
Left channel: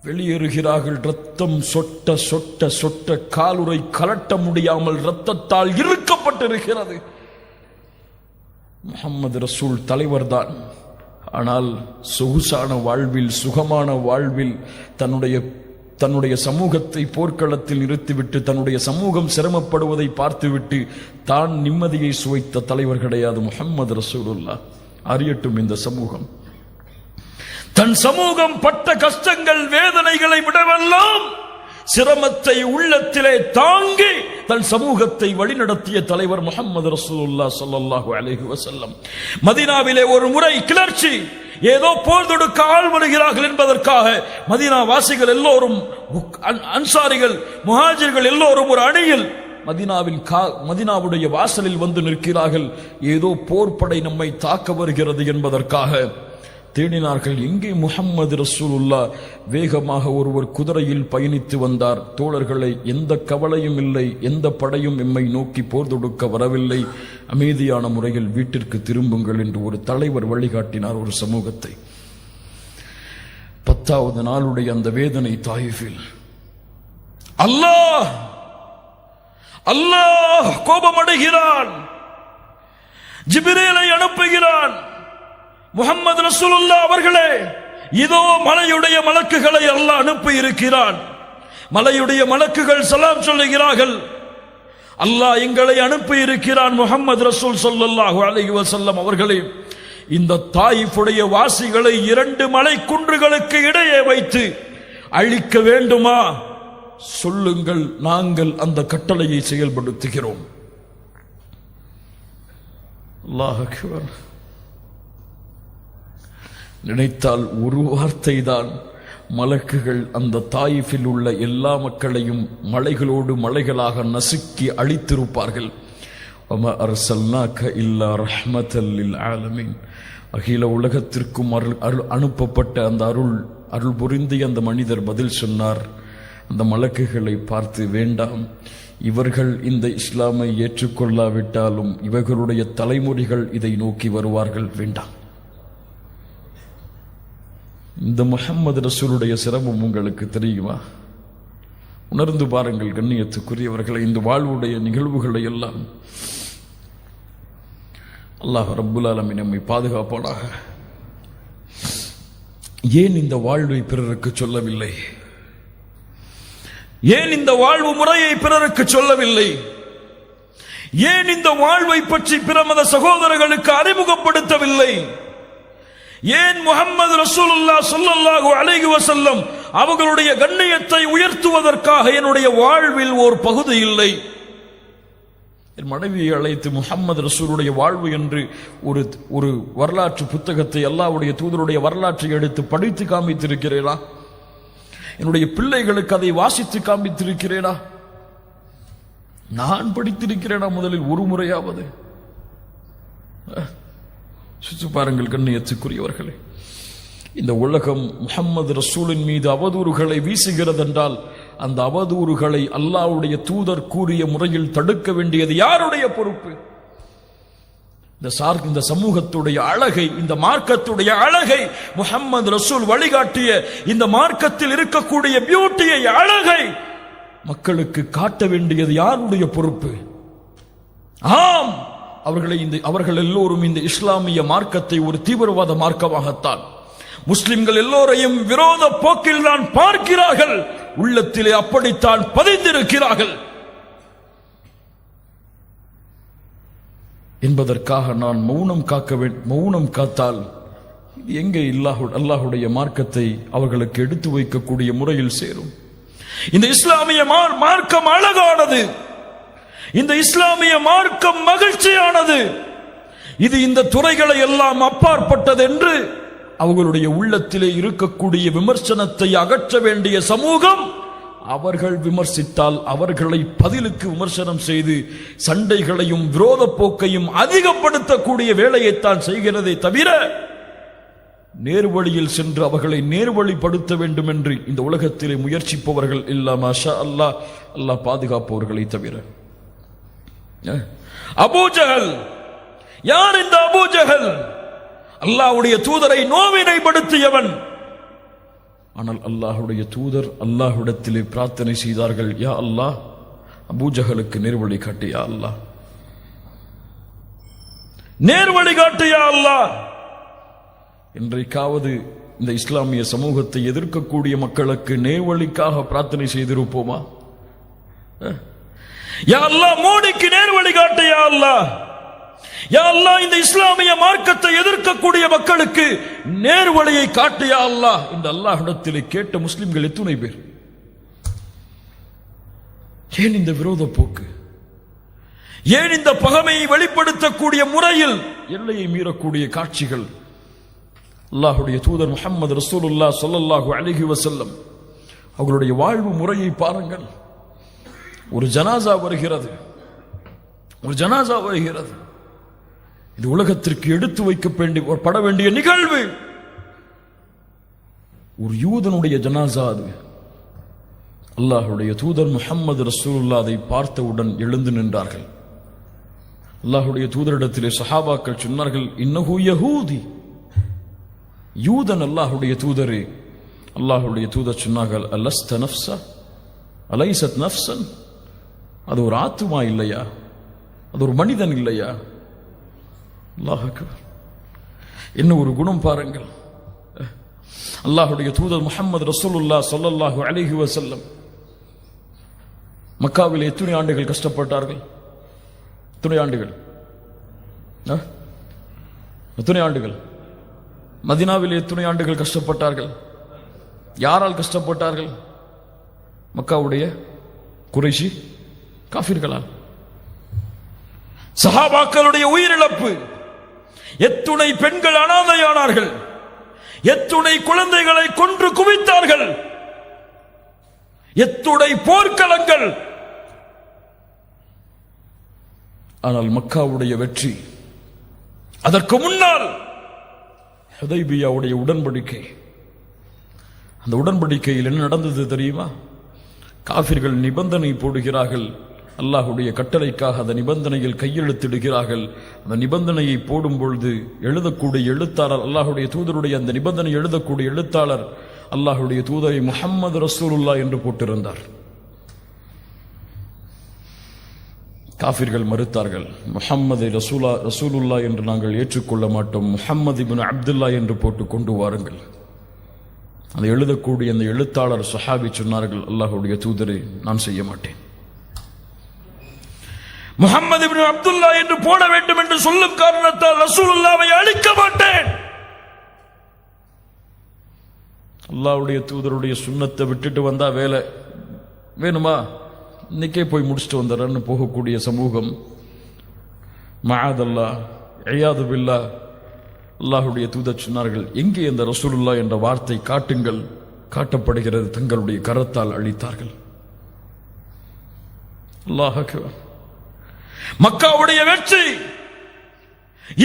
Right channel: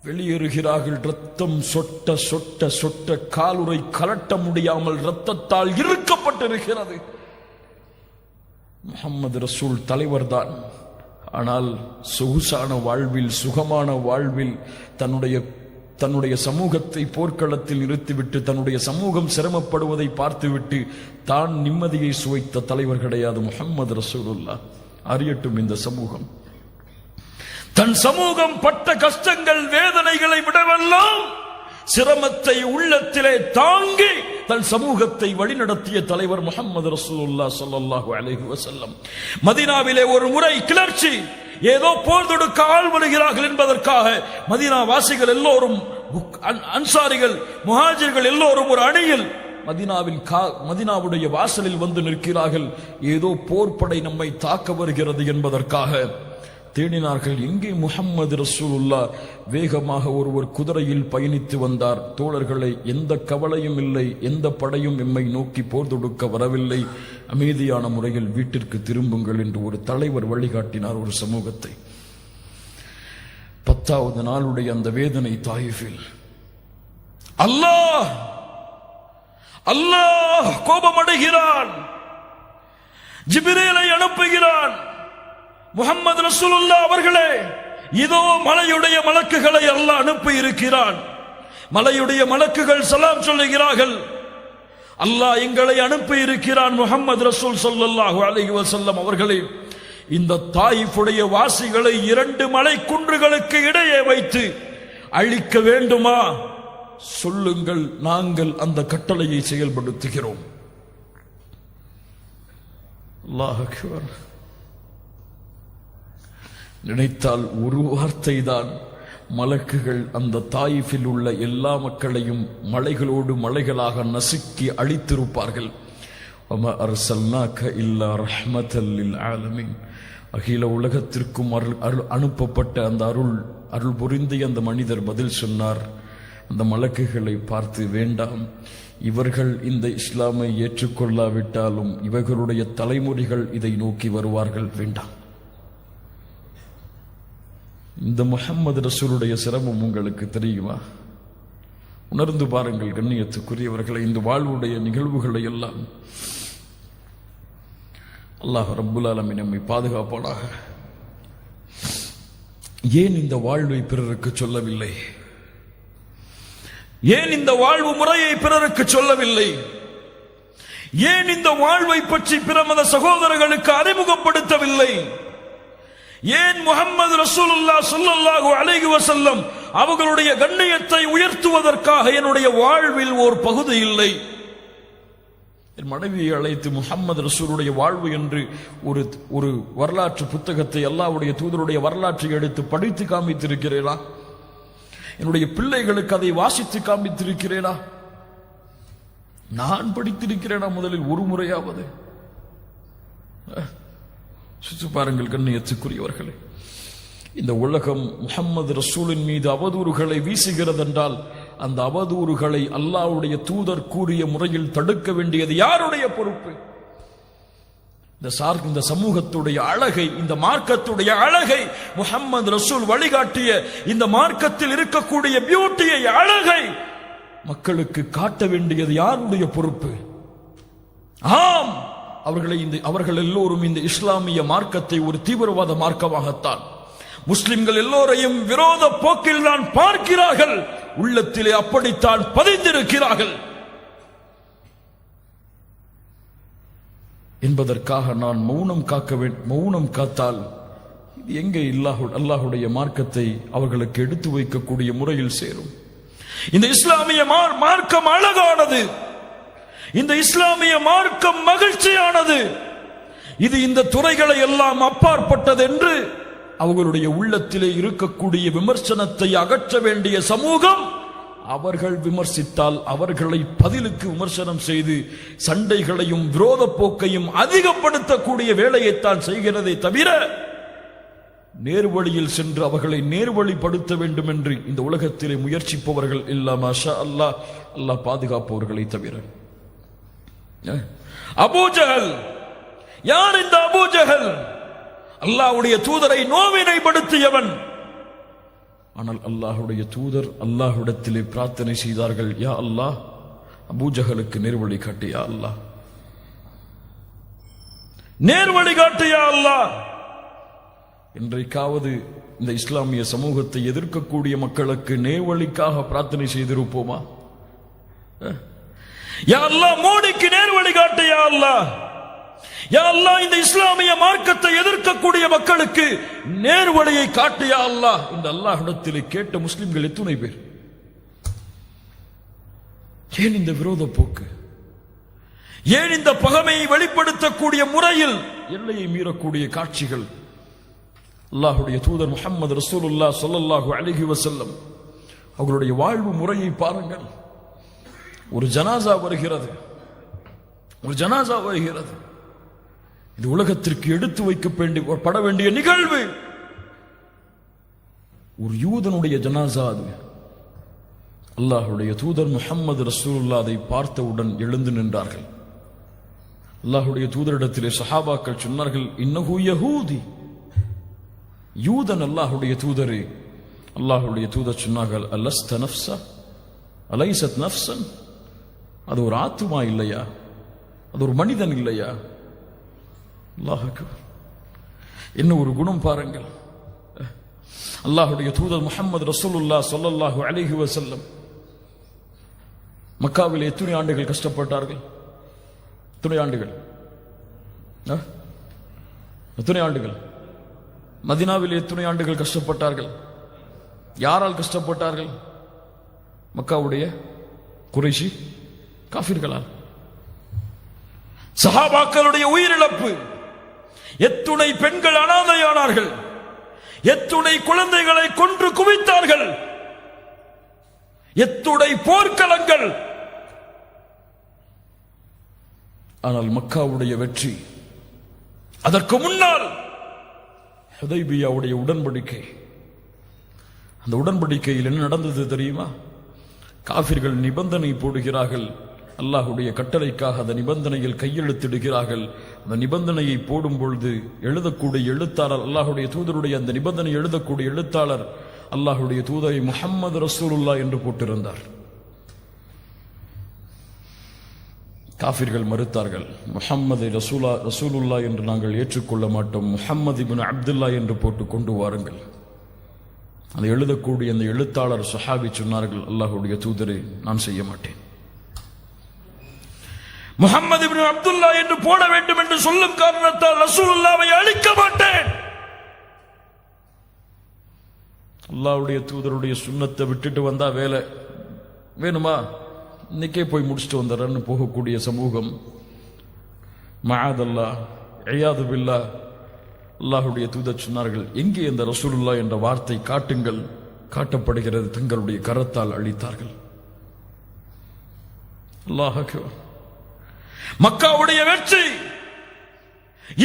வெளியேறுகிறார்கள். ரத்தம் சொட்ட சொட்ட சொட்ட காலுறை கலட்ட முடியாமல் ரத்தத்தால் இறுக்கப்பட்டிருக்கிறது. முஹம்மது ரசூல் தலைவர்தான். ஆனால் சொகுசான வாழ்வில், சுகமான வாழ்வில் தன்னுடைய சமூகத்தை போர்க்களத்தில் நிறுத்திவிட்டு தன்னுடைய சமூகம் சிரமப்படுவதை பார்த்துவிட்டு தான் நிம்மதியை சுவைத்த தலைவர் கிடையாது முஹம்மது ரசூலுல்லாஹ். அறியட்டும் இந்த சமூகம், தன் சமூகம் பட்ட கஷ்டங்கள் வேதனைகளை விடவெல்லாம் சிரமத்தை உள்ளத்திலே தாங்கி தன் சமூகத்தை வழிநடத்திய தலைவர் முஹம்மது ரசூலுல்லாஹ் ஸல்லல்லாஹு அலைஹி வஸல்லம். மதீனாவிலே ஒரு முறை கிளர்ச்சி, ஏதோ போர் தொடுக்க ஆள் வருகிறார்கள் என்பதற்காக மதீனா வாசிகள் எல்லோரும், அன்சாரிகள், முஹாஜிர்கள் எல்லோரும் ஒரு அணியில் மதீனாவுடைய வாசலில் வந்து நிற்கிறார்கள். ஏதோ போர்ப்படை நம்மை தாக்க வருகிறது என்பதற்காக தேடினார்கள். எங்கே முஹம்மது ரசூலுல்லாஹ்? வேகமாக ஒருவர் குதிரையில் பயணித்து வந்தார். தோழர்களை, எந்த கவலையும் இல்லை, எந்த படையும் எம்மை நோக்கி போர் தொடுக்க வரவில்லை, அமைதியான முறையில் வீட்டிற்கு திரும்புங்கள் என்று ஒரு தலைவர் வழிகாட்டினார் ஒரு சமூகத்தை. 10வது நாளுடைய அந்த வேதனை தாயிஃபில். அல்லாஹ் கோபமடைகிறான். ஜிப்ரீலை அனுப்புகிறான். முஹம்மது ரசூலுல்லாஹ் அவர்களே, இதோ மலையுடைய மலக்குகளை அல்லாஹ் அனுப்பி இருக்கிறான். மலையுடைய மலக்குகள் சலாம் சொல்லுகிறார்கள். அல்லாஹ் எங்களை அனுப்பி இருக்கிறான். முஹம்மது ரசூல் ஸல்லல்லாஹு அலைஹி வஸல்லம் அவர்களே, இந்த தாயிஃபுடைய வாசிகளை 2 மலை குன்றுகளுக்கு இடையே வைத்து அழிக்க வேண்டுமா? சொல்லுங்கள், நாங்கள் அந்த கட்டளையை செயல்படுத்துகிறோம். அல்லாஹ் அக்பர். நினைத்தால் ஒரு வார்த்தை தான் மலக்குகள் அந்த தாயிஃபில் உள்ள எல்லா மக்களையும் மலைகளோடு மலைகளாக நசுக்கி அழித்திருப்பார்கள். வமா அர்சல்னாக இல்லா ரஹ்மத்தல் லில் ஆலமீன். அகில உலகத்திற்கும் அருள் அனுப்பப்பட்ட அந்த அருள் புரிந்திய அந்த மனிதர் பதில் சொன்னார், அந்த மலக்குகளை பார்த்து, வேண்டாம், இவர்கள் இந்த இஸ்லாமை ஏற்றுக்கொள்ளாவிட்டாலும் இவர்களுடைய தலைமுறைகள் இதை நோக்கி வருவார்கள், வேண்டாம். இந்த முஹம்மது ரசூலுடைய சிரமம் உங்களுக்கு தெரியுமா? உணர்ந்து பாருங்கள் கண்ணியத்துக்குரியவர்களை. இந்த வாழ்வுடைய நிகழ்வுகளை எல்லாம் அல்லாஹ் ரப்புல் ஆலமீன் நம்மை பாதுகாப்பானாக. ஏன் இந்த வாழ்வை பிறருக்கு சொல்லவில்லை? ஏன் இந்த வாழ்வு முறையை பிறருக்கு சொல்லவில்லை? ஏன் இந்த வாழ்வை பற்றி பிற மத சகோதரர்களுக்கு அறிமுகப்படுத்தவில்லை? ஏன் முஹம்மது ரசூலுல்லாஹ் ஸல்லல்லாஹு அலைஹி வஸல்லம் அவர்களுடைய கண்ணியத்தை உயர்த்துவதற்காக என்னுடைய வாழ்வில் ஒரு பகுதி இல்லை? என் மனைவியை அழைத்து முஹம்மது ரசூலுடைய வாழ்வு என்று ஒரு வரலாற்று புத்தகத்தை, அல்லாஹ்வுடைய தூதருடைய வரலாற்றை எடுத்து படித்து காண்பித்திருக்கிறேனா? என்னுடைய பிள்ளைகளுக்கு அதை வாசித்து காண்பித்திருக்கிறேனா? நான் படித்திருக்கிறேனா முதலில் ஒரு முறையாவது? சுற்றி பாருங்கள் கண்ணியத்துக்குரியவர்களே. இந்த உலகம் முஹம்மது ரசூலின் மீது அவதூறுகளை வீசுகிறது என்றால் அந்த அவதூறுகளை அல்லாஹ்வுடைய தூதர் கூறிய முறையில் தடுக்க வேண்டியது யாருடைய பொறுப்பு? இந்த சமூகத்துடைய அழகை, இந்த மார்க்கத்துடைய அழகை, முஹம்மது ரசூல் வழிகாட்டிய இந்த மார்க்கத்தில் இருக்கக்கூடிய பியூட்டியை, அழகை மக்களுக்கு காட்ட வேண்டியது யாருடைய பொறுப்பு? ஆம், அவர்கள் எல்லோரும் இந்த இஸ்லாமிய மார்க்கத்தை ஒரு தீவிரவாத மார்க்கமாகத்தான், முஸ்லிம்கள் எல்லோரையும் விரோத போக்கில் தான் பார்க்கிறார்கள், உள்ளத்திலே அப்படித்தான் பதிந்திருக்கிறார்கள் என்பதற்காக நான் மௌனம் காத்தால் எங்கே அல்லாஹுடைய மார்க்கத்தை அவர்களுக்கு எடுத்து வைக்கக்கூடிய முறையில் சேரும்? இந்த இஸ்லாமிய மார்க்கம் அழகானது, இந்த இஸ்லாமிய மார்க்கம் மகிழ்ச்சியானது. இது இந்த துறைகளை எல்லாம் அப்பாற்பட்டது என்று அவர்களுடைய உள்ளத்திலே இருக்கக்கூடிய விமர்சனத்தை அகற்ற வேண்டிய சமூகம், அவர்கள் விமர்சித்தால் அவர்களை பதிலுக்கு விமர்சனம் செய்து சண்டைகளையும் விரோத போக்கையும் அதிகப்படுத்தக்கூடிய வேலையைத்தான் செய்கிறதே தவிர நேர்வழியில் சென்று அவர்களை நேர்வழிப்படுத்த வேண்டும் என்று இந்த உலகத்திலே முயற்சிப்பவர்கள் இல்லா மாஷா அல்லாஹ், அல்லாஹ் பாதுகாப்பவர்களை தவிர. அபூஜஹல் யார்? இந்த அபூஜஹல் அல்லாஹ்வுடைய தூதரை நோவினைப்படுத்தியவன். ஆனால் அல்லாஹ்வுடைய தூதர் அல்லாஹ்விடத்திலே பிரார்த்தனை செய்தார்கள், யா அல்லாஹ், அபூஜஹலுக்கு நேர்வழி காட்டு, யா அல்லாஹ், நேர்வழி காட்டு, யா அல்லாஹ். இன்றைக்காவது இந்த இஸ்லாமிய சமூகத்தை எதிர்க்கக்கூடிய மக்களுக்கு நேர்வழிக்காக பிரார்த்தனை செய்திருப்போமா? யா அல்லாஹ், மோடிக்கு நேர்வழி காட்டு, யா அல்லாஹ், யா அல்லாஹ், இந்த இஸ்லாமிய மார்க்கத்தை எதிர்க்கக்கூடிய மக்களுக்கு நேர்வழியை காட்டு, யா அல்லாஹ் இந்த அல்லாஹ்விடத்திலே கேட்ட முஸ்லிம்கள் எத்தனை பேர்? ஏன் இந்த விரோத போக்கு? ஏன் இந்த பகைமையை வெளிப்படுத்தக்கூடிய முறையில் எல்லையை மீறக்கூடிய காட்சிகள்? அல்லாஹ்வுடைய தூதர் முஹம்மது ரசூலுல்லாஹ் ஸல்லல்லாஹு அலைஹி வஸல்லம் அவர்களுடைய வாழ்வு முறையை பாருங்கள். ஒரு ஜனாசா வருகிறது, இது உலகத்திற்கு எடுத்து வைக்கப்பட வேண்டிய நிகழ்வு. ஒரு யூதனுடைய ஜனாசா அது. அல்லாஹ்வுடைய தூதர் முஹம்மது ரசூலுல்லாஹ் அதை பார்த்தவுடன் எழுந்து நின்றார்கள். அல்லாஹ்வுடைய தூதரிடத்திலே சஹாபாக்கள் சொன்னார்கள், இன்னஹு யஹூதி, யூதன் அல்லாஹ்வுடைய தூதரே. அல்லாஹ்வுடைய தூதர் சொன்னார்கள், அலஸ்த நஃப்ஸா அலைஸத் நஃப்ஸன், அது ஒரு ஆத்துமா இல்லையா? அது ஒரு மனிதன் இல்லையா? அல்லாஹ் அக்பர். என்ன ஒரு குணம் பாருங்கள். அல்லாஹ்வுடைய தூதர் முஹம்மது ரசூலுல்லாஹ் ஸல்லல்லாஹு அலைஹி வஸல்லம் மக்காவில் எத்தனை ஆண்டுகள் கஷ்டப்பட்டார்கள்? எத்தனை ஆண்டுகள்? மதீனாவில் எத்தனை ஆண்டுகள் கஷ்டப்பட்டார்கள்? யாரால் கஷ்டப்பட்டார்கள்? மக்காவுடைய குறைஷி காஃபிர்களால். சஹாபாக்களுடைய உயிரிழப்பு, எத்துணை பெண்கள் அனாதையானார்கள், எத்துணை குழந்தைகளை கொன்று குவித்தார்கள், எத்துணை போர்க்களங்கள். ஆனால் மக்காவுடைய வெற்றி, அதற்கு முன்னால் ஹுதைபியாவுடைய உடன்படிக்கை. அந்த உடன்படிக்கையில் என்ன நடந்தது தெரியுமா? காஃபிர்கள் நிபந்தனை போடுகிறார்கள், அல்லாஹுடைய கட்டளைக்காக அந்த நிபந்தனையில் கையெழுத்திடுகிறார்கள். அந்த நிபந்தனையை போடும் பொழுது எழுதக்கூடிய எழுத்தாளர், அல்லாஹுடைய தூதருடைய அந்த நிபந்தனை எழுதக்கூடிய எழுத்தாளர் அல்லாஹுடைய தூதரை முஹம்மது ரசூலுல்லாஹ் என்று போட்டிருந்தார். காஃபிர்கள் மறுத்தார்கள், முஹம்மது ரசூலுல்லாஹ் என்று நாங்கள் ஏற்றுக்கொள்ள மாட்டோம், முஹம்மது இப்னு அப்துல்லா என்று போட்டு கொண்டு வாருங்கள். அதை எழுதக்கூடிய அந்த எழுத்தாளர் சஹாபி சொன்னார்கள், அல்லாஹுடைய தூதரை நான் செய்ய மாட்டேன், முஹம்மது இப்னு அப்துல்லா என்று போட வேண்டும் என்று சொல்லும் காரணத்தால் ரசூலுல்லாஹ்வை அழிக்க மாட்டேன். அல்லாஹ்வுடைய தூதருடைய சுன்னத்தை விட்டுட்டு வந்தா வேலை வேணுமா, இன்னைக்கே போய் முடிச்சுட்டு வந்துடுறேன்னு போகக்கூடிய சமூகம். மஆதல்லாஹ் இயாது பில்லாஹ். அல்லாஹுடைய தூதர் சொன்னார்கள், எங்கே அந்த ரசூலுல்லாஹ் என்ற வார்த்தை காட்டுங்கள். காட்டப்படுகிறது, தங்களுடைய கரத்தால் அழித்தார்கள். அல்லாஹ் அக்பர். மக்காவுடைய வெற்றி,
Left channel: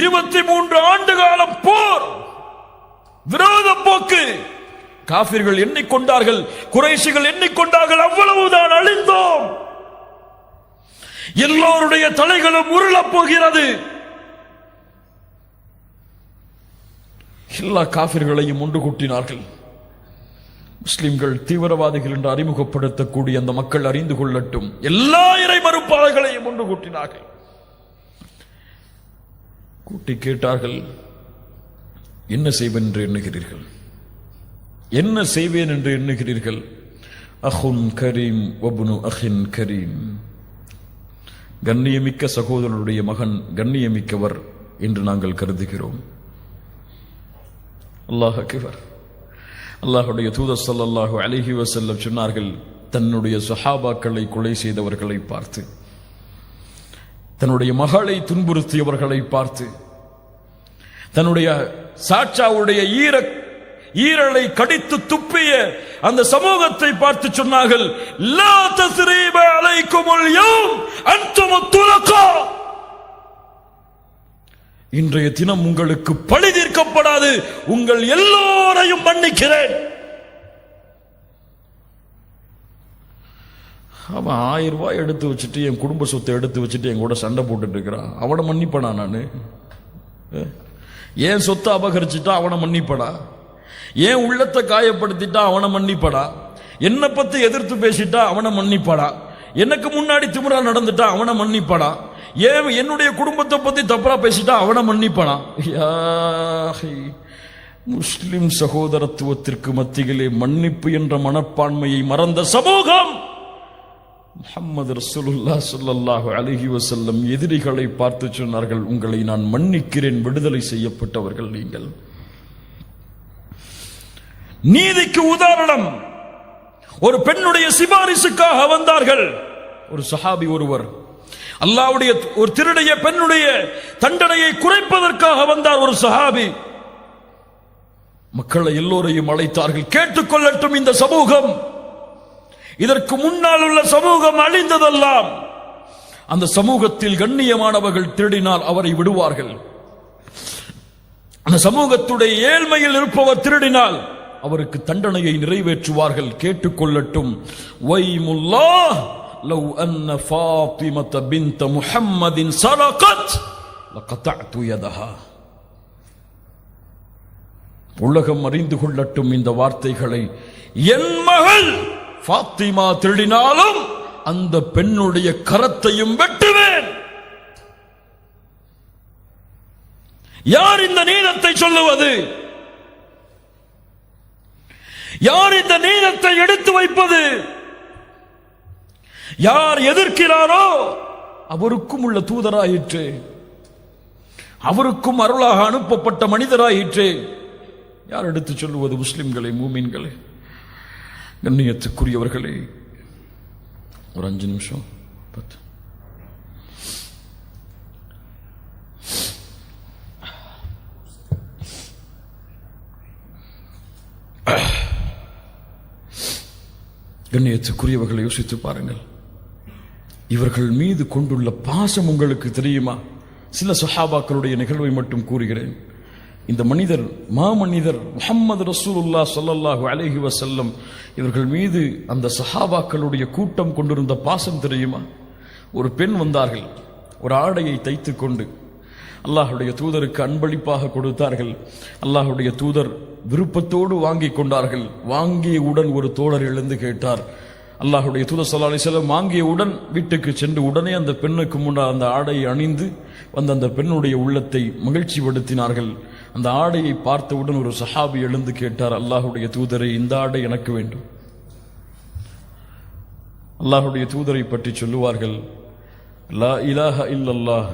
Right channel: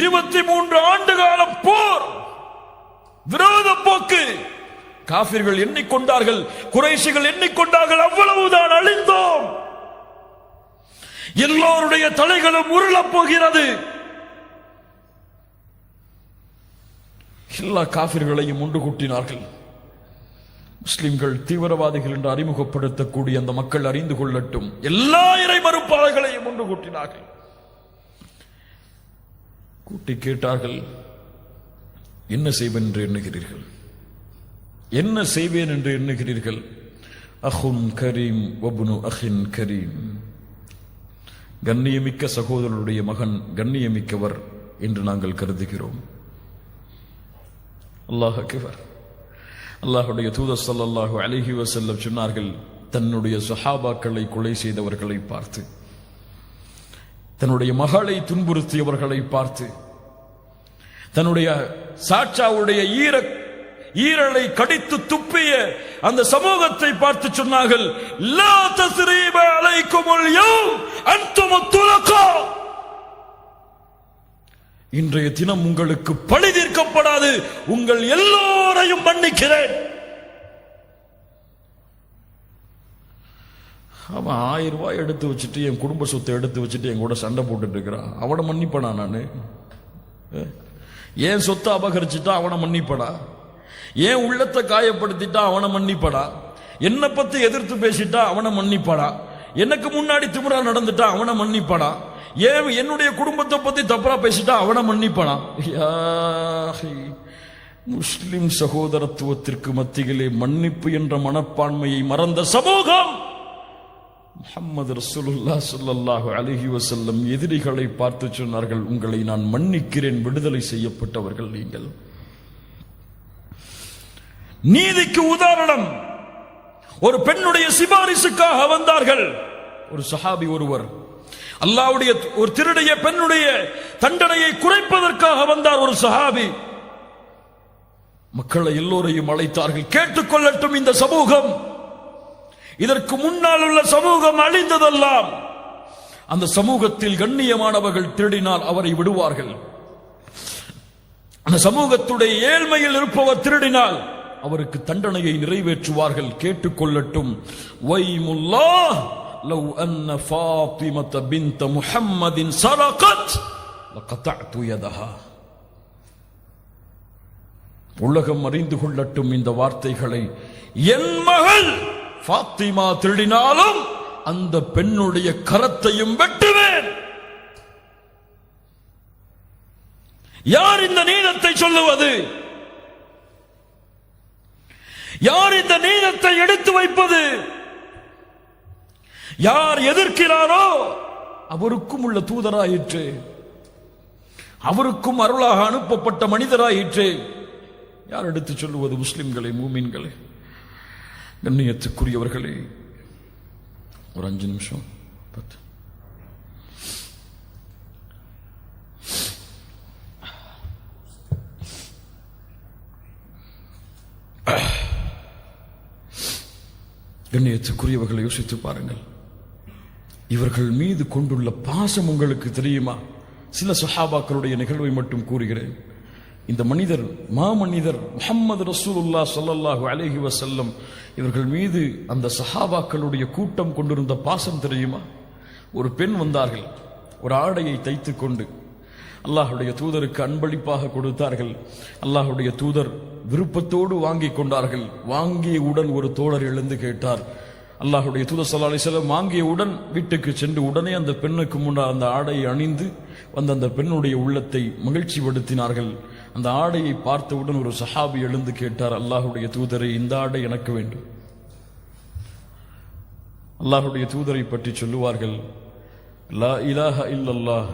23 ஆண்டு காலம் போர், விரோத போக்கு. காஃபிர்கள் எண்ணிக்கொண்டார்கள், குறைஷிகள் எண்ணிக்கொண்டார்கள், அவ்வளவுதான், அழிந்தோம், எல்லோருடைய தலைகளும் உருளப் போகிறது. எல்லா காஃபிர்களையும் ஒன்று கூட்டினார்கள். முஸ்லிம்கள் தீவிரவாதிகள் என்று அறிமுகப்படுத்தக்கூடிய அந்த மக்கள் அறிந்து கொள்ளட்டும், எல்லா இறை மறுப்பாளர்களையும் ஒன்று கூட்டினார்கள். கூட்டி கேட்டார்கள், என்ன செய்வேன் என்று எண்ணுகிறீர்கள், என்ன செய்வேன் என்று எண்ணுகிறீர்கள்? அஹுன் கரீம் வப்னு அஹின் கரீம், கண்ணியமிக்க சகோதரருடைய மகன் கண்ணியமிக்கவர் என்று நாங்கள் கருதுகிறோம். அல்லாஹ் அக்பர். அல்லாஹுடைய தூதர் ஸல்லல்லாஹு அலைஹி வஸல்லம் சொன்னார்கள், தன்னுடைய சஹாபாக்களை கொலை செய்தவர்களை பார்த்து, தன்னுடைய மகளை துன்புறுத்தியவர்களை பார்த்து, தன்னுடைய சாச்சாவுடைய ஈரலை கடித்து துப்பிய அந்த சமூகத்தை பார்த்து சொன்னார்கள், லா தஸ்ரீப அலைக்குமுல் யௌம் அன்தும் துலகா, இன்றைய தினம் உங்களுக்கு பழி தீர்க்கப்படாது, உங்கள் எல்லோரையும் மன்னிக்கிறேன். அவன் 1000 ரூபாய் எடுத்து வச்சுட்டு, என் குடும்ப சொத்தை எடுத்து வச்சுட்டு என் கூட சண்டை போட்டுட்டு இருக்கிறான், அவனை மன்னிப்படா? நானு ஏன் சொத்தை அபகரிச்சுட்டா அவனை மன்னிப்படா? ஏன் உள்ளத்தை காயப்படுத்திட்டா அவனை மன்னிப்படா? என்னை பத்தி எதிர்த்து பேசிட்டா அவனை மன்னிப்படா? எனக்கு முன்னாடி திமிரா நடந்துட்டா அவனை மன்னிப்படா? ஏன் என்னுடைய குடும்பத்தை பத்தி தப்பா பேசிட்டா அவனை மன்னிப்படா? முஸ்லிம் சகோதரத்துவத்திற்கு மத்தியிலே மன்னிப்பு என்ற மனப்பான்மையை மறந்த சமூகம். முஹம்மது ரசூலுல்லாஹ் ஸல்லல்லாஹு அலைஹி வஸல்லம் எதிரிகளை பார்த்து சொன்னார்கள், உங்களை நான் மன்னிக்கிறேன், விடுதலை செய்யப்பட்டவர்கள் நீங்கள். நீதிக்கு உதாரணம், ஒரு பெண்ணுடைய சிபாரிசுக்காக வந்தார்கள். ஒரு சஹாபி ஒருவர் அல்லாஹ்வுடைய ஒரு திருடைய பெண்ணுடைய தண்டனையை குறைப்பதற்காக வந்தார். ஒரு சஹாபி மக்களை எல்லோரையும் அழைத்தார்கள், கேட்டுக்கொள்ளட்டும் இந்த சமூகம், இதற்கு முன்னால் உள்ள சமூகம் அழிந்ததெல்லாம். அந்த சமூகத்தில் கண்ணியமானவர்கள் திருடினால் அவரை விடுவார்கள். அந்த சமூகத்துடைய ஏழ்மையில் இருப்பவர் திருடினால் அவருக்கு தண்டனையை நிறைவேற்றுவார்கள். கேட்டுக்கொள்ளட்டும். வைமுல்லாஹ் லவ் அன்ன ஃபாத்திமத பின்த முஹம்மதின் சரகத் லகதஅது யதஹா. உலகம் அறிந்து கொள்ளட்டும் இந்த வார்த்தைகளை. என் மகள் ஃபாத்திமா திருடினாலும் அந்த பெண்ணுடைய கரத்தையும் வெட்டுவேன். யார் இந்த நீதத்தை சொல்லுவது? யார் இந்த நீதத்தை எடுத்து வைப்பது? யார் எதிர்க்கிறாரோ அவருக்கும் உள்ள தூதராயிற்று, அவருக்கும் அருளாக அனுப்பப்பட்ட மனிதராயிற்று. யார் எடுத்து சொல்லுவது? முஸ்லிம்களை, மூமின்களை. கண்ணியத்துக்குரியவர்களே, ஒரு 5 நிமிஷம் 10. கண்ணியத்துக்குரியவர்களை யோசித்து பாருங்கள். இவர்கள் மீது கொண்டுள்ள பாசம் உங்களுக்கு தெரியுமா? சில சஹாபாக்களுடைய நிகழ்வை மட்டும் கூறுகிறேன். இந்த மனிதர் மாமனிதர் முஹம்மது ரசூலுல்லாஹ் ஸல்லல்லாஹு அலைஹி வஸல்லம் இவர்கள் மீது அந்த சஹாபாக்களுடைய கூட்டம் கொண்டிருந்த பாசம் தெரியுமா? ஒரு பெண் வந்தார்கள், ஒரு ஆடையை தைத்துக் கொண்டு அல்லாஹ்வுடைய தூதருக்கு அன்பளிப்பாக கொடுத்தார்கள். அல்லாஹ்வுடைய தூதர் விருப்பத்தோடு வாங்கி கொண்டார்கள். வாங்கியவுடன் ஒரு தோழர் எழுந்து கேட்டார். அல்லாஹ்வுடைய தூதர் ஸல்லல்லாஹு அலைஹி வஸல்லம் வாங்கியவுடன் வீட்டுக்கு சென்று உடனே அந்த பெண்ணுக்கு முன்னால் அந்த ஆடையை அணிந்து வந்த அந்த பெண்ணுடைய உள்ளத்தை மகிழ்ச்சி படுத்தினார்கள். அந்த ஆடையை பார்த்தவுடன் ஒரு சஹாபி எழுந்து கேட்டார், அல்லாஹ்வுடைய தூதரை, இந்த ஆடை எனக்கு வேண்டும். அல்லாஹ்வுடைய தூதரை பற்றி சொல்லுவார்கள், லா இலாஹ இல்லல்லாஹ்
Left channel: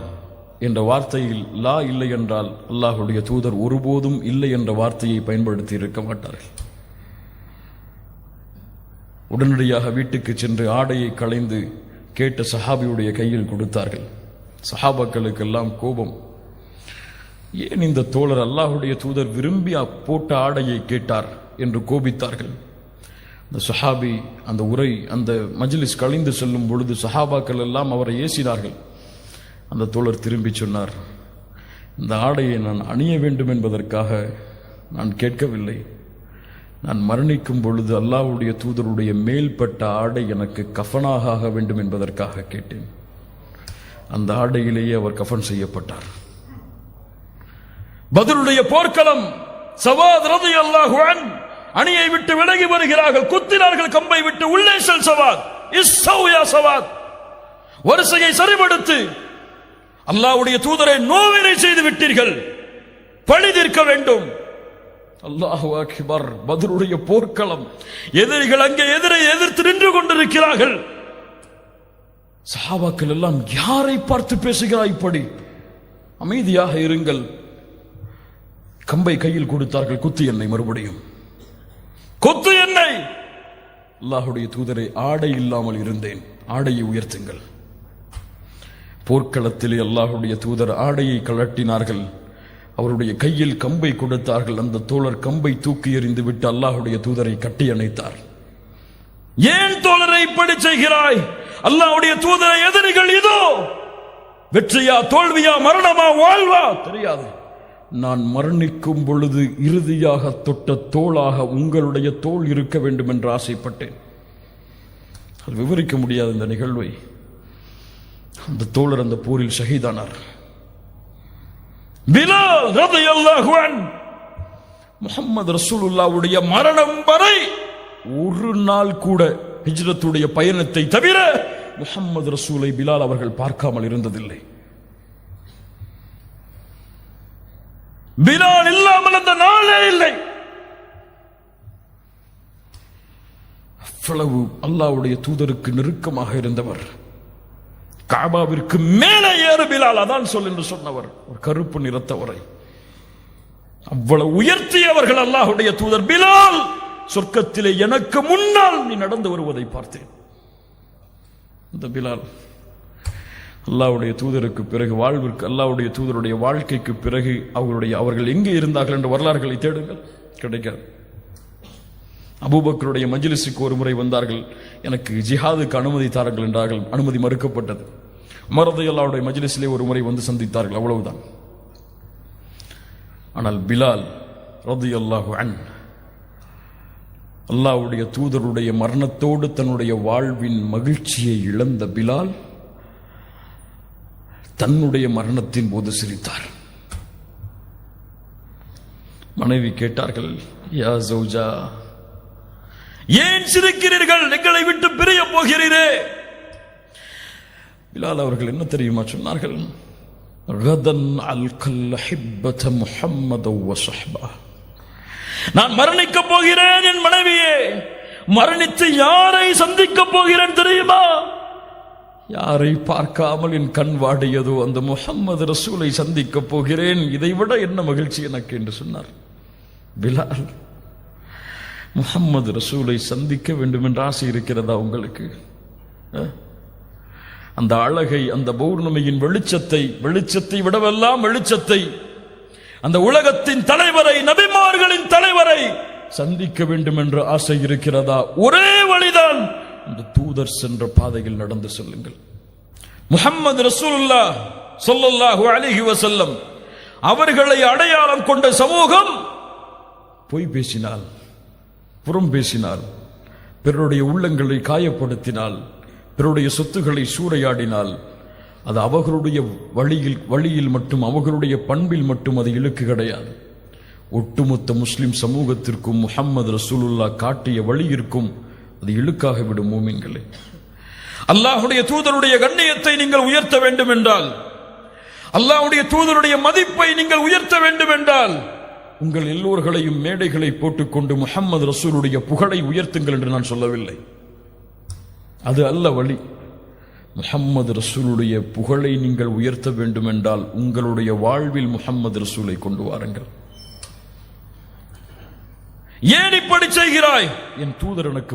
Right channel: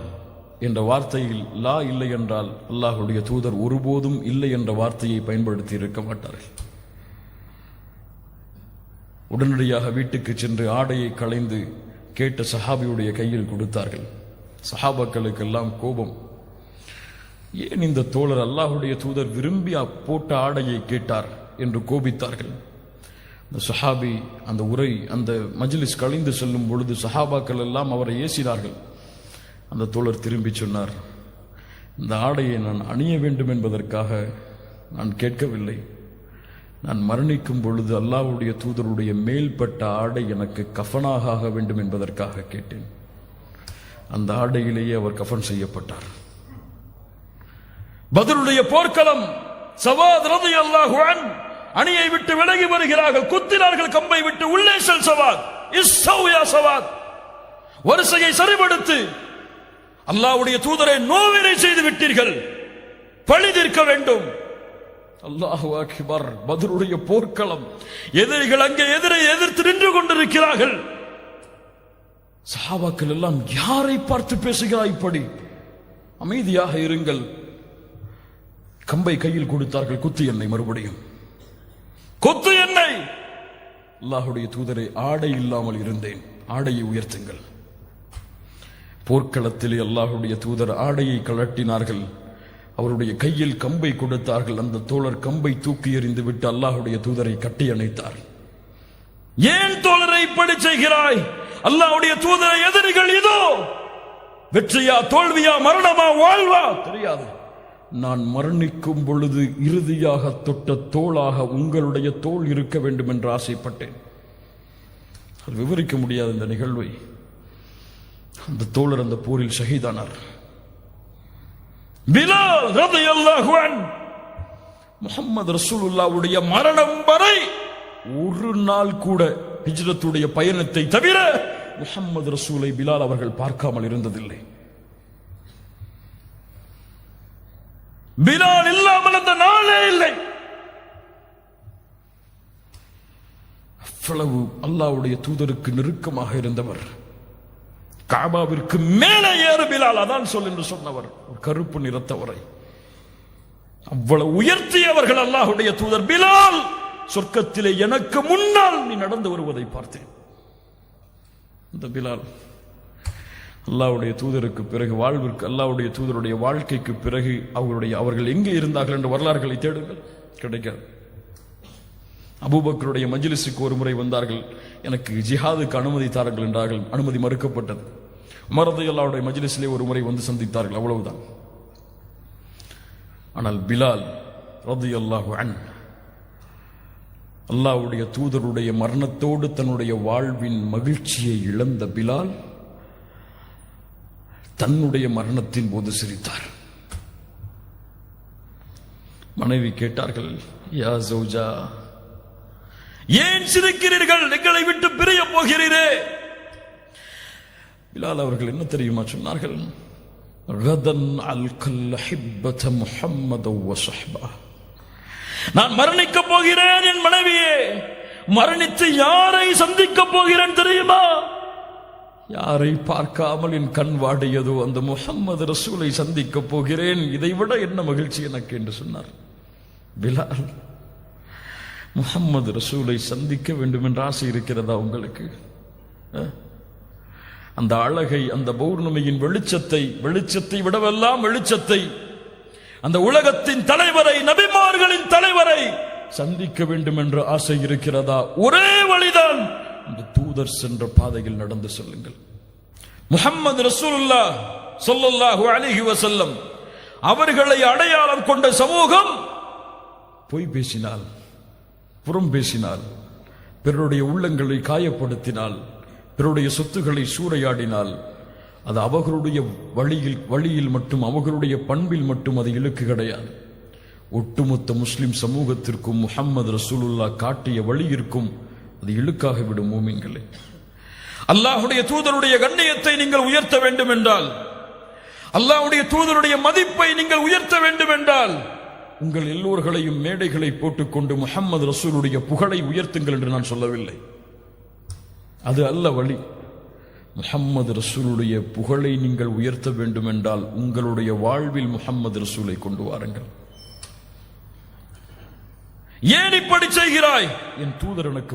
என்ற வார்த்தையில் லா இல்லை என்றால் அல்லாஹ்வுடைய தூதர் ஒருபோதும் இல்லை என்ற வார்த்தையை பயன்படுத்தி இருக்க மாட்டார்கள். உடனடியாக வீட்டுக்கு சென்று ஆடையை களைந்து கேட்ட சஹாபியுடைய கையில் கொடுத்தார்கள். சஹாபாக்களுக்கெல்லாம் கோபம். ஏன் இந்த தோழர் அல்லாஹ்வுடைய தூதர் விரும்பி போட்ட ஆடையை கேட்டார் என்று கோபித்தார்கள். அந்த சஹாபி அந்த மஜ்லிஸ் கழிந்து செல்லும் பொழுது சஹாபாக்கள் எல்லாம் அவரை ஏசினார்கள். அந்த தோழர் திரும்பி சொன்னார், இந்த ஆடையை நான் அணிய வேண்டும் என்பதற்காக நான் கேட்கவில்லை. நான் மரணிக்கும் பொழுது அல்லாஹ்வுடைய தூதருடைய மேல்பட்ட ஆடை எனக்கு கஃபனாக ஆக வேண்டும் என்பதற்காக கேட்டேன். அந்த ஆடையிலேயே அவர் கஃபன் செய்யப்பட்டார். பத்ருடைய போர்க்களம். சவாத் ரலியல்லாஹு அன்ஹு அணியை விட்டு விலகி வருகிறார்கள். குத்தினார்கள் கம்பை விட்டு, உள்ளே செல் சவாத், இஸ்ஸவ் யா சவாத், வரிசையை சரிபடுத்து, அல்லாஹ்வுடைய தூதரை நோவினை செய்து விட்டீர்கள், பழி தீர்க்க வேண்டும். அல்லாஹு அக்பர். பத்ருடைய போர்க்களம். எதிரிகள் அங்கே எதிர்த்து நின்று கொண்டிருக்கிறார்கள். சஹாபாக்கள் எல்லாம், யாரை பார்த்து பேசுகிறாய் இப்படி? அமைதியாக இருங்கள். கம்பை கையில் கொடுத்தார்கள். குத்து என்னை, மறுபடியும் கொத்து என்னை. அல்லாஹ்வுடைய தூதரை, ஆடை இல்லாமல் இருந்தேன், ஆடையை உயர்த்துங்கள். போர்க்களத்திலே அல்லாஹ்வுடைய தூதர் ஆடையை கழட்டினார்கள். அவருடைய கையில் கம்பை கொடுத்தார்கள். அந்த தோழர் கம்பை தூக்கி எறிந்து விட்டு அல்லாஹ்வுடைய தூதரை கட்டி அணைத்தார். ஏன் தோழரை இப்படி செய்கிறாய்? அல்லாஹ்வுடைய தூதரை எதிரிகள் இதோ, வெற்றியா தோல்வியா, மரணமா வாழ்வா தெரியாது. நான் மரணிக்கும் பொழுது இறுதியாக தொட்ட தோளாக உங்களுடைய தோள் இருக்க வேண்டும் என்று ஆசைப்பட்டேன். விவரிக்க முடியாத இந்த நிகழ்வை. அந்த தோழர் அந்த போரில் ஷஹீதானார். பிலால் ரலியல்லாஹு அன்ஹு முஹம்மது ரசூலுல்லாஹ்வுடைய மரணம் வரை ஒரு நாள் கூட ஹிஜ்ரத்துடைய பயணத்தை தவிர முஹம்மது ரசூலை பிலால் அவர்கள் பார்க்காமல் இருந்ததில்லை. பிலால் இல்லாமல் அந்த நாளே இல்லை. அவ்வளவு அல்லாஹ்வுடைய தூதருக்கு நெருக்கமாக இருந்தவர். காபாவிற்கு மேலே ஏறு பிலால், அதான் சொல் என்று சொன்னவர், ஒரு கருப்பு நிறத்தவரை அவ்வளவு உயர்த்தியவர்கள் அல்லாஹ்வுடைய தூதர். பிலால், சொர்க்கத்திலே எனக்கு முன்னால் நீ நடந்து வருவதை பார்த்தேன். இந்த பிலால் அல்லாஹ்வுடைய தூதருக்கு பிறகு வாழ்விற்கு, அல்லாஹ்வுடைய தூதருடைய வாழ்க்கைக்கு பிறகு அவர்கள் எங்கே இருந்தார்கள் என்ற வரலாறுகளை தேடுங்கள், கிடைக்கிறது. அபூபக்கருடைய மஜ்லிஸுக்கு ஒரு முறை வந்தார்கள். எனக்கு ஜிஹாதுக்கு அனுமதி தாருங்கள் என்றார்கள். அனுமதி மறுக்கப்பட்டது. உமர் ரலியல்லாஹுடைய மஜ்லிஸிலே ஒரு முறை வந்து சந்தித்தார்கள், அவ்வளவுதான். ஆனால் பிலால் ரலியல்லாஹு அன்ஹு அல்லாஹ்வுடைய தூதருடைய மரணத்தோடு தன்னுடைய வாழ்வின் மகிழ்ச்சியை இழந்த பிலால் தன்னுடைய மரணத்தின் போது சிரித்தார். மனைவி கேட்டார்கள், யா ஜௌஜா, ஏன் சிரிக்கிறீர்கள்? எங்களை விட்டு பிரிய போகிறீரே. பிலால் அவர்கள் என்ன தெரியுமா சொன்னார்கள்? கதன் அல்கல் ஹிப்பத முஹம்மத வ ஸஹ்பா. நான் மரணிக்க போகிறேன் என் மனைவியே. மரணித்து யாரை சந்திக்க போகிறேன் தெரியுமா? யாரை பார்க்காமல் என் கண் வாடியதோ அந்த முஹம்மது ரசூலை சந்திக்க போகிறேன். இதைவிட என்ன மகிழ்ச்சி எனக்கு என்று சொன்னார் பிலால். முஹம்மது ரசூலை சந்திக்க வேண்டும் என்ற ஆசை இருக்கிறதா உங்களுக்கு? அந்த அழகை, அந்த பௌர்ணமியின் வெளிச்சத்தை விடவெல்லாம் வெளிச்சத்தை, அந்த உலகத்தின் தலைவரை, நபிமார்களின் தலைவரை சந்திக்க வேண்டும் என்ற ஆசை இருக்கிறதா? ஒரே வழிதான், அந்த தூதர் சென்ற பாதையில் நடந்து செல்லுங்கள். முஹம்மது ரசூலுல்லாஹ் ஸல்லல்லாஹு அலைஹி வஸல்லம் அவர்களை அடையாளம் கொண்ட சமூகம் பொய் பேசினால், புறம் பேசினால், பிறருடைய உள்ளங்களை காயப்படுத்தினால், பிறருடைய சொத்துக்களை சூறையாடினால், அது அவர்களுடைய வழியில் மட்டும், அவர்களுடைய பண்பில் மட்டும் அது இழுக்கு கிடையாது. ஒட்டுமொத்த முஸ்லிம் சமூகத்திற்கும் முஹம்மது ரசூலுல்லாஹ் காட்டிய வழியிற்கும் அது இழுக்காக விடும். மூமின்களே, அல்லாஹ்வுடைய தூதருடைய கண்ணியத்தை நீங்கள் உயர்த்த வேண்டும் என்றால், அல்லாஹ்வுடைய தூதருடைய மதிப்பை நீங்கள் உயர்த்த வேண்டும் என்றால், உங்கள் எல்லோர்களையும் மேடைகளை போட்டுக்கொண்டு முஹம்மது ரசூலுடைய புகழை உயர்த்துங்கள் என்று நான் சொல்லவில்லை. அது அல்ல வழி. முஹம்மது ரசூலுடைய புகழை நீங்கள் உயர்த்த வேண்டும் என்றால் உங்களுடைய வாழ்வில் முஹம்மது ரசூலை கொண்டு வாருங்கள். ஏன் இப்படி செய்கிறாய்? என் தூதர் எனக்கு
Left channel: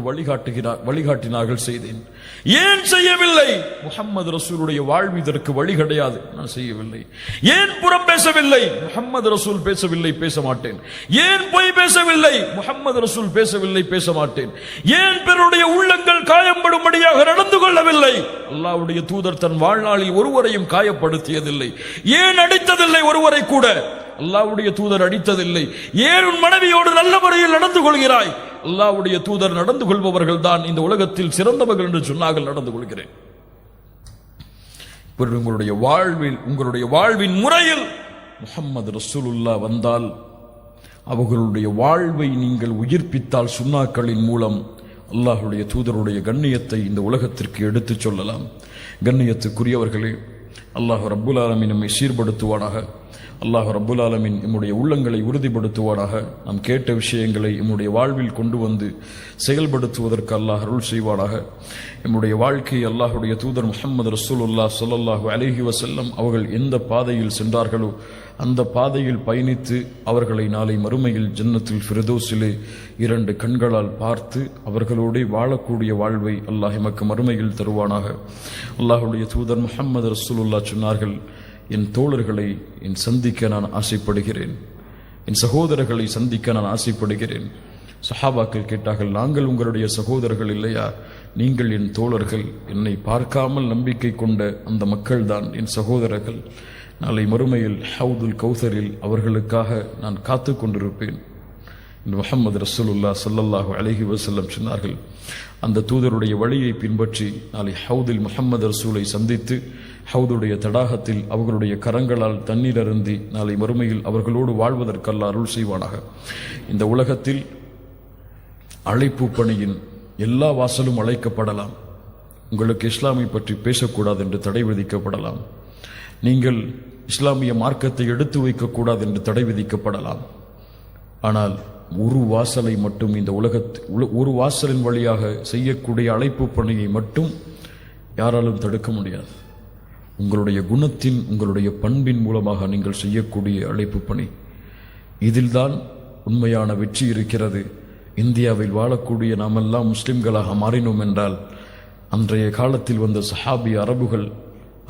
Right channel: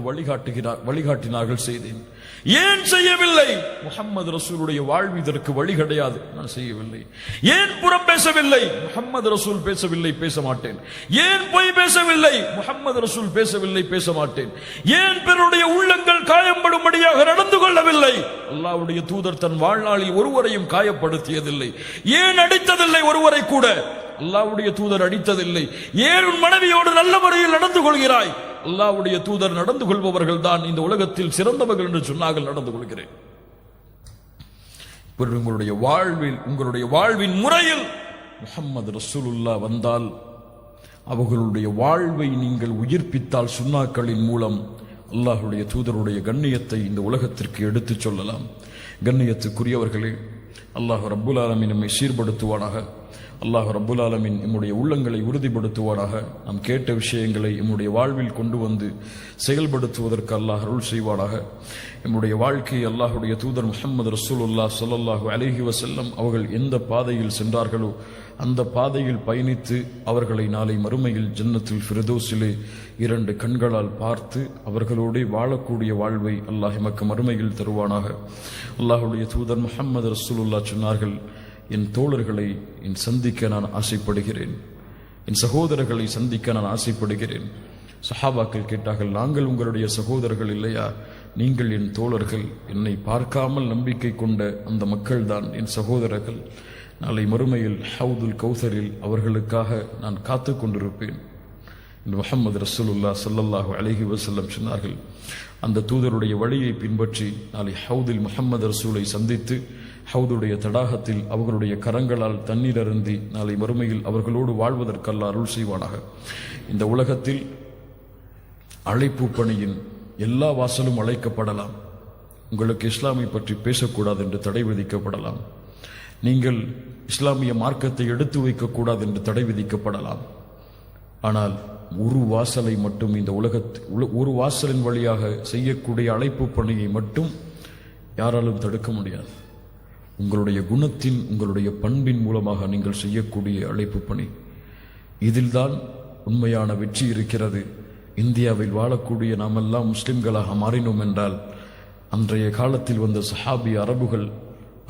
வழிகாட்டினார்கள், செய்தேன். ஏன் செய்யவில்லை? முஹம்மது ரசூலுடைய வாழ்வு இதற்கு வழி கிடையாது, நான் செய்யவில்லை. ஏன் புறம் பேசவில்லை? முஹம்மது ரசூல் பேசவில்லை, பேச மாட்டேன். ஏன் பொய் பேசவில்லை? முஹம்மது ரசூல் பேசவில்லை, பேச மாட்டேன். ஏன் பிறருடைய உள்ளங்கள் காயப்படும்படியாக நடந்து கொள்ளவில்லை? அல்லாஹ்வுடைய தூதர் தன் வாழ்நாளில் ஒருவரையும் காயப்படுத்தியதில்லை. ஏன் அடித்ததில்லை? ஒருவரை கூட அல்லாஹ்வுடைய தூதர் அடித்ததில்லை. ஏன் உன் மனைவியோடு நல்ல முறையில் நடந்து கொள்கிறாய்? அல்லாஹ்வுடைய தூதர் நடந்து கொள்பவர்கள் தான் இந்த உலகத்தில் சிறந்தவர்கள் என்று சொன்னார்கள், நடந்து கொள்கிறேன். உங்களுடைய வாழ்வின் முறையில் முஹம்மது ரசூலுல்லாஹ் வந்தால், அவர்களுடைய வாழ்வை நீங்கள் உயிர்ப்பித்தால், சுன்னாக்களின் மூலம் அல்லாஹ்வுடைய தூதருடைய கண்ணியத்தை இந்த உலகத்திற்கு எடுத்துச் சொல்லலாம். கண்ணியத்துக்குரியவர்களே, அல்லாஹ் ரப்புல் ஆலமீன் நம்மை சீர்படுத்துவானாக. அல்லாஹ் ரப்புல் ஆலமீன் நம்முடைய உள்ளங்களை உறுதிப்படுத்துவானாக. நாம் கேட்ட விஷயங்களை நம்முடைய வாழ்வில் கொண்டு வந்து செயல்படுத்துவதற்கு அல்லாஹ் அருள் செய்வானாக. நம்முடைய வாழ்க்கையை அல்லாஹ்வுடைய தூதர் முஹம்மது ரசூலுல்லாஹ் ஸல்லல்லாஹு அலைஹி வஸல்லம் அவர்கள் எந்த பாதையில் சென்றார்களோ அந்த பாதையில் பயணித்து அவர்களை நாளை மறுமையில் ஜன்னத்துல் ஃபிர்தௌஸிலே 2 கண்களால் பார்த்து அவர்களோடு வாழக்கூடிய வாழ்வை அல்லாஹ் எமக்கு மறுமையில் தருவானாக. அல்லாஹ்வுடைய தூதர் முஹம்மது ரசூலுல்லாஹ் சொன்னார்கள், என் தோழர்களை சந்திக்க நான் ஆசைப்படுகிறேன், என் சகோதரர்களை சந்திக்க நான் ஆசைப்படுகிறேன். சஹாபாக்கள் கேட்டார்கள், நாங்கள் உங்களுடைய சகோதரர்கள் இல்லையா? நீங்கள் என் தோழர்கள், என்னை பார்க்காமல் நம்பிக்கை கொண்ட அந்த மக்கள் தான் என் சகோதரர்கள். நாளை மறுமையில் ஹவுதுல் கௌசரில் அவர்களுக்காக நான் காத்து கொண்டிருப்பேன். முஹம்மது ரசூலுல்லாஹ் ஸல்லல்லாஹு அலைஹி வஸல்லம் சொன்னார்கள், அந்த தூதருடைய வழியை பின்பற்றி நாளை ஹவுதில் முஹம்மது ரசூலை சந்தித்து ஹவுதுடைய தடாகத்தில் அவர்களுடைய கரங்களால் தண்ணீர் அருந்தி நாளை மறுமையில் அவர்களோடு வாழ்வதற்கு அல்லாஹ் அருள் செய்வானாக. இந்த உலகத்தில் அழைப்பு பணியின் எல்லா வாசலும் அழைக்கப்படலாம். உங்களுக்கு இஸ்லாமை பற்றி பேசக்கூடாது என்று தடை விதிக்கப்படலாம். நீங்கள் இஸ்லாமிய மார்க்கத்தை எடுத்து வைக்கக்கூடாது என்று தடை விதிக்கப்படலாம். ஆனால் ஒரு வாசலை மட்டும், இந்த ஒரு வாசலின் வழியாக செய்யக்கூடிய அழைப்பு பணியை மட்டும் யாராலும் தடுக்க முடியாது. உங்களுடைய குணத்தின், உங்களுடைய பண்பின் மூலமாக நீங்கள் செய்யக்கூடிய அழைப்பு பணி, இதில்தான் உண்மையான வெற்றி இருக்கிறது. இந்தியாவில் வாழக்கூடிய நாமெல்லாம் முஸ்லிம்களாக மாறினோம் என்றால், அன்றைய காலத்தில் வந்த சஹாபி அரபுகள்,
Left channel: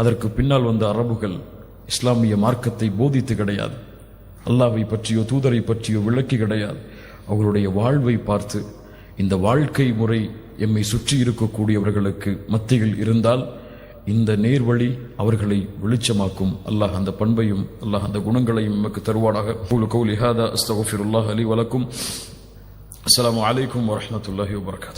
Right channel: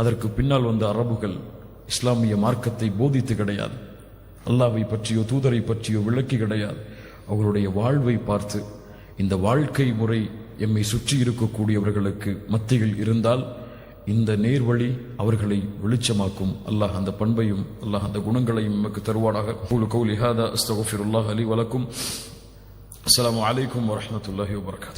அதற்கு பின்னால் வந்த அரபுகள் இஸ்லாமிய மார்க்கத்தை போதித்து கிடையாது, அல்லாஹ்வை பற்றியோ தூதரை பற்றியோ விளக்கி கிடையாது. அவர்களுடைய வாழ்வை பார்த்து, இந்த வாழ்க்கை முறை எம்மை சுற்றி இருக்கக்கூடியவர்களுக்கு மத்தியில் இருந்தால் இந்த நேர்வழி அவர்களை வெளிச்சமாக்கும். அல்லாஹ் அந்த பண்பையும் அல்லாஹ் அந்த குணங்களையும் நமக்கு தருவானாக. கௌலி ஹாதா அஸ்தக்ஃபிருல்லாஹ் லி வ லக்கும். அஸ்ஸலாமு அலைக்கும் வ ரஹ்மத்துல்லாஹி வ பரகாத்துஹு.